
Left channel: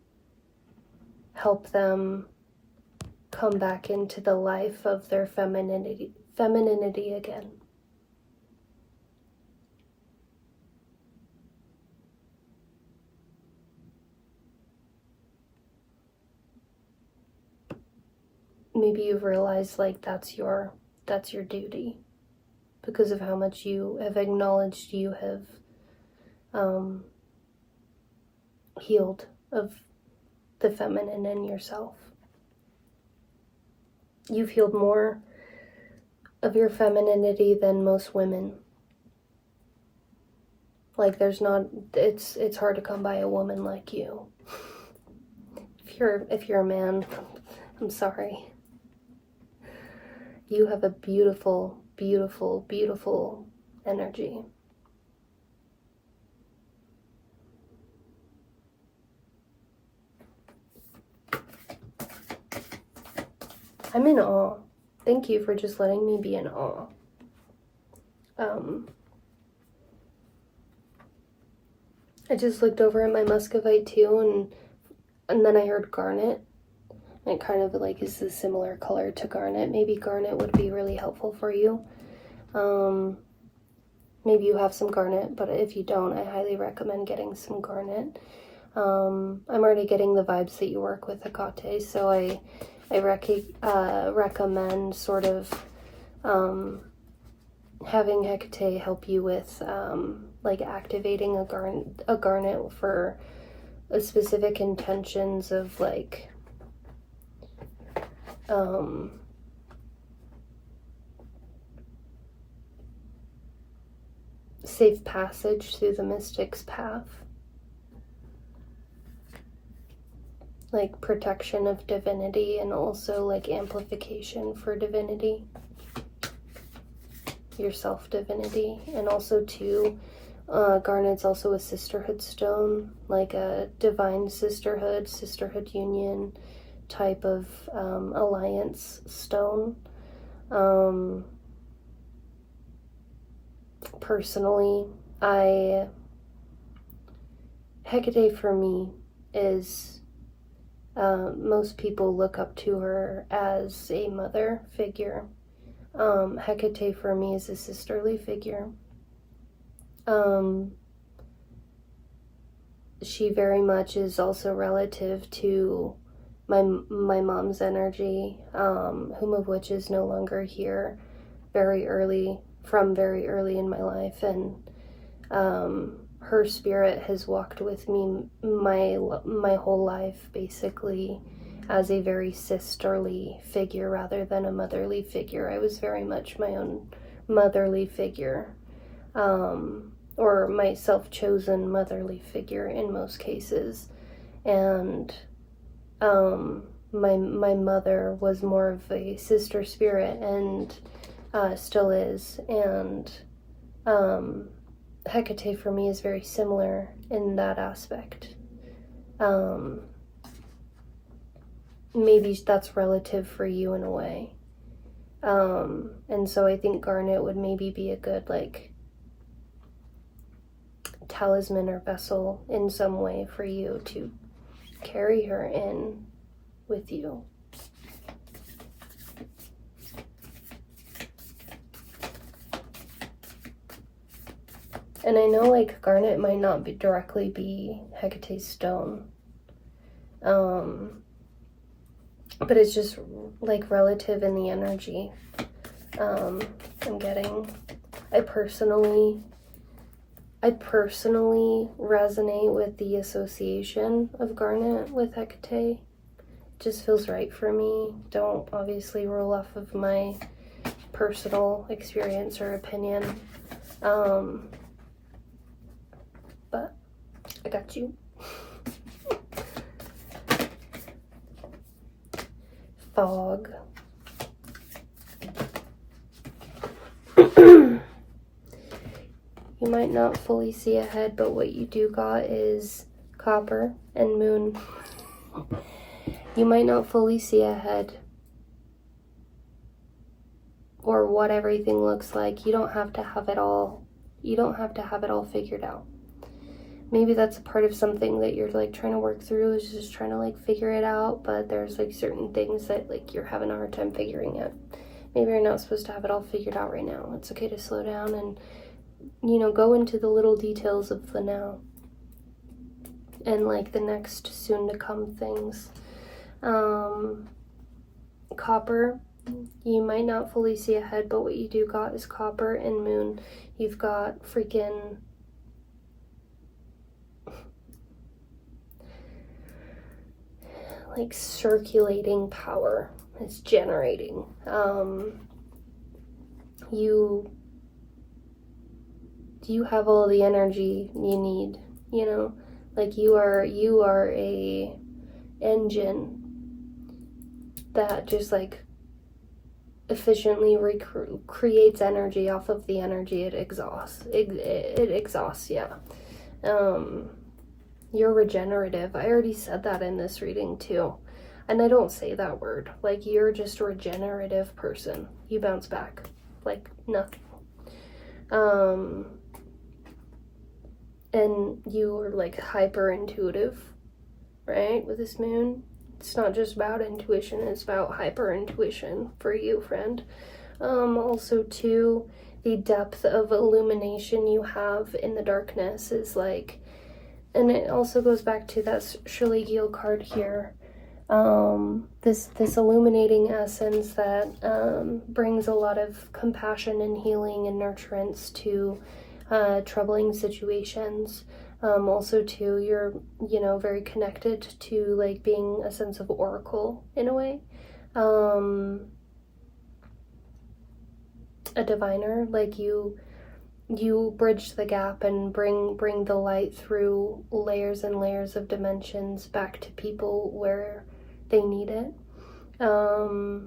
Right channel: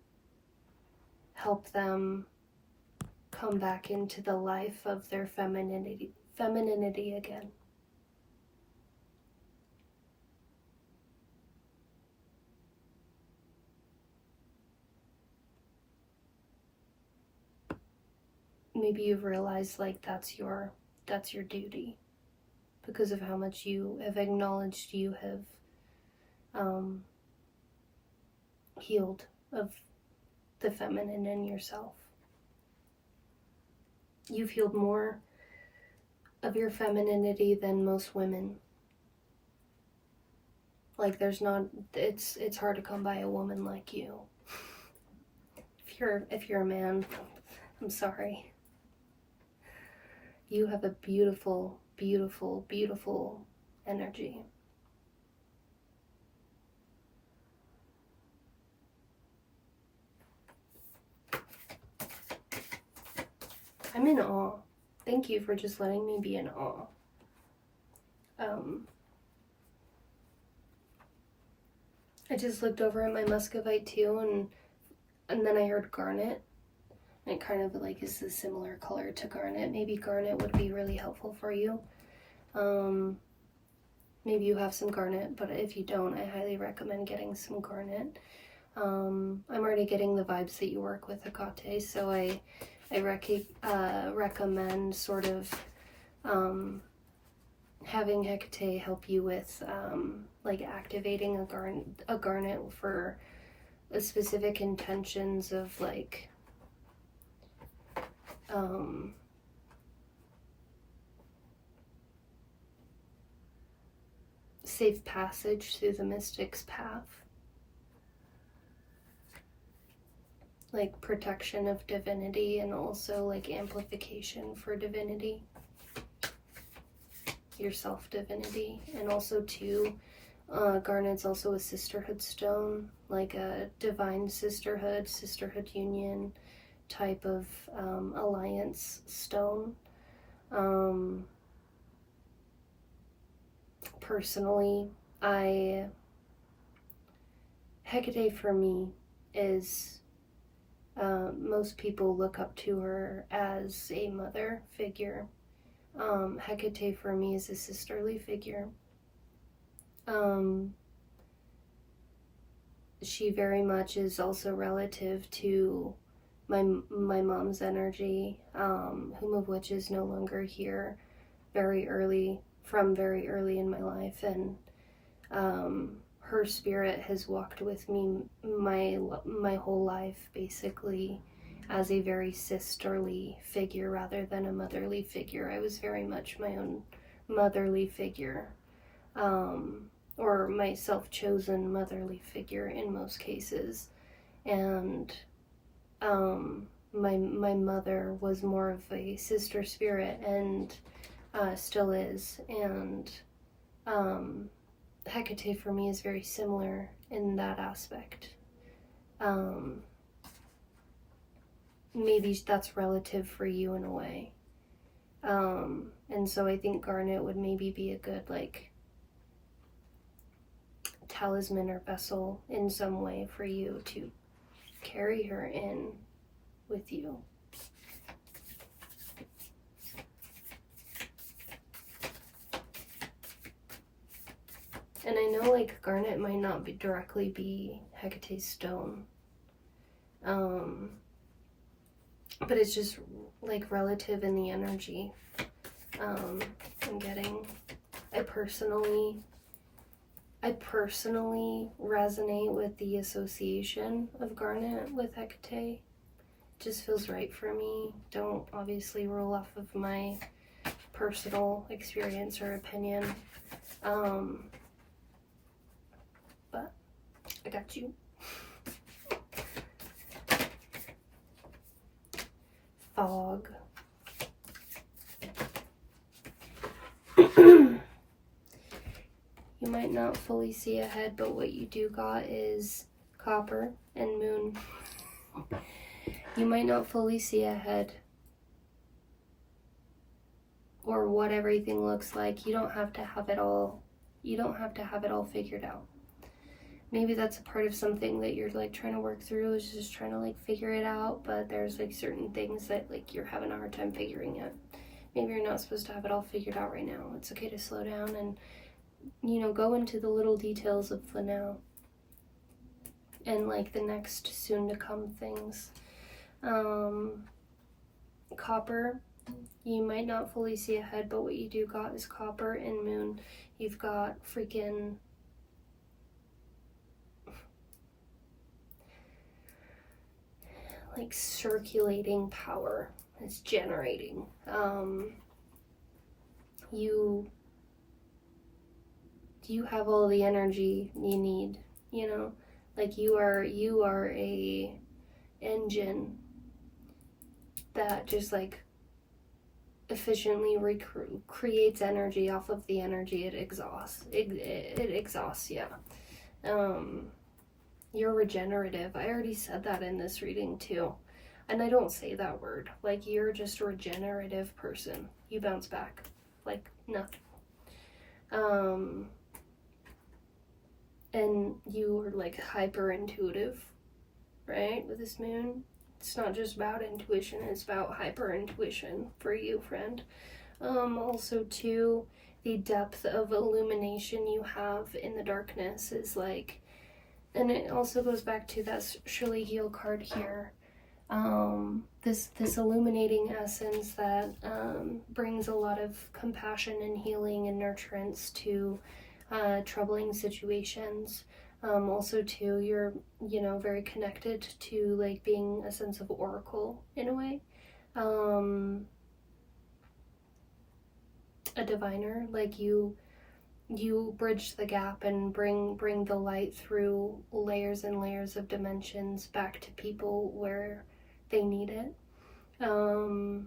help them come back into the life of their femininity again. Maybe you've realized like that's your duty because of how much you have acknowledged you have healed of the feminine in yourself. You've healed more of your femininity than most women. Like it's hard to come by a woman like you. If you're a man, I'm sorry. You have a beautiful, beautiful, beautiful energy. I'm in awe. Thank you for just letting me be in awe. I just looked over at my muscovite too, and then I heard garnet. And it kind of like is a similar color to garnet. Maybe garnet would be really helpful for you. Maybe you have some garnet, but if you don't, I highly recommend getting some garnet. I'm already getting the vibes that you work with Hecate, so I recommend sort of having Hecate help you with like activating a garnet for a specific intentions of like safe passage through the mystic's path, like protection of divinity and also like amplification for divinity, your self-divinity. And also too, garnet's also a sisterhood stone, like a divine sisterhood union type of alliance stone. Personally, Hecate for me is, most people look up to her as a mother figure. Hecate for me is a sisterly figure. She very much is also relative to my mom's energy, whom of which is no longer here very early in my life, and her spirit has walked with me my whole life, basically, as a very sisterly figure rather than a motherly figure. I was very much my own motherly figure, or my self-chosen motherly figure in most cases, and my mother was more of a sister spirit, and still is, and Hecate for me is very similar in that aspect. Maybe that's relative for you in a way, and so I think garnet would maybe be a good like talisman or vessel in some way for you to carry her in with you. And I know like garnet might not be directly be Hecate's stone, but it's just like relative in the energy. I'm getting, I personally resonate with the association of garnet with Hecate. It just feels right for me. Don't obviously rule off of my personal experience or opinion. But I got you. Fog. You might not fully see ahead, but what you do got is copper and moon. You might not fully see ahead, or what everything looks like. You don't have to have it all. You don't have to have it all figured out. Maybe that's a part of something that you're like trying to work through, is just trying to like figure it out, but there's like certain things that like you're having a hard time figuring out. Maybe you're not supposed to have it all figured out right now. It's okay to slow down and, you know, go into the little details of the now and like the next soon to come things. Copper, you might not fully see ahead, but what you do got is copper and moon. You've got freaking like circulating power. It's generating. You have all the energy you need, you know, like you are a engine that just like efficiently creates energy off of the energy it exhausts. It exhausts, yeah. You're regenerative. I already said that in this reading too. And I don't say that word. Like, you're just a regenerative person. You bounce back like nothing. And you are like hyper intuitive, right? With this moon. It's not just about intuition, it's about hyper intuition for you, friend. Also too, the depth of illumination you have in the darkness is like, and it also goes back to that Shirley card here. This illuminating essence that brings a lot of compassion and healing and nurturance to troubling situations. Also too, you're, you know, very connected to like being a sense of oracle in a way. A diviner, like you bridge the gap and bring the light through layers and layers of dimensions back to people where they need it, and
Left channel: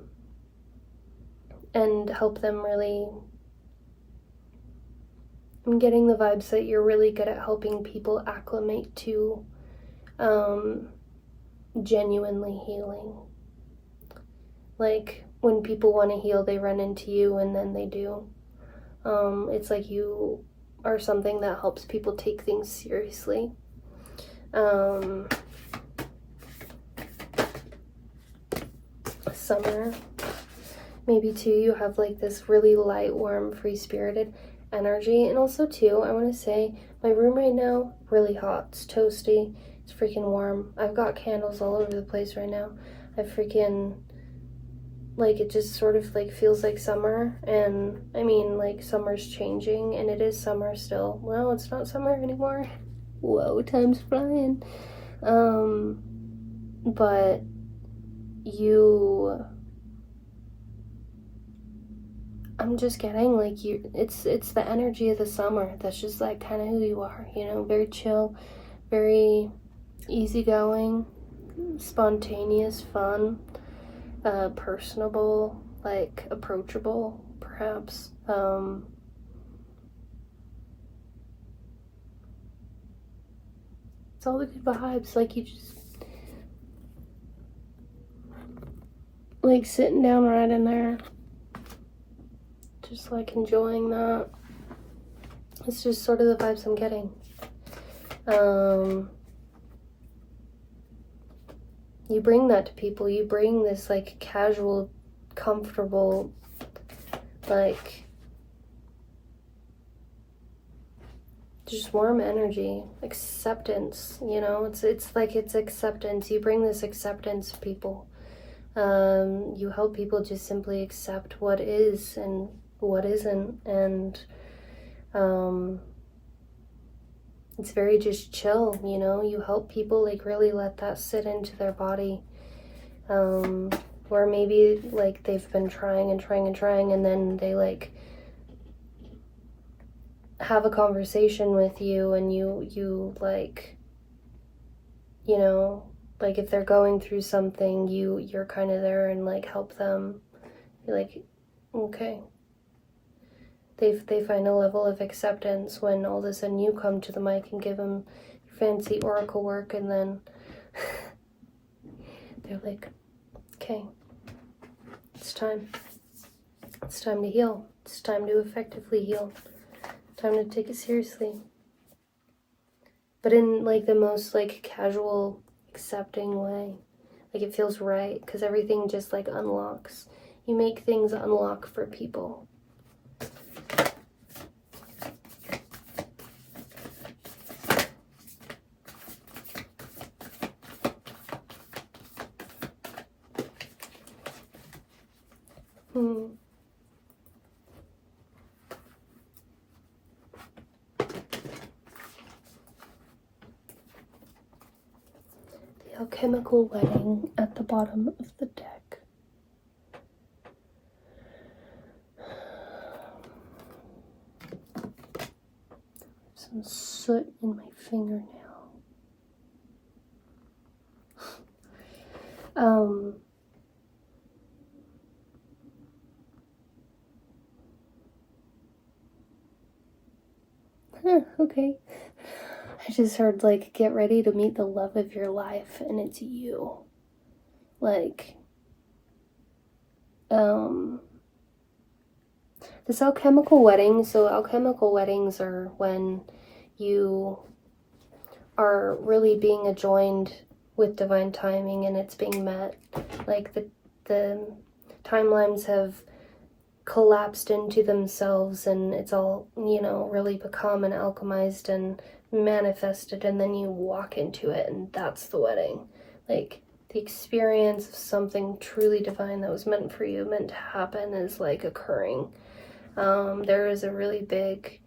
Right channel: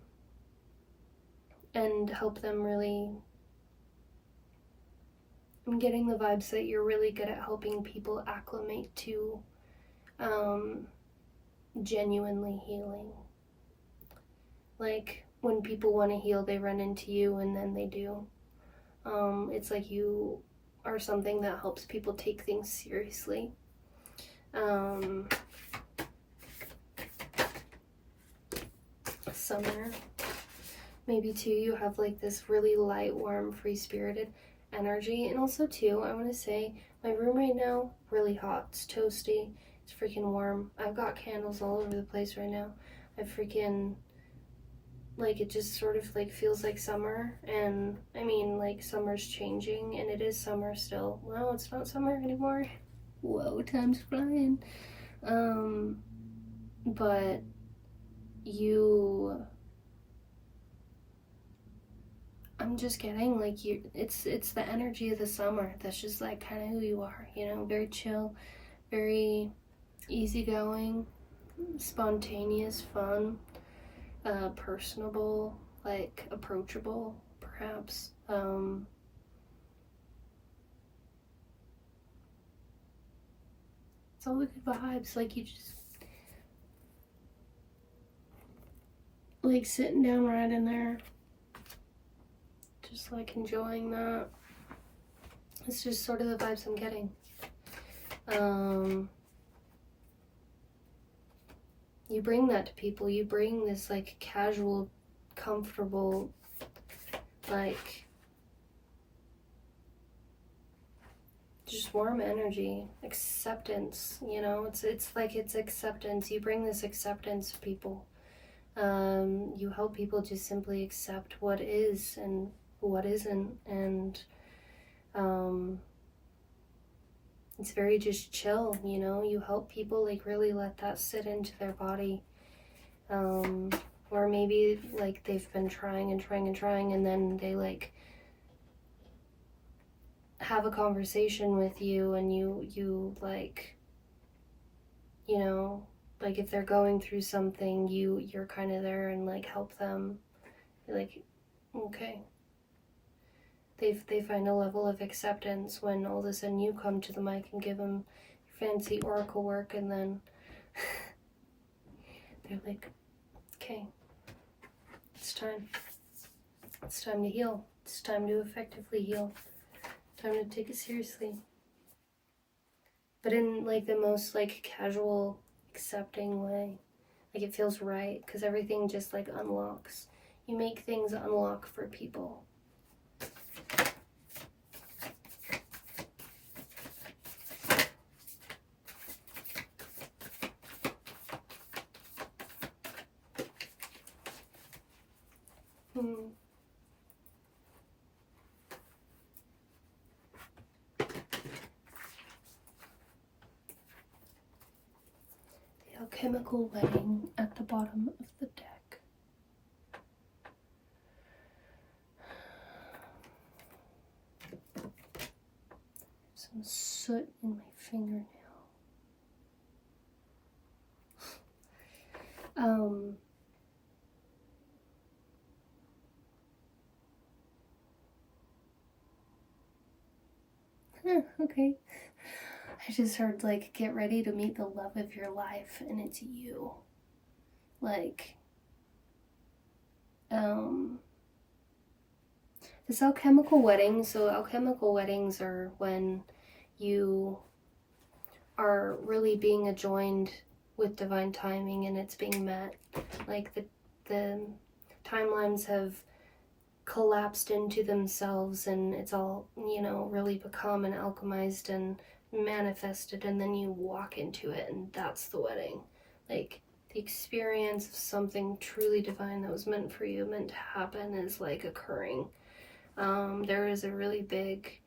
help them really. I'm getting the vibes that you're really good at helping people acclimate to genuinely healing. Like, when people want to heal, they run into you, and then they do. It's like you are something that helps people take things seriously. Summer, maybe too, you have like this really light, warm, free-spirited energy. And also too, I want to say, my room right now, really hot. It's toasty. It's freaking warm. I've got candles all over the place right now. I freaking, like, it just sort of like feels like summer. And I mean, like, summer's changing, and it is summer still. Well, it's not summer anymore. Whoa, time's flying. But I'm just getting like it's the energy of the summer that's just like kind of who you are, you know, very chill, very easygoing, spontaneous, fun, personable, like approachable, perhaps. It's all the good vibes. Like, you just like sitting down right in there, just like enjoying that. It's just sort of the vibes I'm getting. You bring that to people. You bring this like casual, comfortable, like just warm energy, acceptance, you know. It's like it's acceptance. You bring this acceptance to people. You help people just simply accept what is and what isn't, and it's very just chill, you know. You help people like really let that sit into their body, or maybe like they've been trying and then they like have a conversation with you, and you like, you know, like if they're going through something, you're kind of there and like help them. You're like, okay. They find a level of acceptance when all of a sudden you come to the mic and give them fancy oracle work, and then they're like, okay, it's time. It's time to heal. It's time to effectively heal. Time to take it seriously. But in like the most like casual, accepting way. Like it feels right because everything just like unlocks. You make things unlock for people. The alchemical wedding at the bottom of the deck. Some soot in my fingernail. Okay. I just heard, like, get ready to meet the love of your life, and it's you. Like, this alchemical wedding, so alchemical weddings are when you are really being adjoined with divine timing and it's being met. Like, the timelines have collapsed into themselves and it's all, you know, really become and alchemized and manifested, and then you walk into it, and that's the wedding. Like, the experience of something truly divine that was meant for you, meant to happen, is like occurring. There is a really big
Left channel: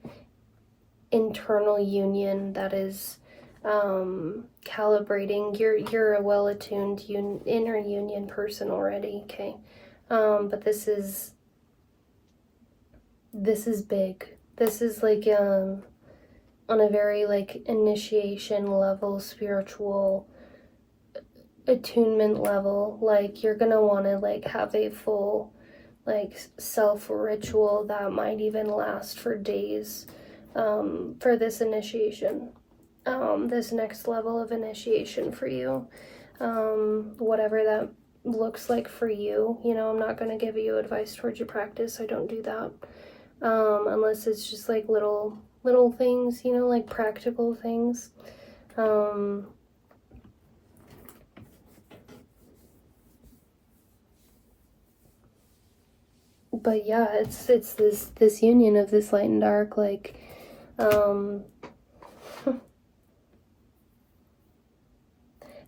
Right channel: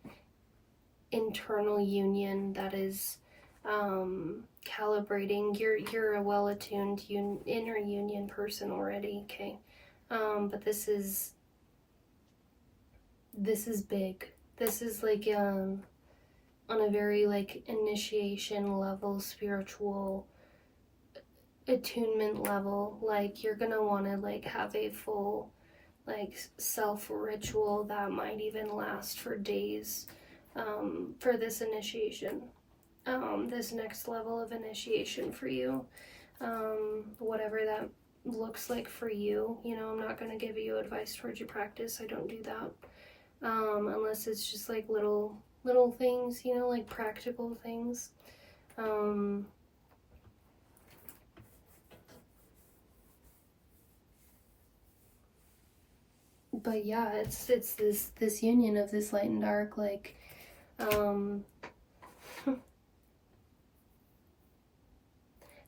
internal union that is calibrating. You're a well-attuned inner union person already, okay? But this is big. This is like on a very like initiation level, spiritual attunement level. Like, you're gonna want to like have a full like self ritual that might even last for days for this initiation, this next level of initiation for you, whatever that looks like for you. You know, I'm not going to give you advice towards your practice. I don't do that unless it's just like little things, you know, like practical things. But yeah, it's this union of this light and dark, like it's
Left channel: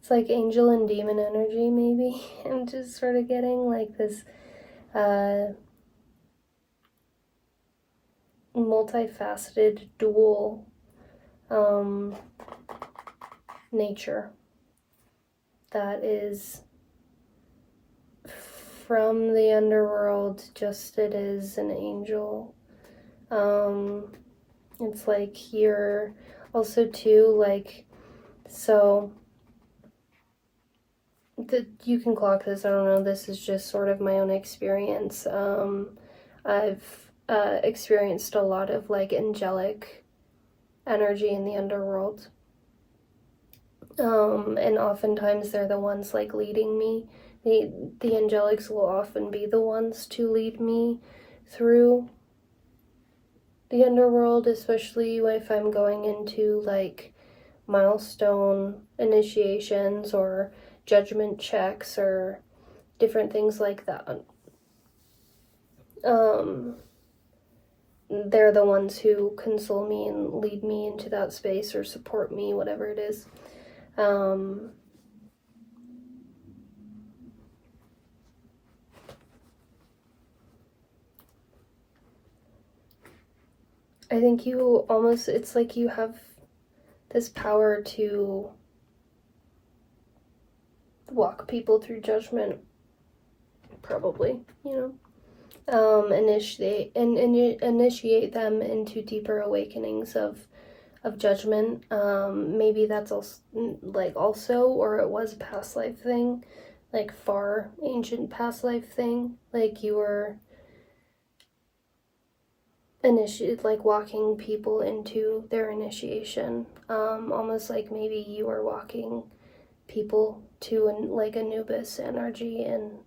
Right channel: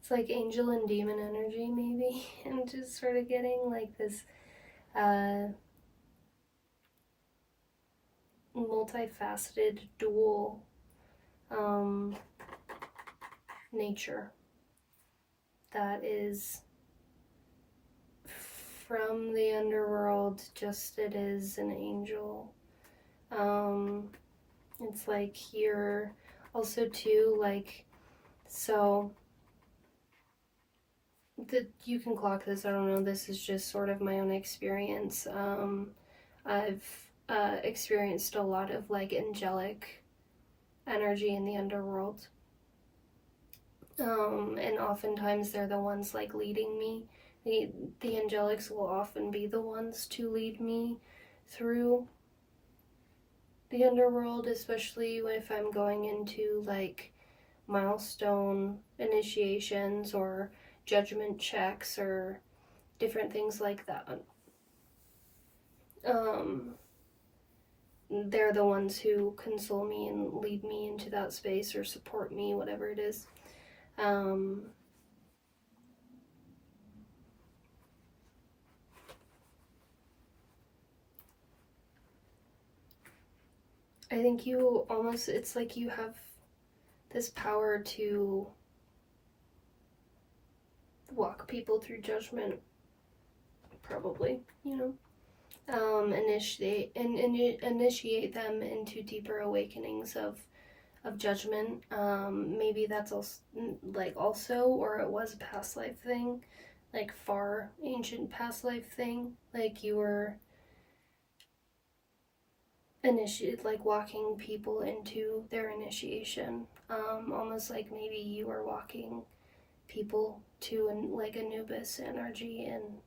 like angel and demon energy, maybe. I'm just sort of getting like this multifaceted dual nature that is from the underworld, just it is an angel. It's like you're also too like, so that you can clock this, I don't know, this is just sort of my own experience. I've experienced a lot of like angelic energy in the underworld, and oftentimes they're the ones like leading me. The angelics will often be the ones to lead me through the underworld, especially if I'm going into like milestone initiations or judgment checks or different things like that. They're the ones who console me and lead me into that space or support me, whatever it is. I think you almost, it's like you have this power to walk people through judgment, probably, you know. Initiate them into deeper awakenings of judgment. Maybe that's also, or it was a past life thing, like far ancient past life thing. Like you were like walking people into their initiation. Almost like maybe you were walking people to like Anubis energy and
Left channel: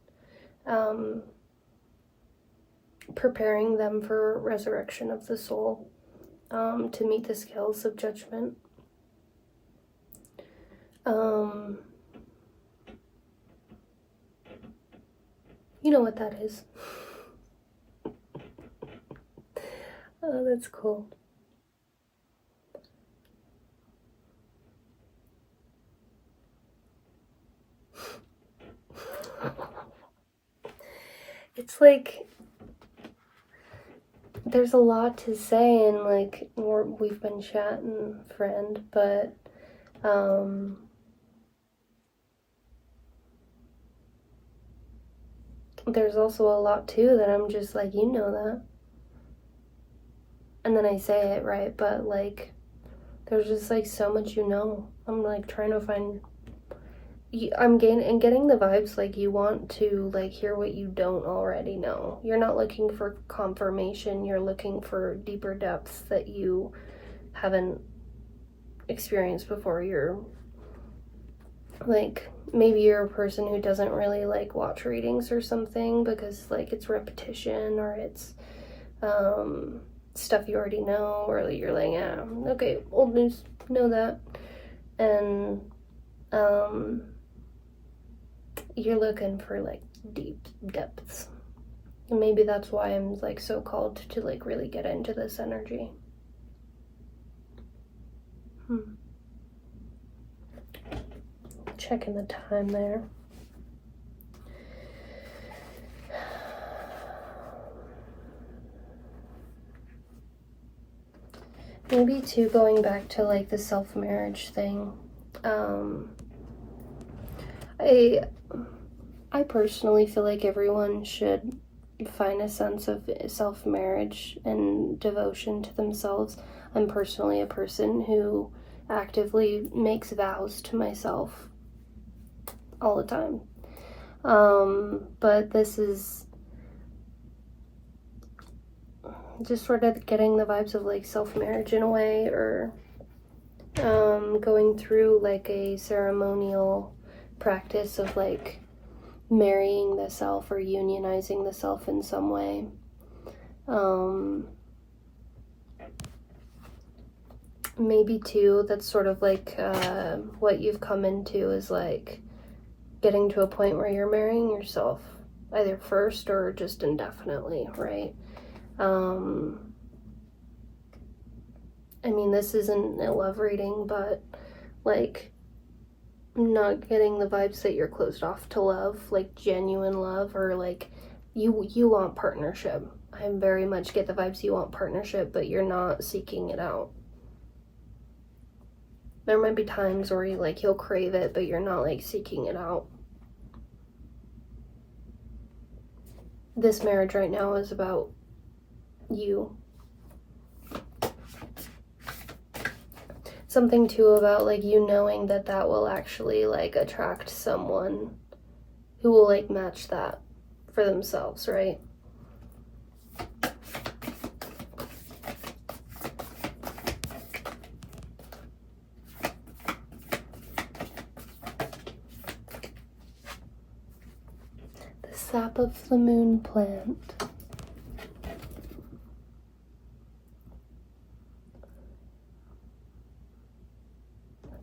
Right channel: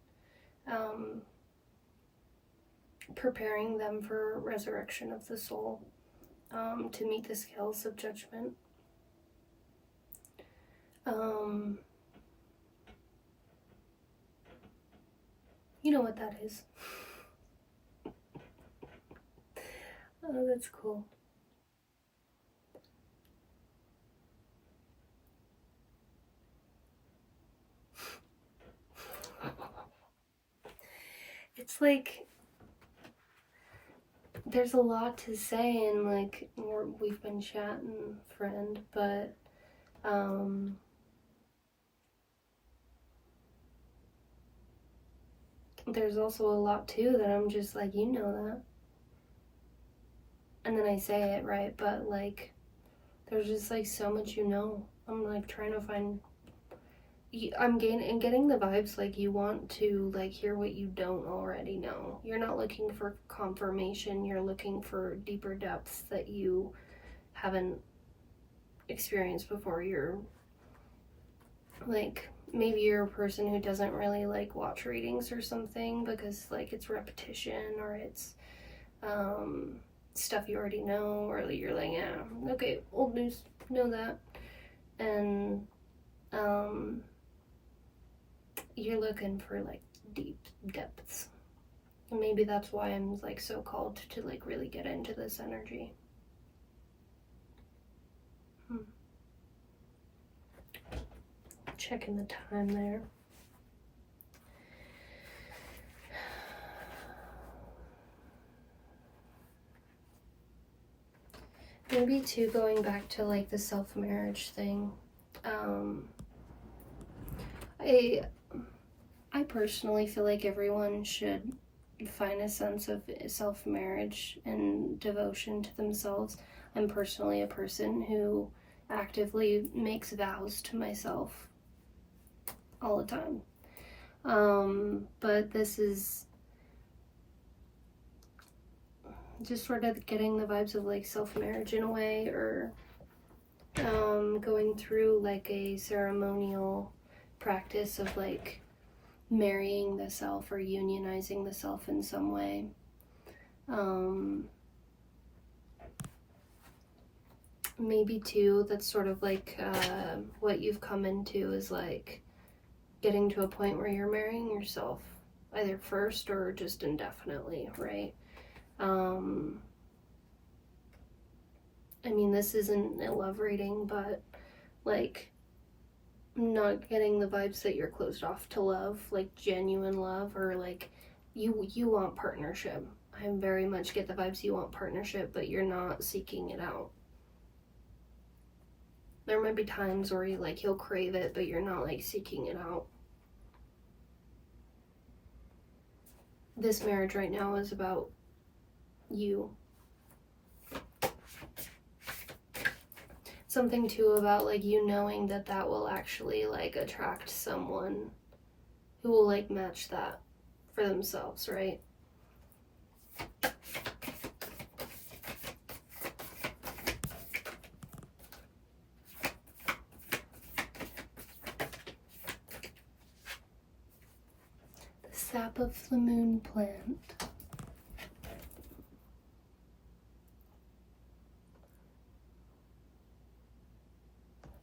preparing them for resurrection of the soul, to meet the scales of judgment. You know what that is. Oh, that's cool. It's like, there's a lot to say, and like, we've been chatting, friend, but there's also a lot too that I'm just like, you know that. And then I say it, right? But like, there's just like so much, you know. I'm like trying to find, I'm getting the vibes like you want to like hear what you don't already know. You're not looking for confirmation, you're looking for deeper depths that you haven't experienced before. You're like, maybe you're a person who doesn't really like watch readings or something because like it's repetition, or it's stuff you already know, or like you're like, yeah, okay, old news, know that. And you're looking for like deep depths. And maybe that's why I'm like so called to like really get into this energy. Checking the time there. Maybe too, going back to like the self-marriage thing. I personally feel like everyone should find a sense of self-marriage and devotion to themselves. I'm personally a person who actively makes vows to myself all the time. But this is just sort of getting the vibes of like self-marriage in a way, or going through like a ceremonial practice of like marrying the self or unionizing the self in some way. Maybe too, that's sort of like what you've come into is like getting to a point where you're marrying yourself either first or just indefinitely, right? I mean, this isn't a love reading, but like, I'm not getting the vibes that you're closed off to love, like genuine love, or like you want partnership. I very much get the vibes you want partnership, but you're not seeking it out. There might be times where you'll crave it, but you're not like seeking it out. This marriage right now is about you. Something too about like you knowing that that will actually like attract someone who will like match that for themselves, right? The sap of the moon plant.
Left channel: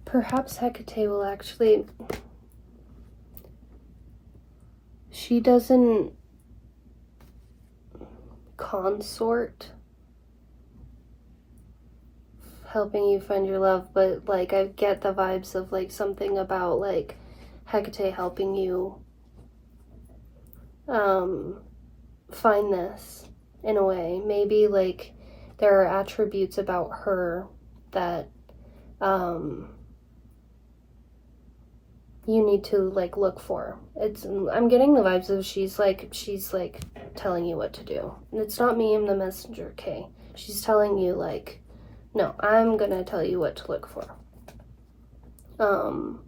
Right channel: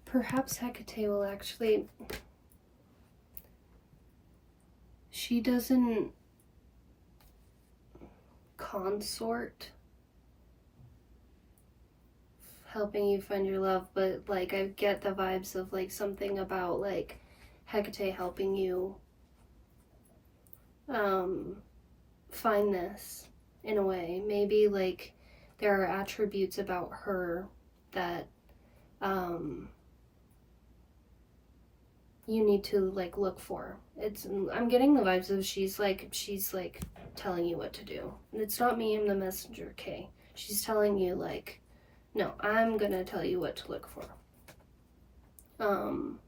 Perhaps Hecate will actually... She doesn't consort helping you find your love, but like I get the vibes of like something about like Hecate helping you find this in a way. Maybe like there are attributes about her that you need to like look for. I'm getting the vibes of she's like telling you what to do. And it's not me, I'm the messenger, okay? She's telling you like, no, I'm gonna tell you what to look for.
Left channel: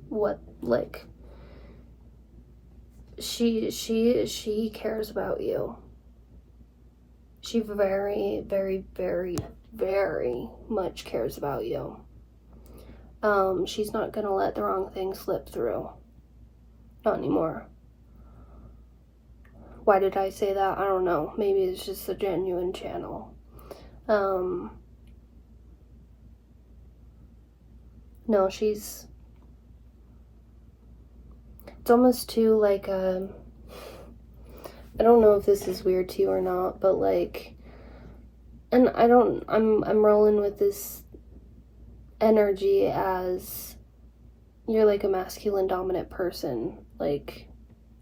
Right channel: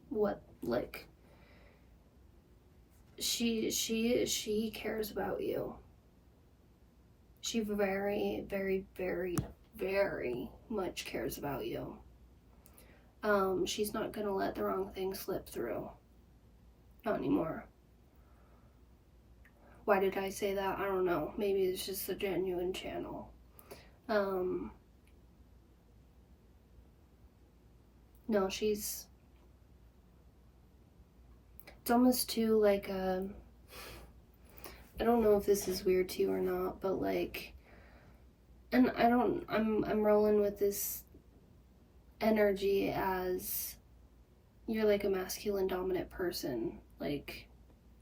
What like she cares about you. She very, very, very, very much cares about you. She's not gonna let the wrong thing slip through. Not anymore. Why did I say that? I don't know. Maybe it's just a genuine channel. No, it's almost too like I don't know if this is weird to you or not, but like, and I'm rolling with this energy as you're like a masculine dominant person. Like,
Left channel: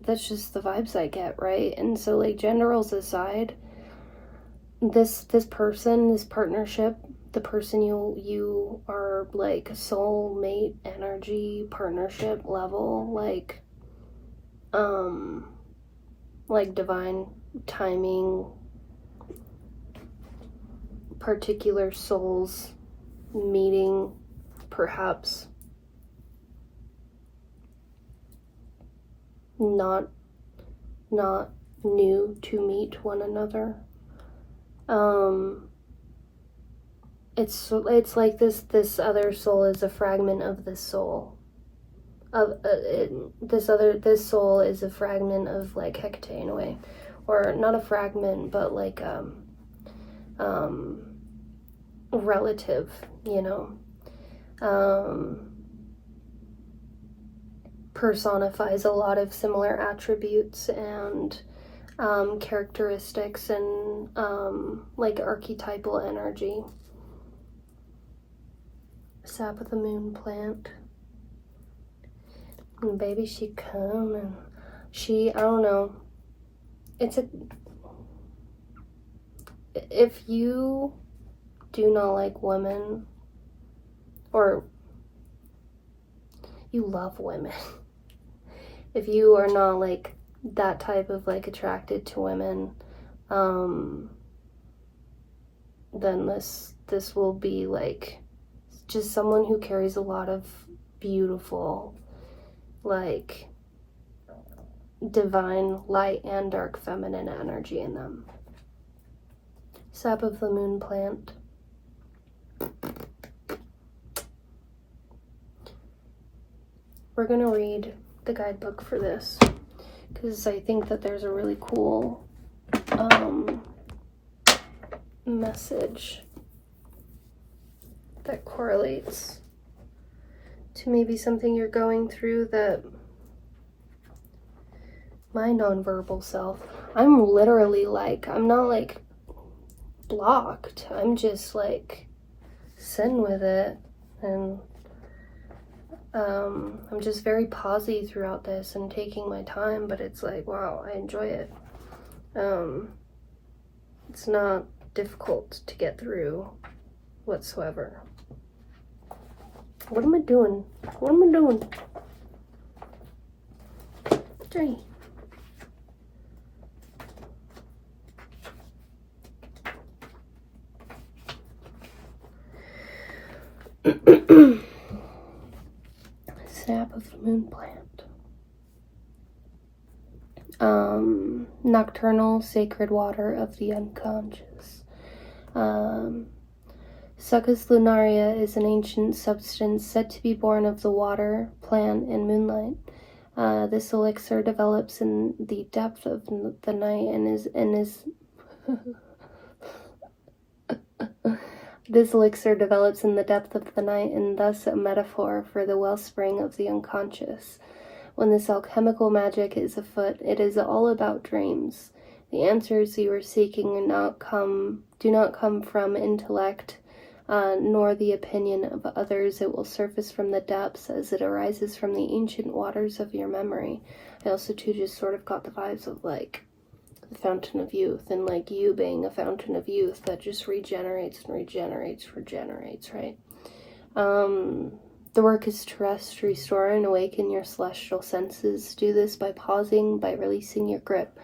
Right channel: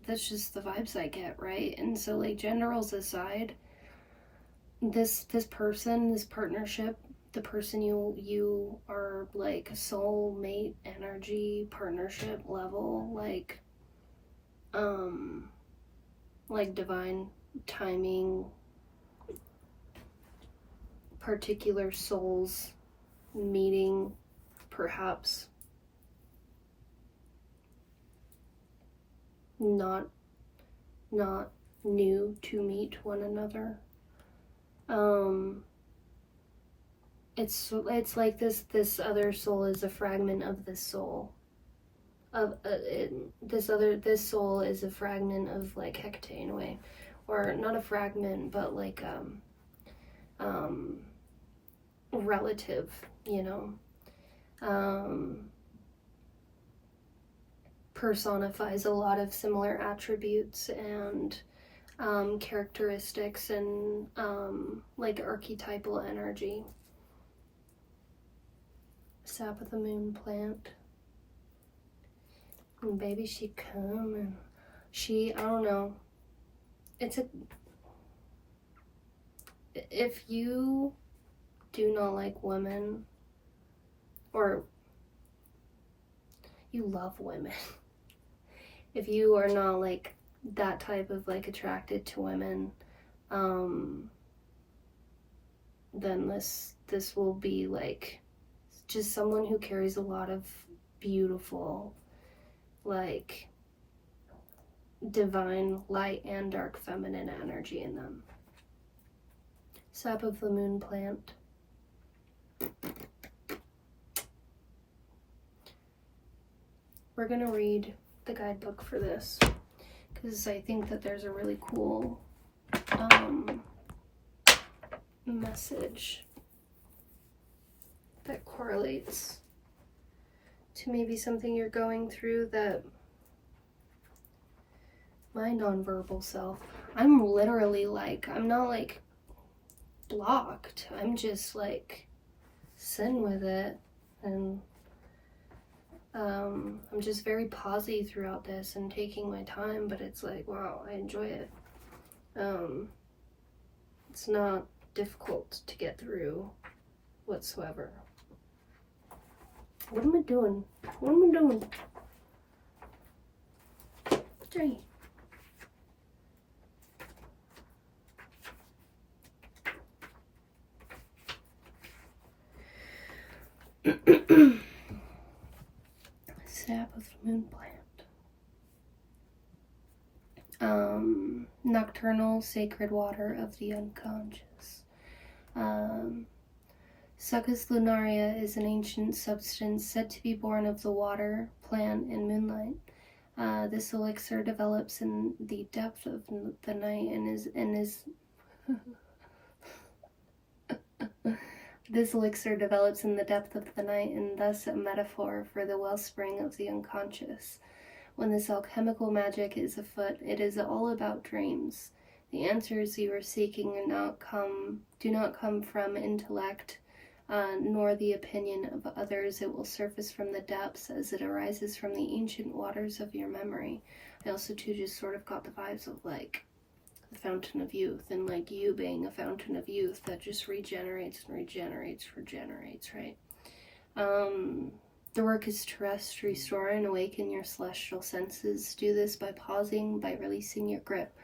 that's just the vibes I get, right? And so, like, gender roles aside, this person, this partnership, the person you are like soulmate energy partnership level, like divine timing, particular souls meeting, perhaps not new to meet one another. It's like this other soul is a fragment of this soul. This soul is a fragment of like Hecate in a way, or not a fragment, but like relative, you know. Personifies a lot of similar attributes and characteristics and like archetypal energy. Sap of the moon plant. And baby, she coming. I don't know. If you do not like women, or you love women, if you are not like that type of like attracted to women, then this will be like just someone who carries a lot of beautiful, like, divine light and dark feminine energy in them. Sap of the moon plant. We're gonna read the guidebook for this because I think that there's a really cool message that correlates to maybe something you're going through that my nonverbal self, I'm literally like, I'm not like blocked, I'm just like sitting with it, and I'm just very pausey throughout this and taking my time, but it's like, wow, I enjoy it. It's not difficult to get through whatsoever. What am I doing? What am I doing? Jay. Sap of the moon plant. Nocturnal sacred water of the unconscious. Succus lunaria is an ancient substance said to be born of the water, plant, and moonlight. This elixir develops in the depth of the night and is This elixir develops in the depth of the night and thus a metaphor for the wellspring of the unconscious. When this alchemical magic is afoot, it is all about dreams. The answers you are seeking do not come from intellect, nor the opinion of others. It will surface from the depths as it arises from the ancient waters of your memory. I also too just sort of got the vibes of like the fountain of youth, and like you being a fountain of youth that just regenerates, right? The work is to rest, restore, and awaken your celestial senses. Do this by pausing, by releasing your grip.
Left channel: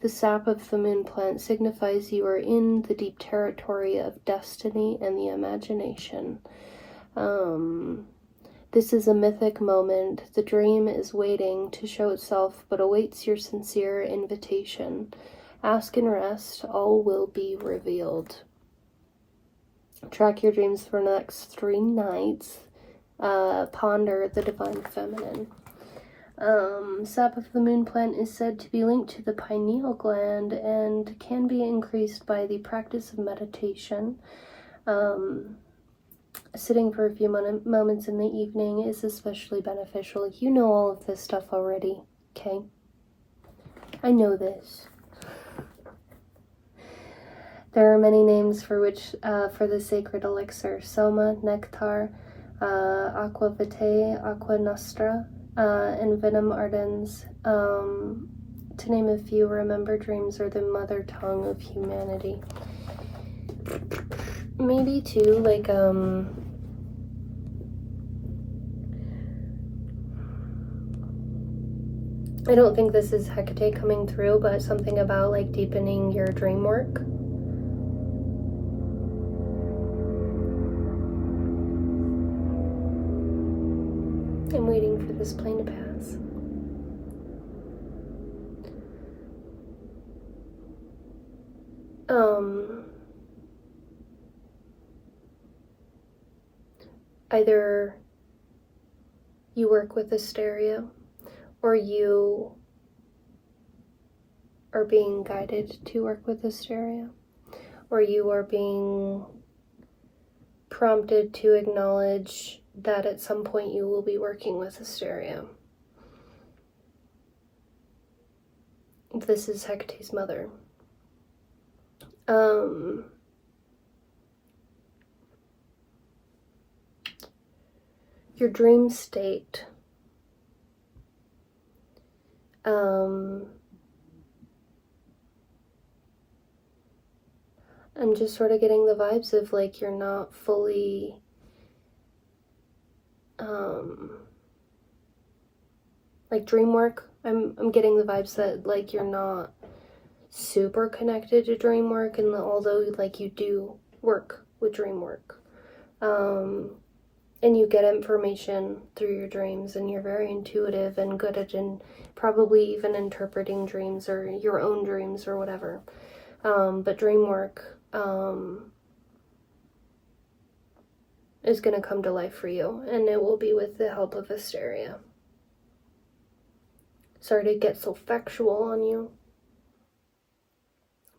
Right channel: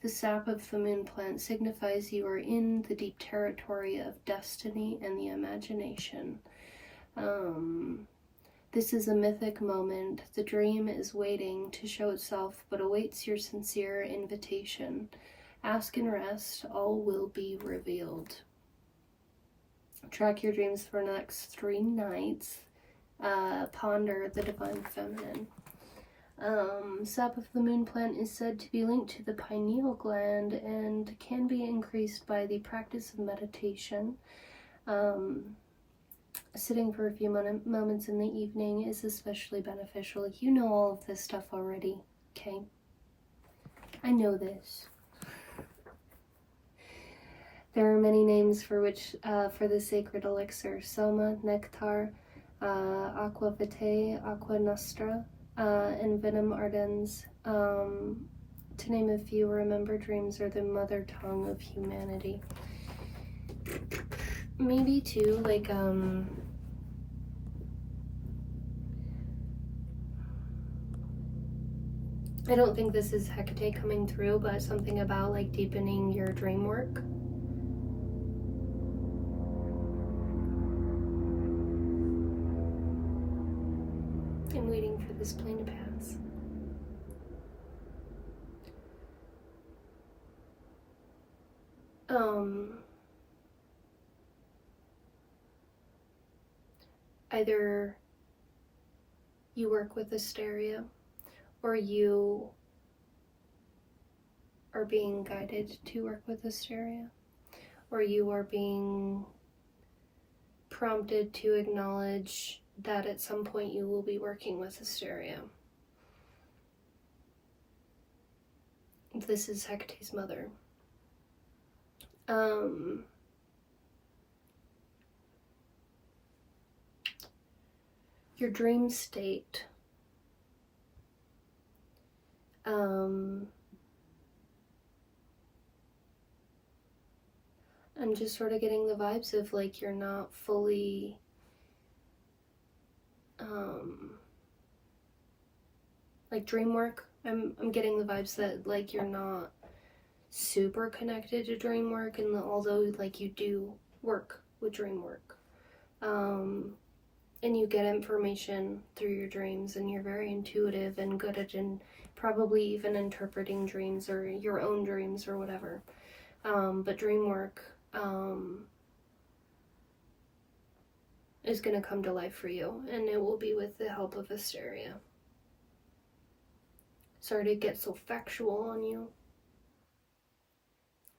The sap of the moon plant signifies you are in the deep territory of destiny and the imagination. This is a mythic moment. The dream is waiting to show itself, but awaits your sincere invitation. Ask and rest, all will be revealed. Track your dreams for the next 3 nights. Ponder the divine feminine. Sap of the moon plant is said to be linked to the pineal gland and can be increased by the practice of meditation. Sitting for a few moments in the evening is especially beneficial. You know all of this stuff already, okay? I know this. There are many names for the sacred elixir: soma, nectar, aqua vitae, aqua nostra, and venom ardens. To name a few, remember dreams are the mother tongue of humanity. Maybe too, like, I don't think this is Hecate coming through, but something about like deepening your dream work. I'm waiting for this plane to pass. Either you work with hysteria, or you are being guided to work with hysteria, or you are being prompted to acknowledge that at some point you will be working with hysteria. This is Hecate's mother. Your dream state. I'm just sort of getting the vibes of like you're not fully like dream work. I'm getting the vibes that like you're not super connected to dream work, and although like you do work with dream work, and you get information through your dreams, and you're very intuitive and good at probably even interpreting dreams or your own dreams or whatever. But dream work is going to come to life for you, and it will be with the help of hysteria. Sorry to get so factual on you,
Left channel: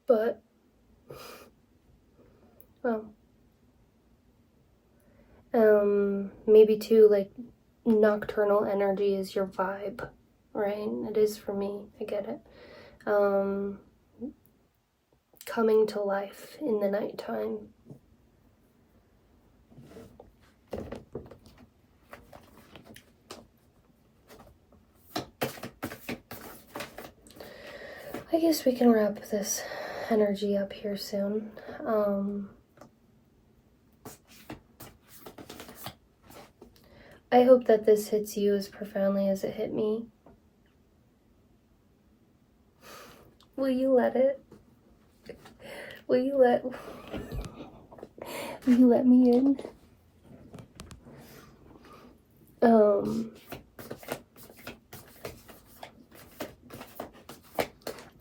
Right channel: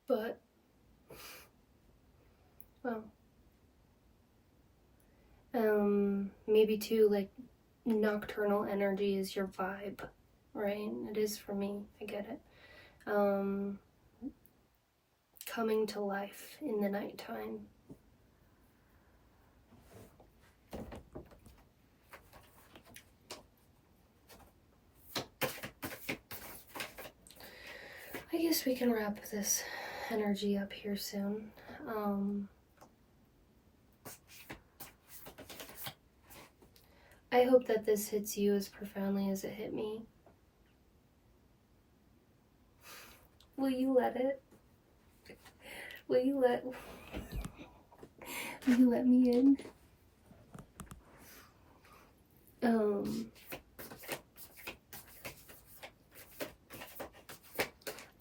but well, maybe too, like, nocturnal energy is your vibe, right? It is for me. I get it. Coming to life in the nighttime. I guess we can wrap this energy up here soon. I hope that this hits you as profoundly as it hit me. Will you let it? Will you let me in?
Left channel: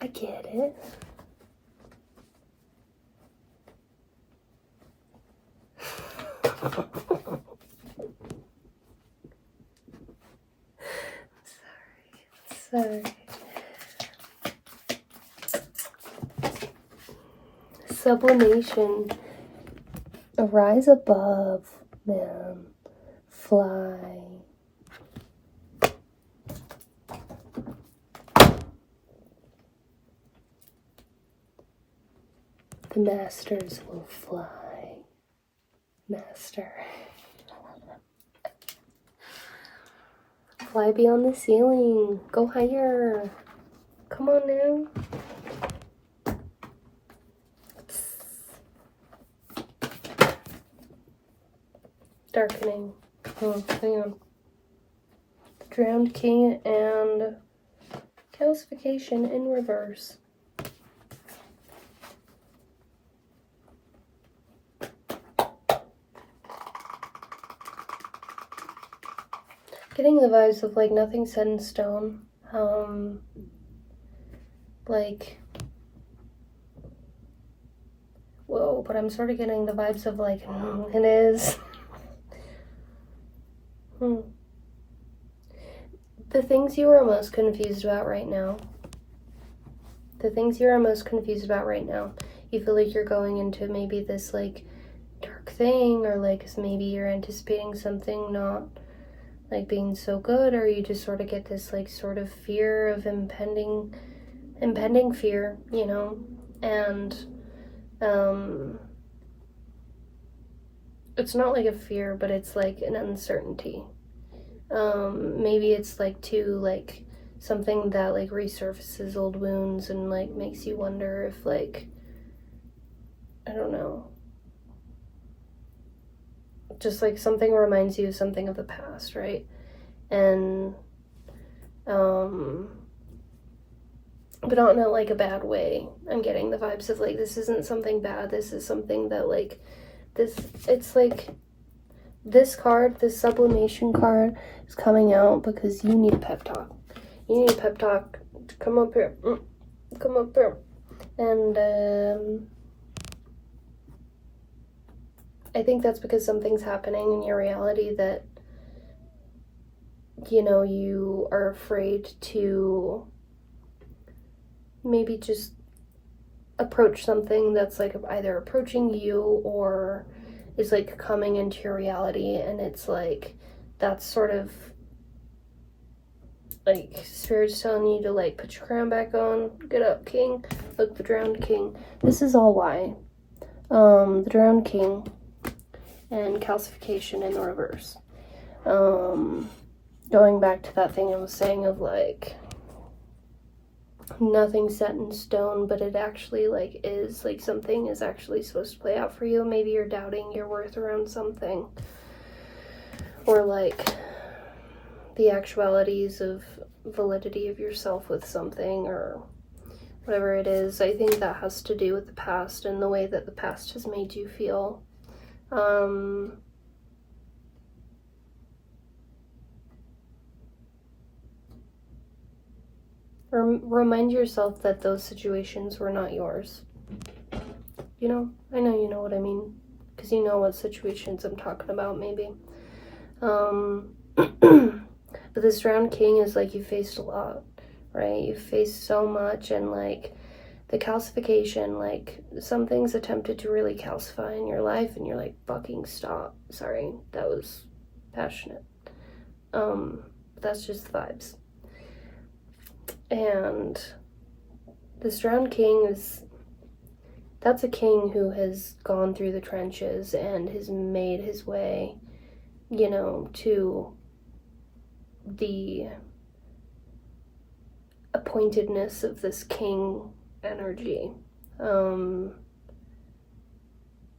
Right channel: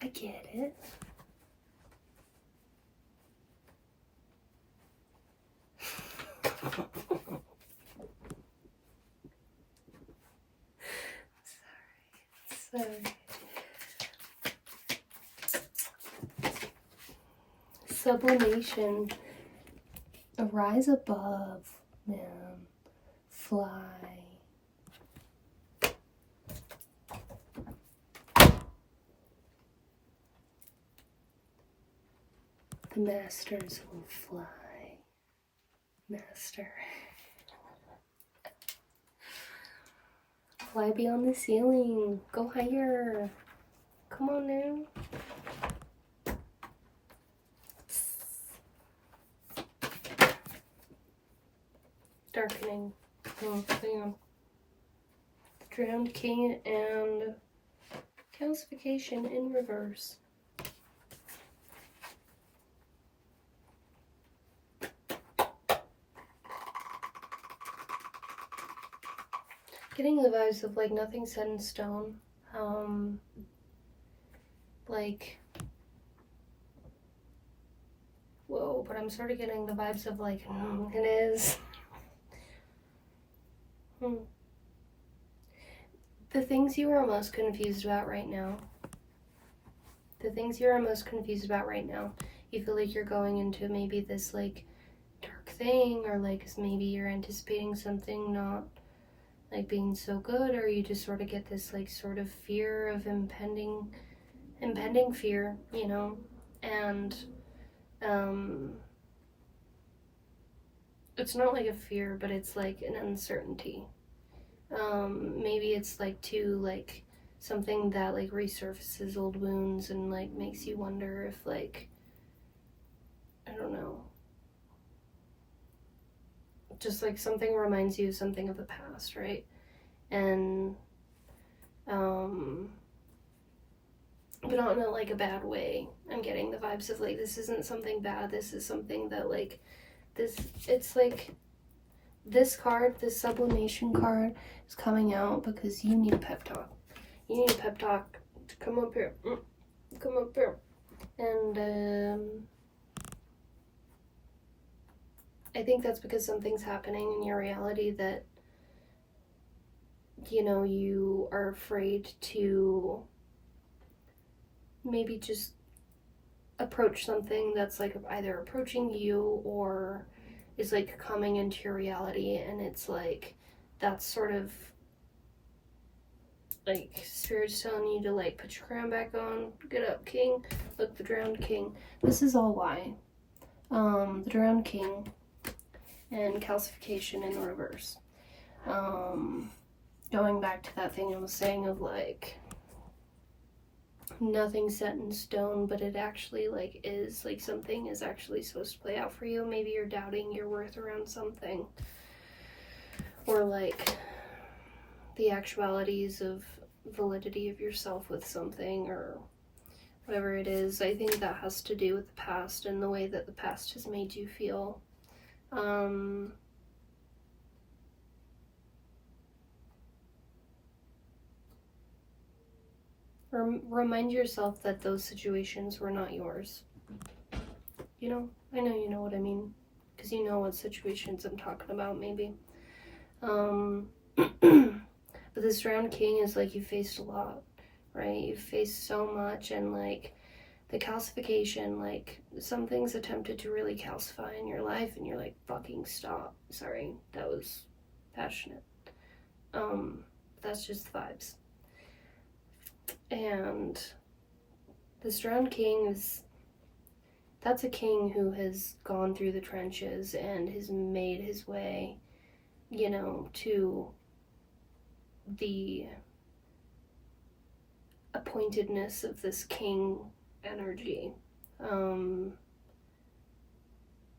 I get it. Sorry. Sublimation. Arise above, man. Fly. The masters will fly. Master. Fly beyond the ceiling. Go higher. Come on now. Darkening. Oh, hang on. Drowned King and calcification in reverse. Getting the vibes of like nothing set in stone. Like, whoa, but I'm sort of getting the vibes of like, it is. The things you are most confused about right now. The things you are most confused about right now. You feel like you're going into maybe this like dark thing, or like maybe you're anticipating something not like being so good, or you just sort of get this like sort of fear of impending fear, you know, and it's not like a fear, but it's like an uncertainty. Maybe it's like too like something that like resurfaces old wounds and like makes you wonder if like, I don't know, just like something reminds you of something of the past, right? And but not in a like a bad way. I'm getting the vibes of like, this isn't something bad, this is something that like this, it's like this card, this sublimation card is coming out because you need a pep talk. You need a pep talk to come up here. Come up here. And I think that's because something's happening in your reality that, you know, you are afraid to maybe just approach something that's like either approaching you or is like coming into your reality, and it's like that's sort of like spirit's telling you to like put your crown back on, get up king, look, the drowned king. This is all why the drowned king and calcification in the reverse. Going back to that thing I was saying of like nothing set in stone, but it actually like is like something is actually supposed to play out for you. Maybe you're doubting your worth around something, or like the actualities of validity of yourself with something, or whatever it is. I think that has to do with the past and the way that the past has made you feel. Remind yourself that those situations were not yours. You know, I know you know what I mean, because you know what situations I'm talking about, maybe. But this drowned king is like, you faced a lot, right? You faced so much, and like the calcification, like something's attempted to really calcify in your life, and you're like, fucking stop. Sorry, that was passionate. That's just vibes. And this drowned king that's a king who has gone through the trenches and has made his way, you know, to the appointedness of this king energy.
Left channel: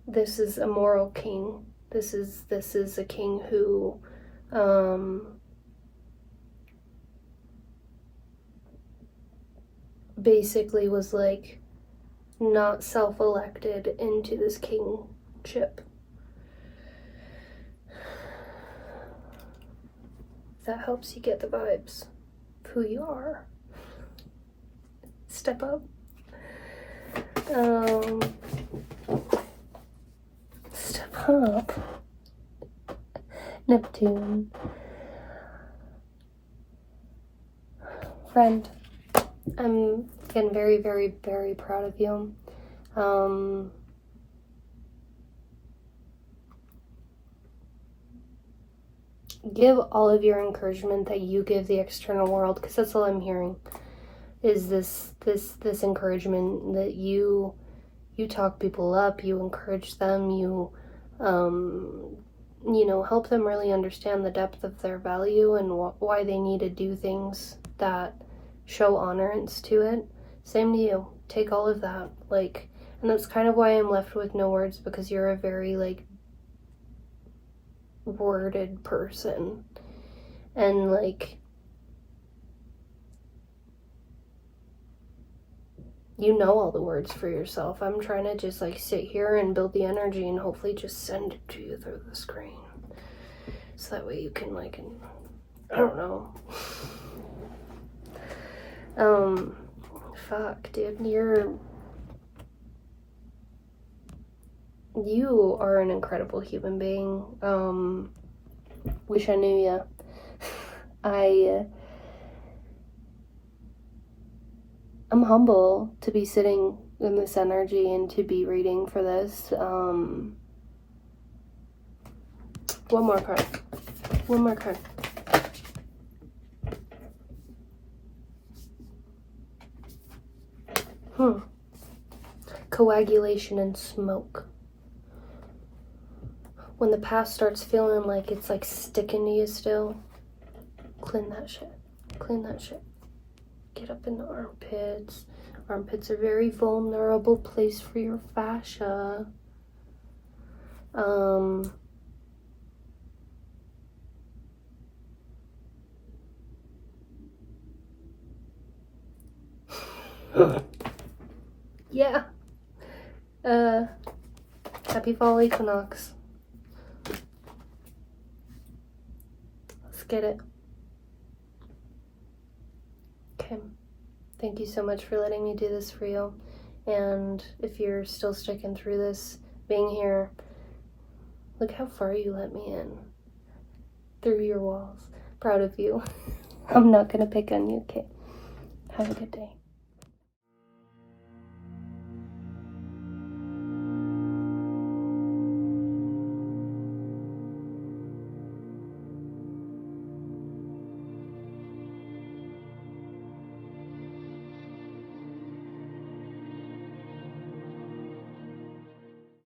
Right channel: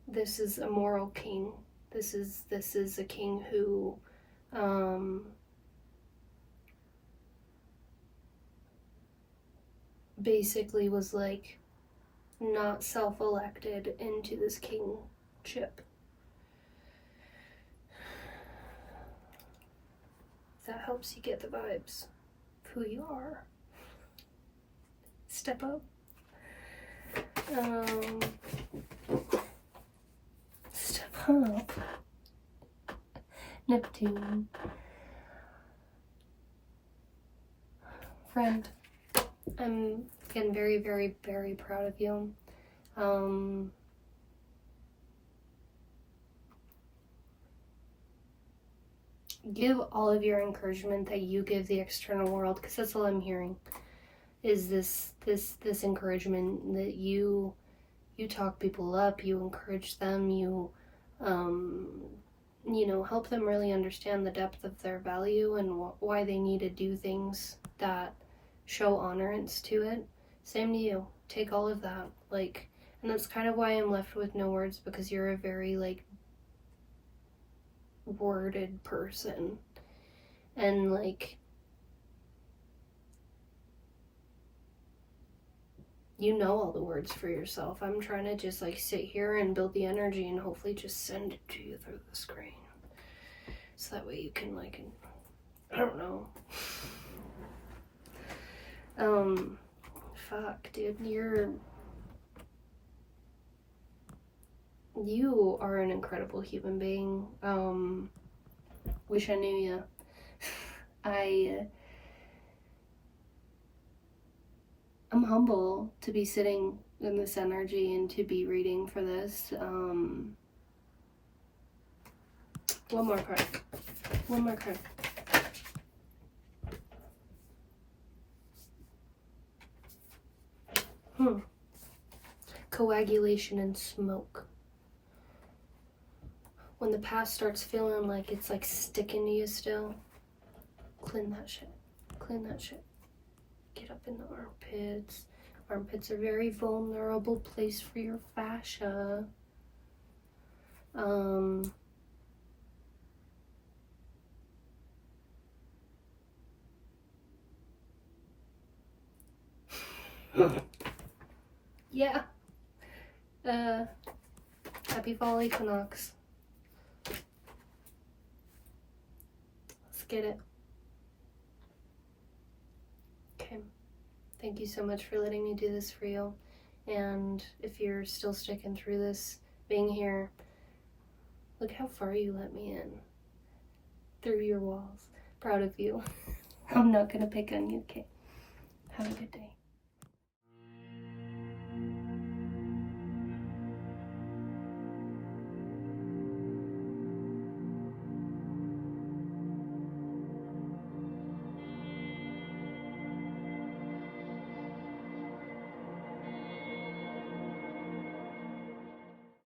This is a moral king. This is a king who basically was like not self-elected into this kingship. That helps you get the vibes of who you are. Step up. Step up. Neptune. Friend, I'm again very, very, very proud of you. Give all of your encouragement that you give the external world, because that's all I'm hearing, is this encouragement that you talk people up, you encourage them, you know, help them really understand the depth of their value and why they need to do things that show honorance to it. Same to you. Take all of that, like, and that's kind of why I'm left with no words, because you're a very like worded person, and like you know all the words for yourself. I'm trying to just like sit here and build the energy and hopefully just send it to you through the screen, so that way you can like, I don't know. Fuck, dude, you are an incredible human being. Wish I knew ya. I'm humble to be sitting in this energy and to be reading for this. One more card. One more card. Coagulation and smoke. When the past starts feeling like it's like sticking to you still, clean that shit. Clean that shit. Get up in the armpits. Armpits are a very vulnerable place for your fascia. Yeah. Happy fall equinox. Let's get it. Okay. Thank you so much for letting me do this for you. And if you're still sticking through this, being here, look how far you let me in. Through your walls. Proud of you. I'm not gonna pick on you, okay? Have a good day.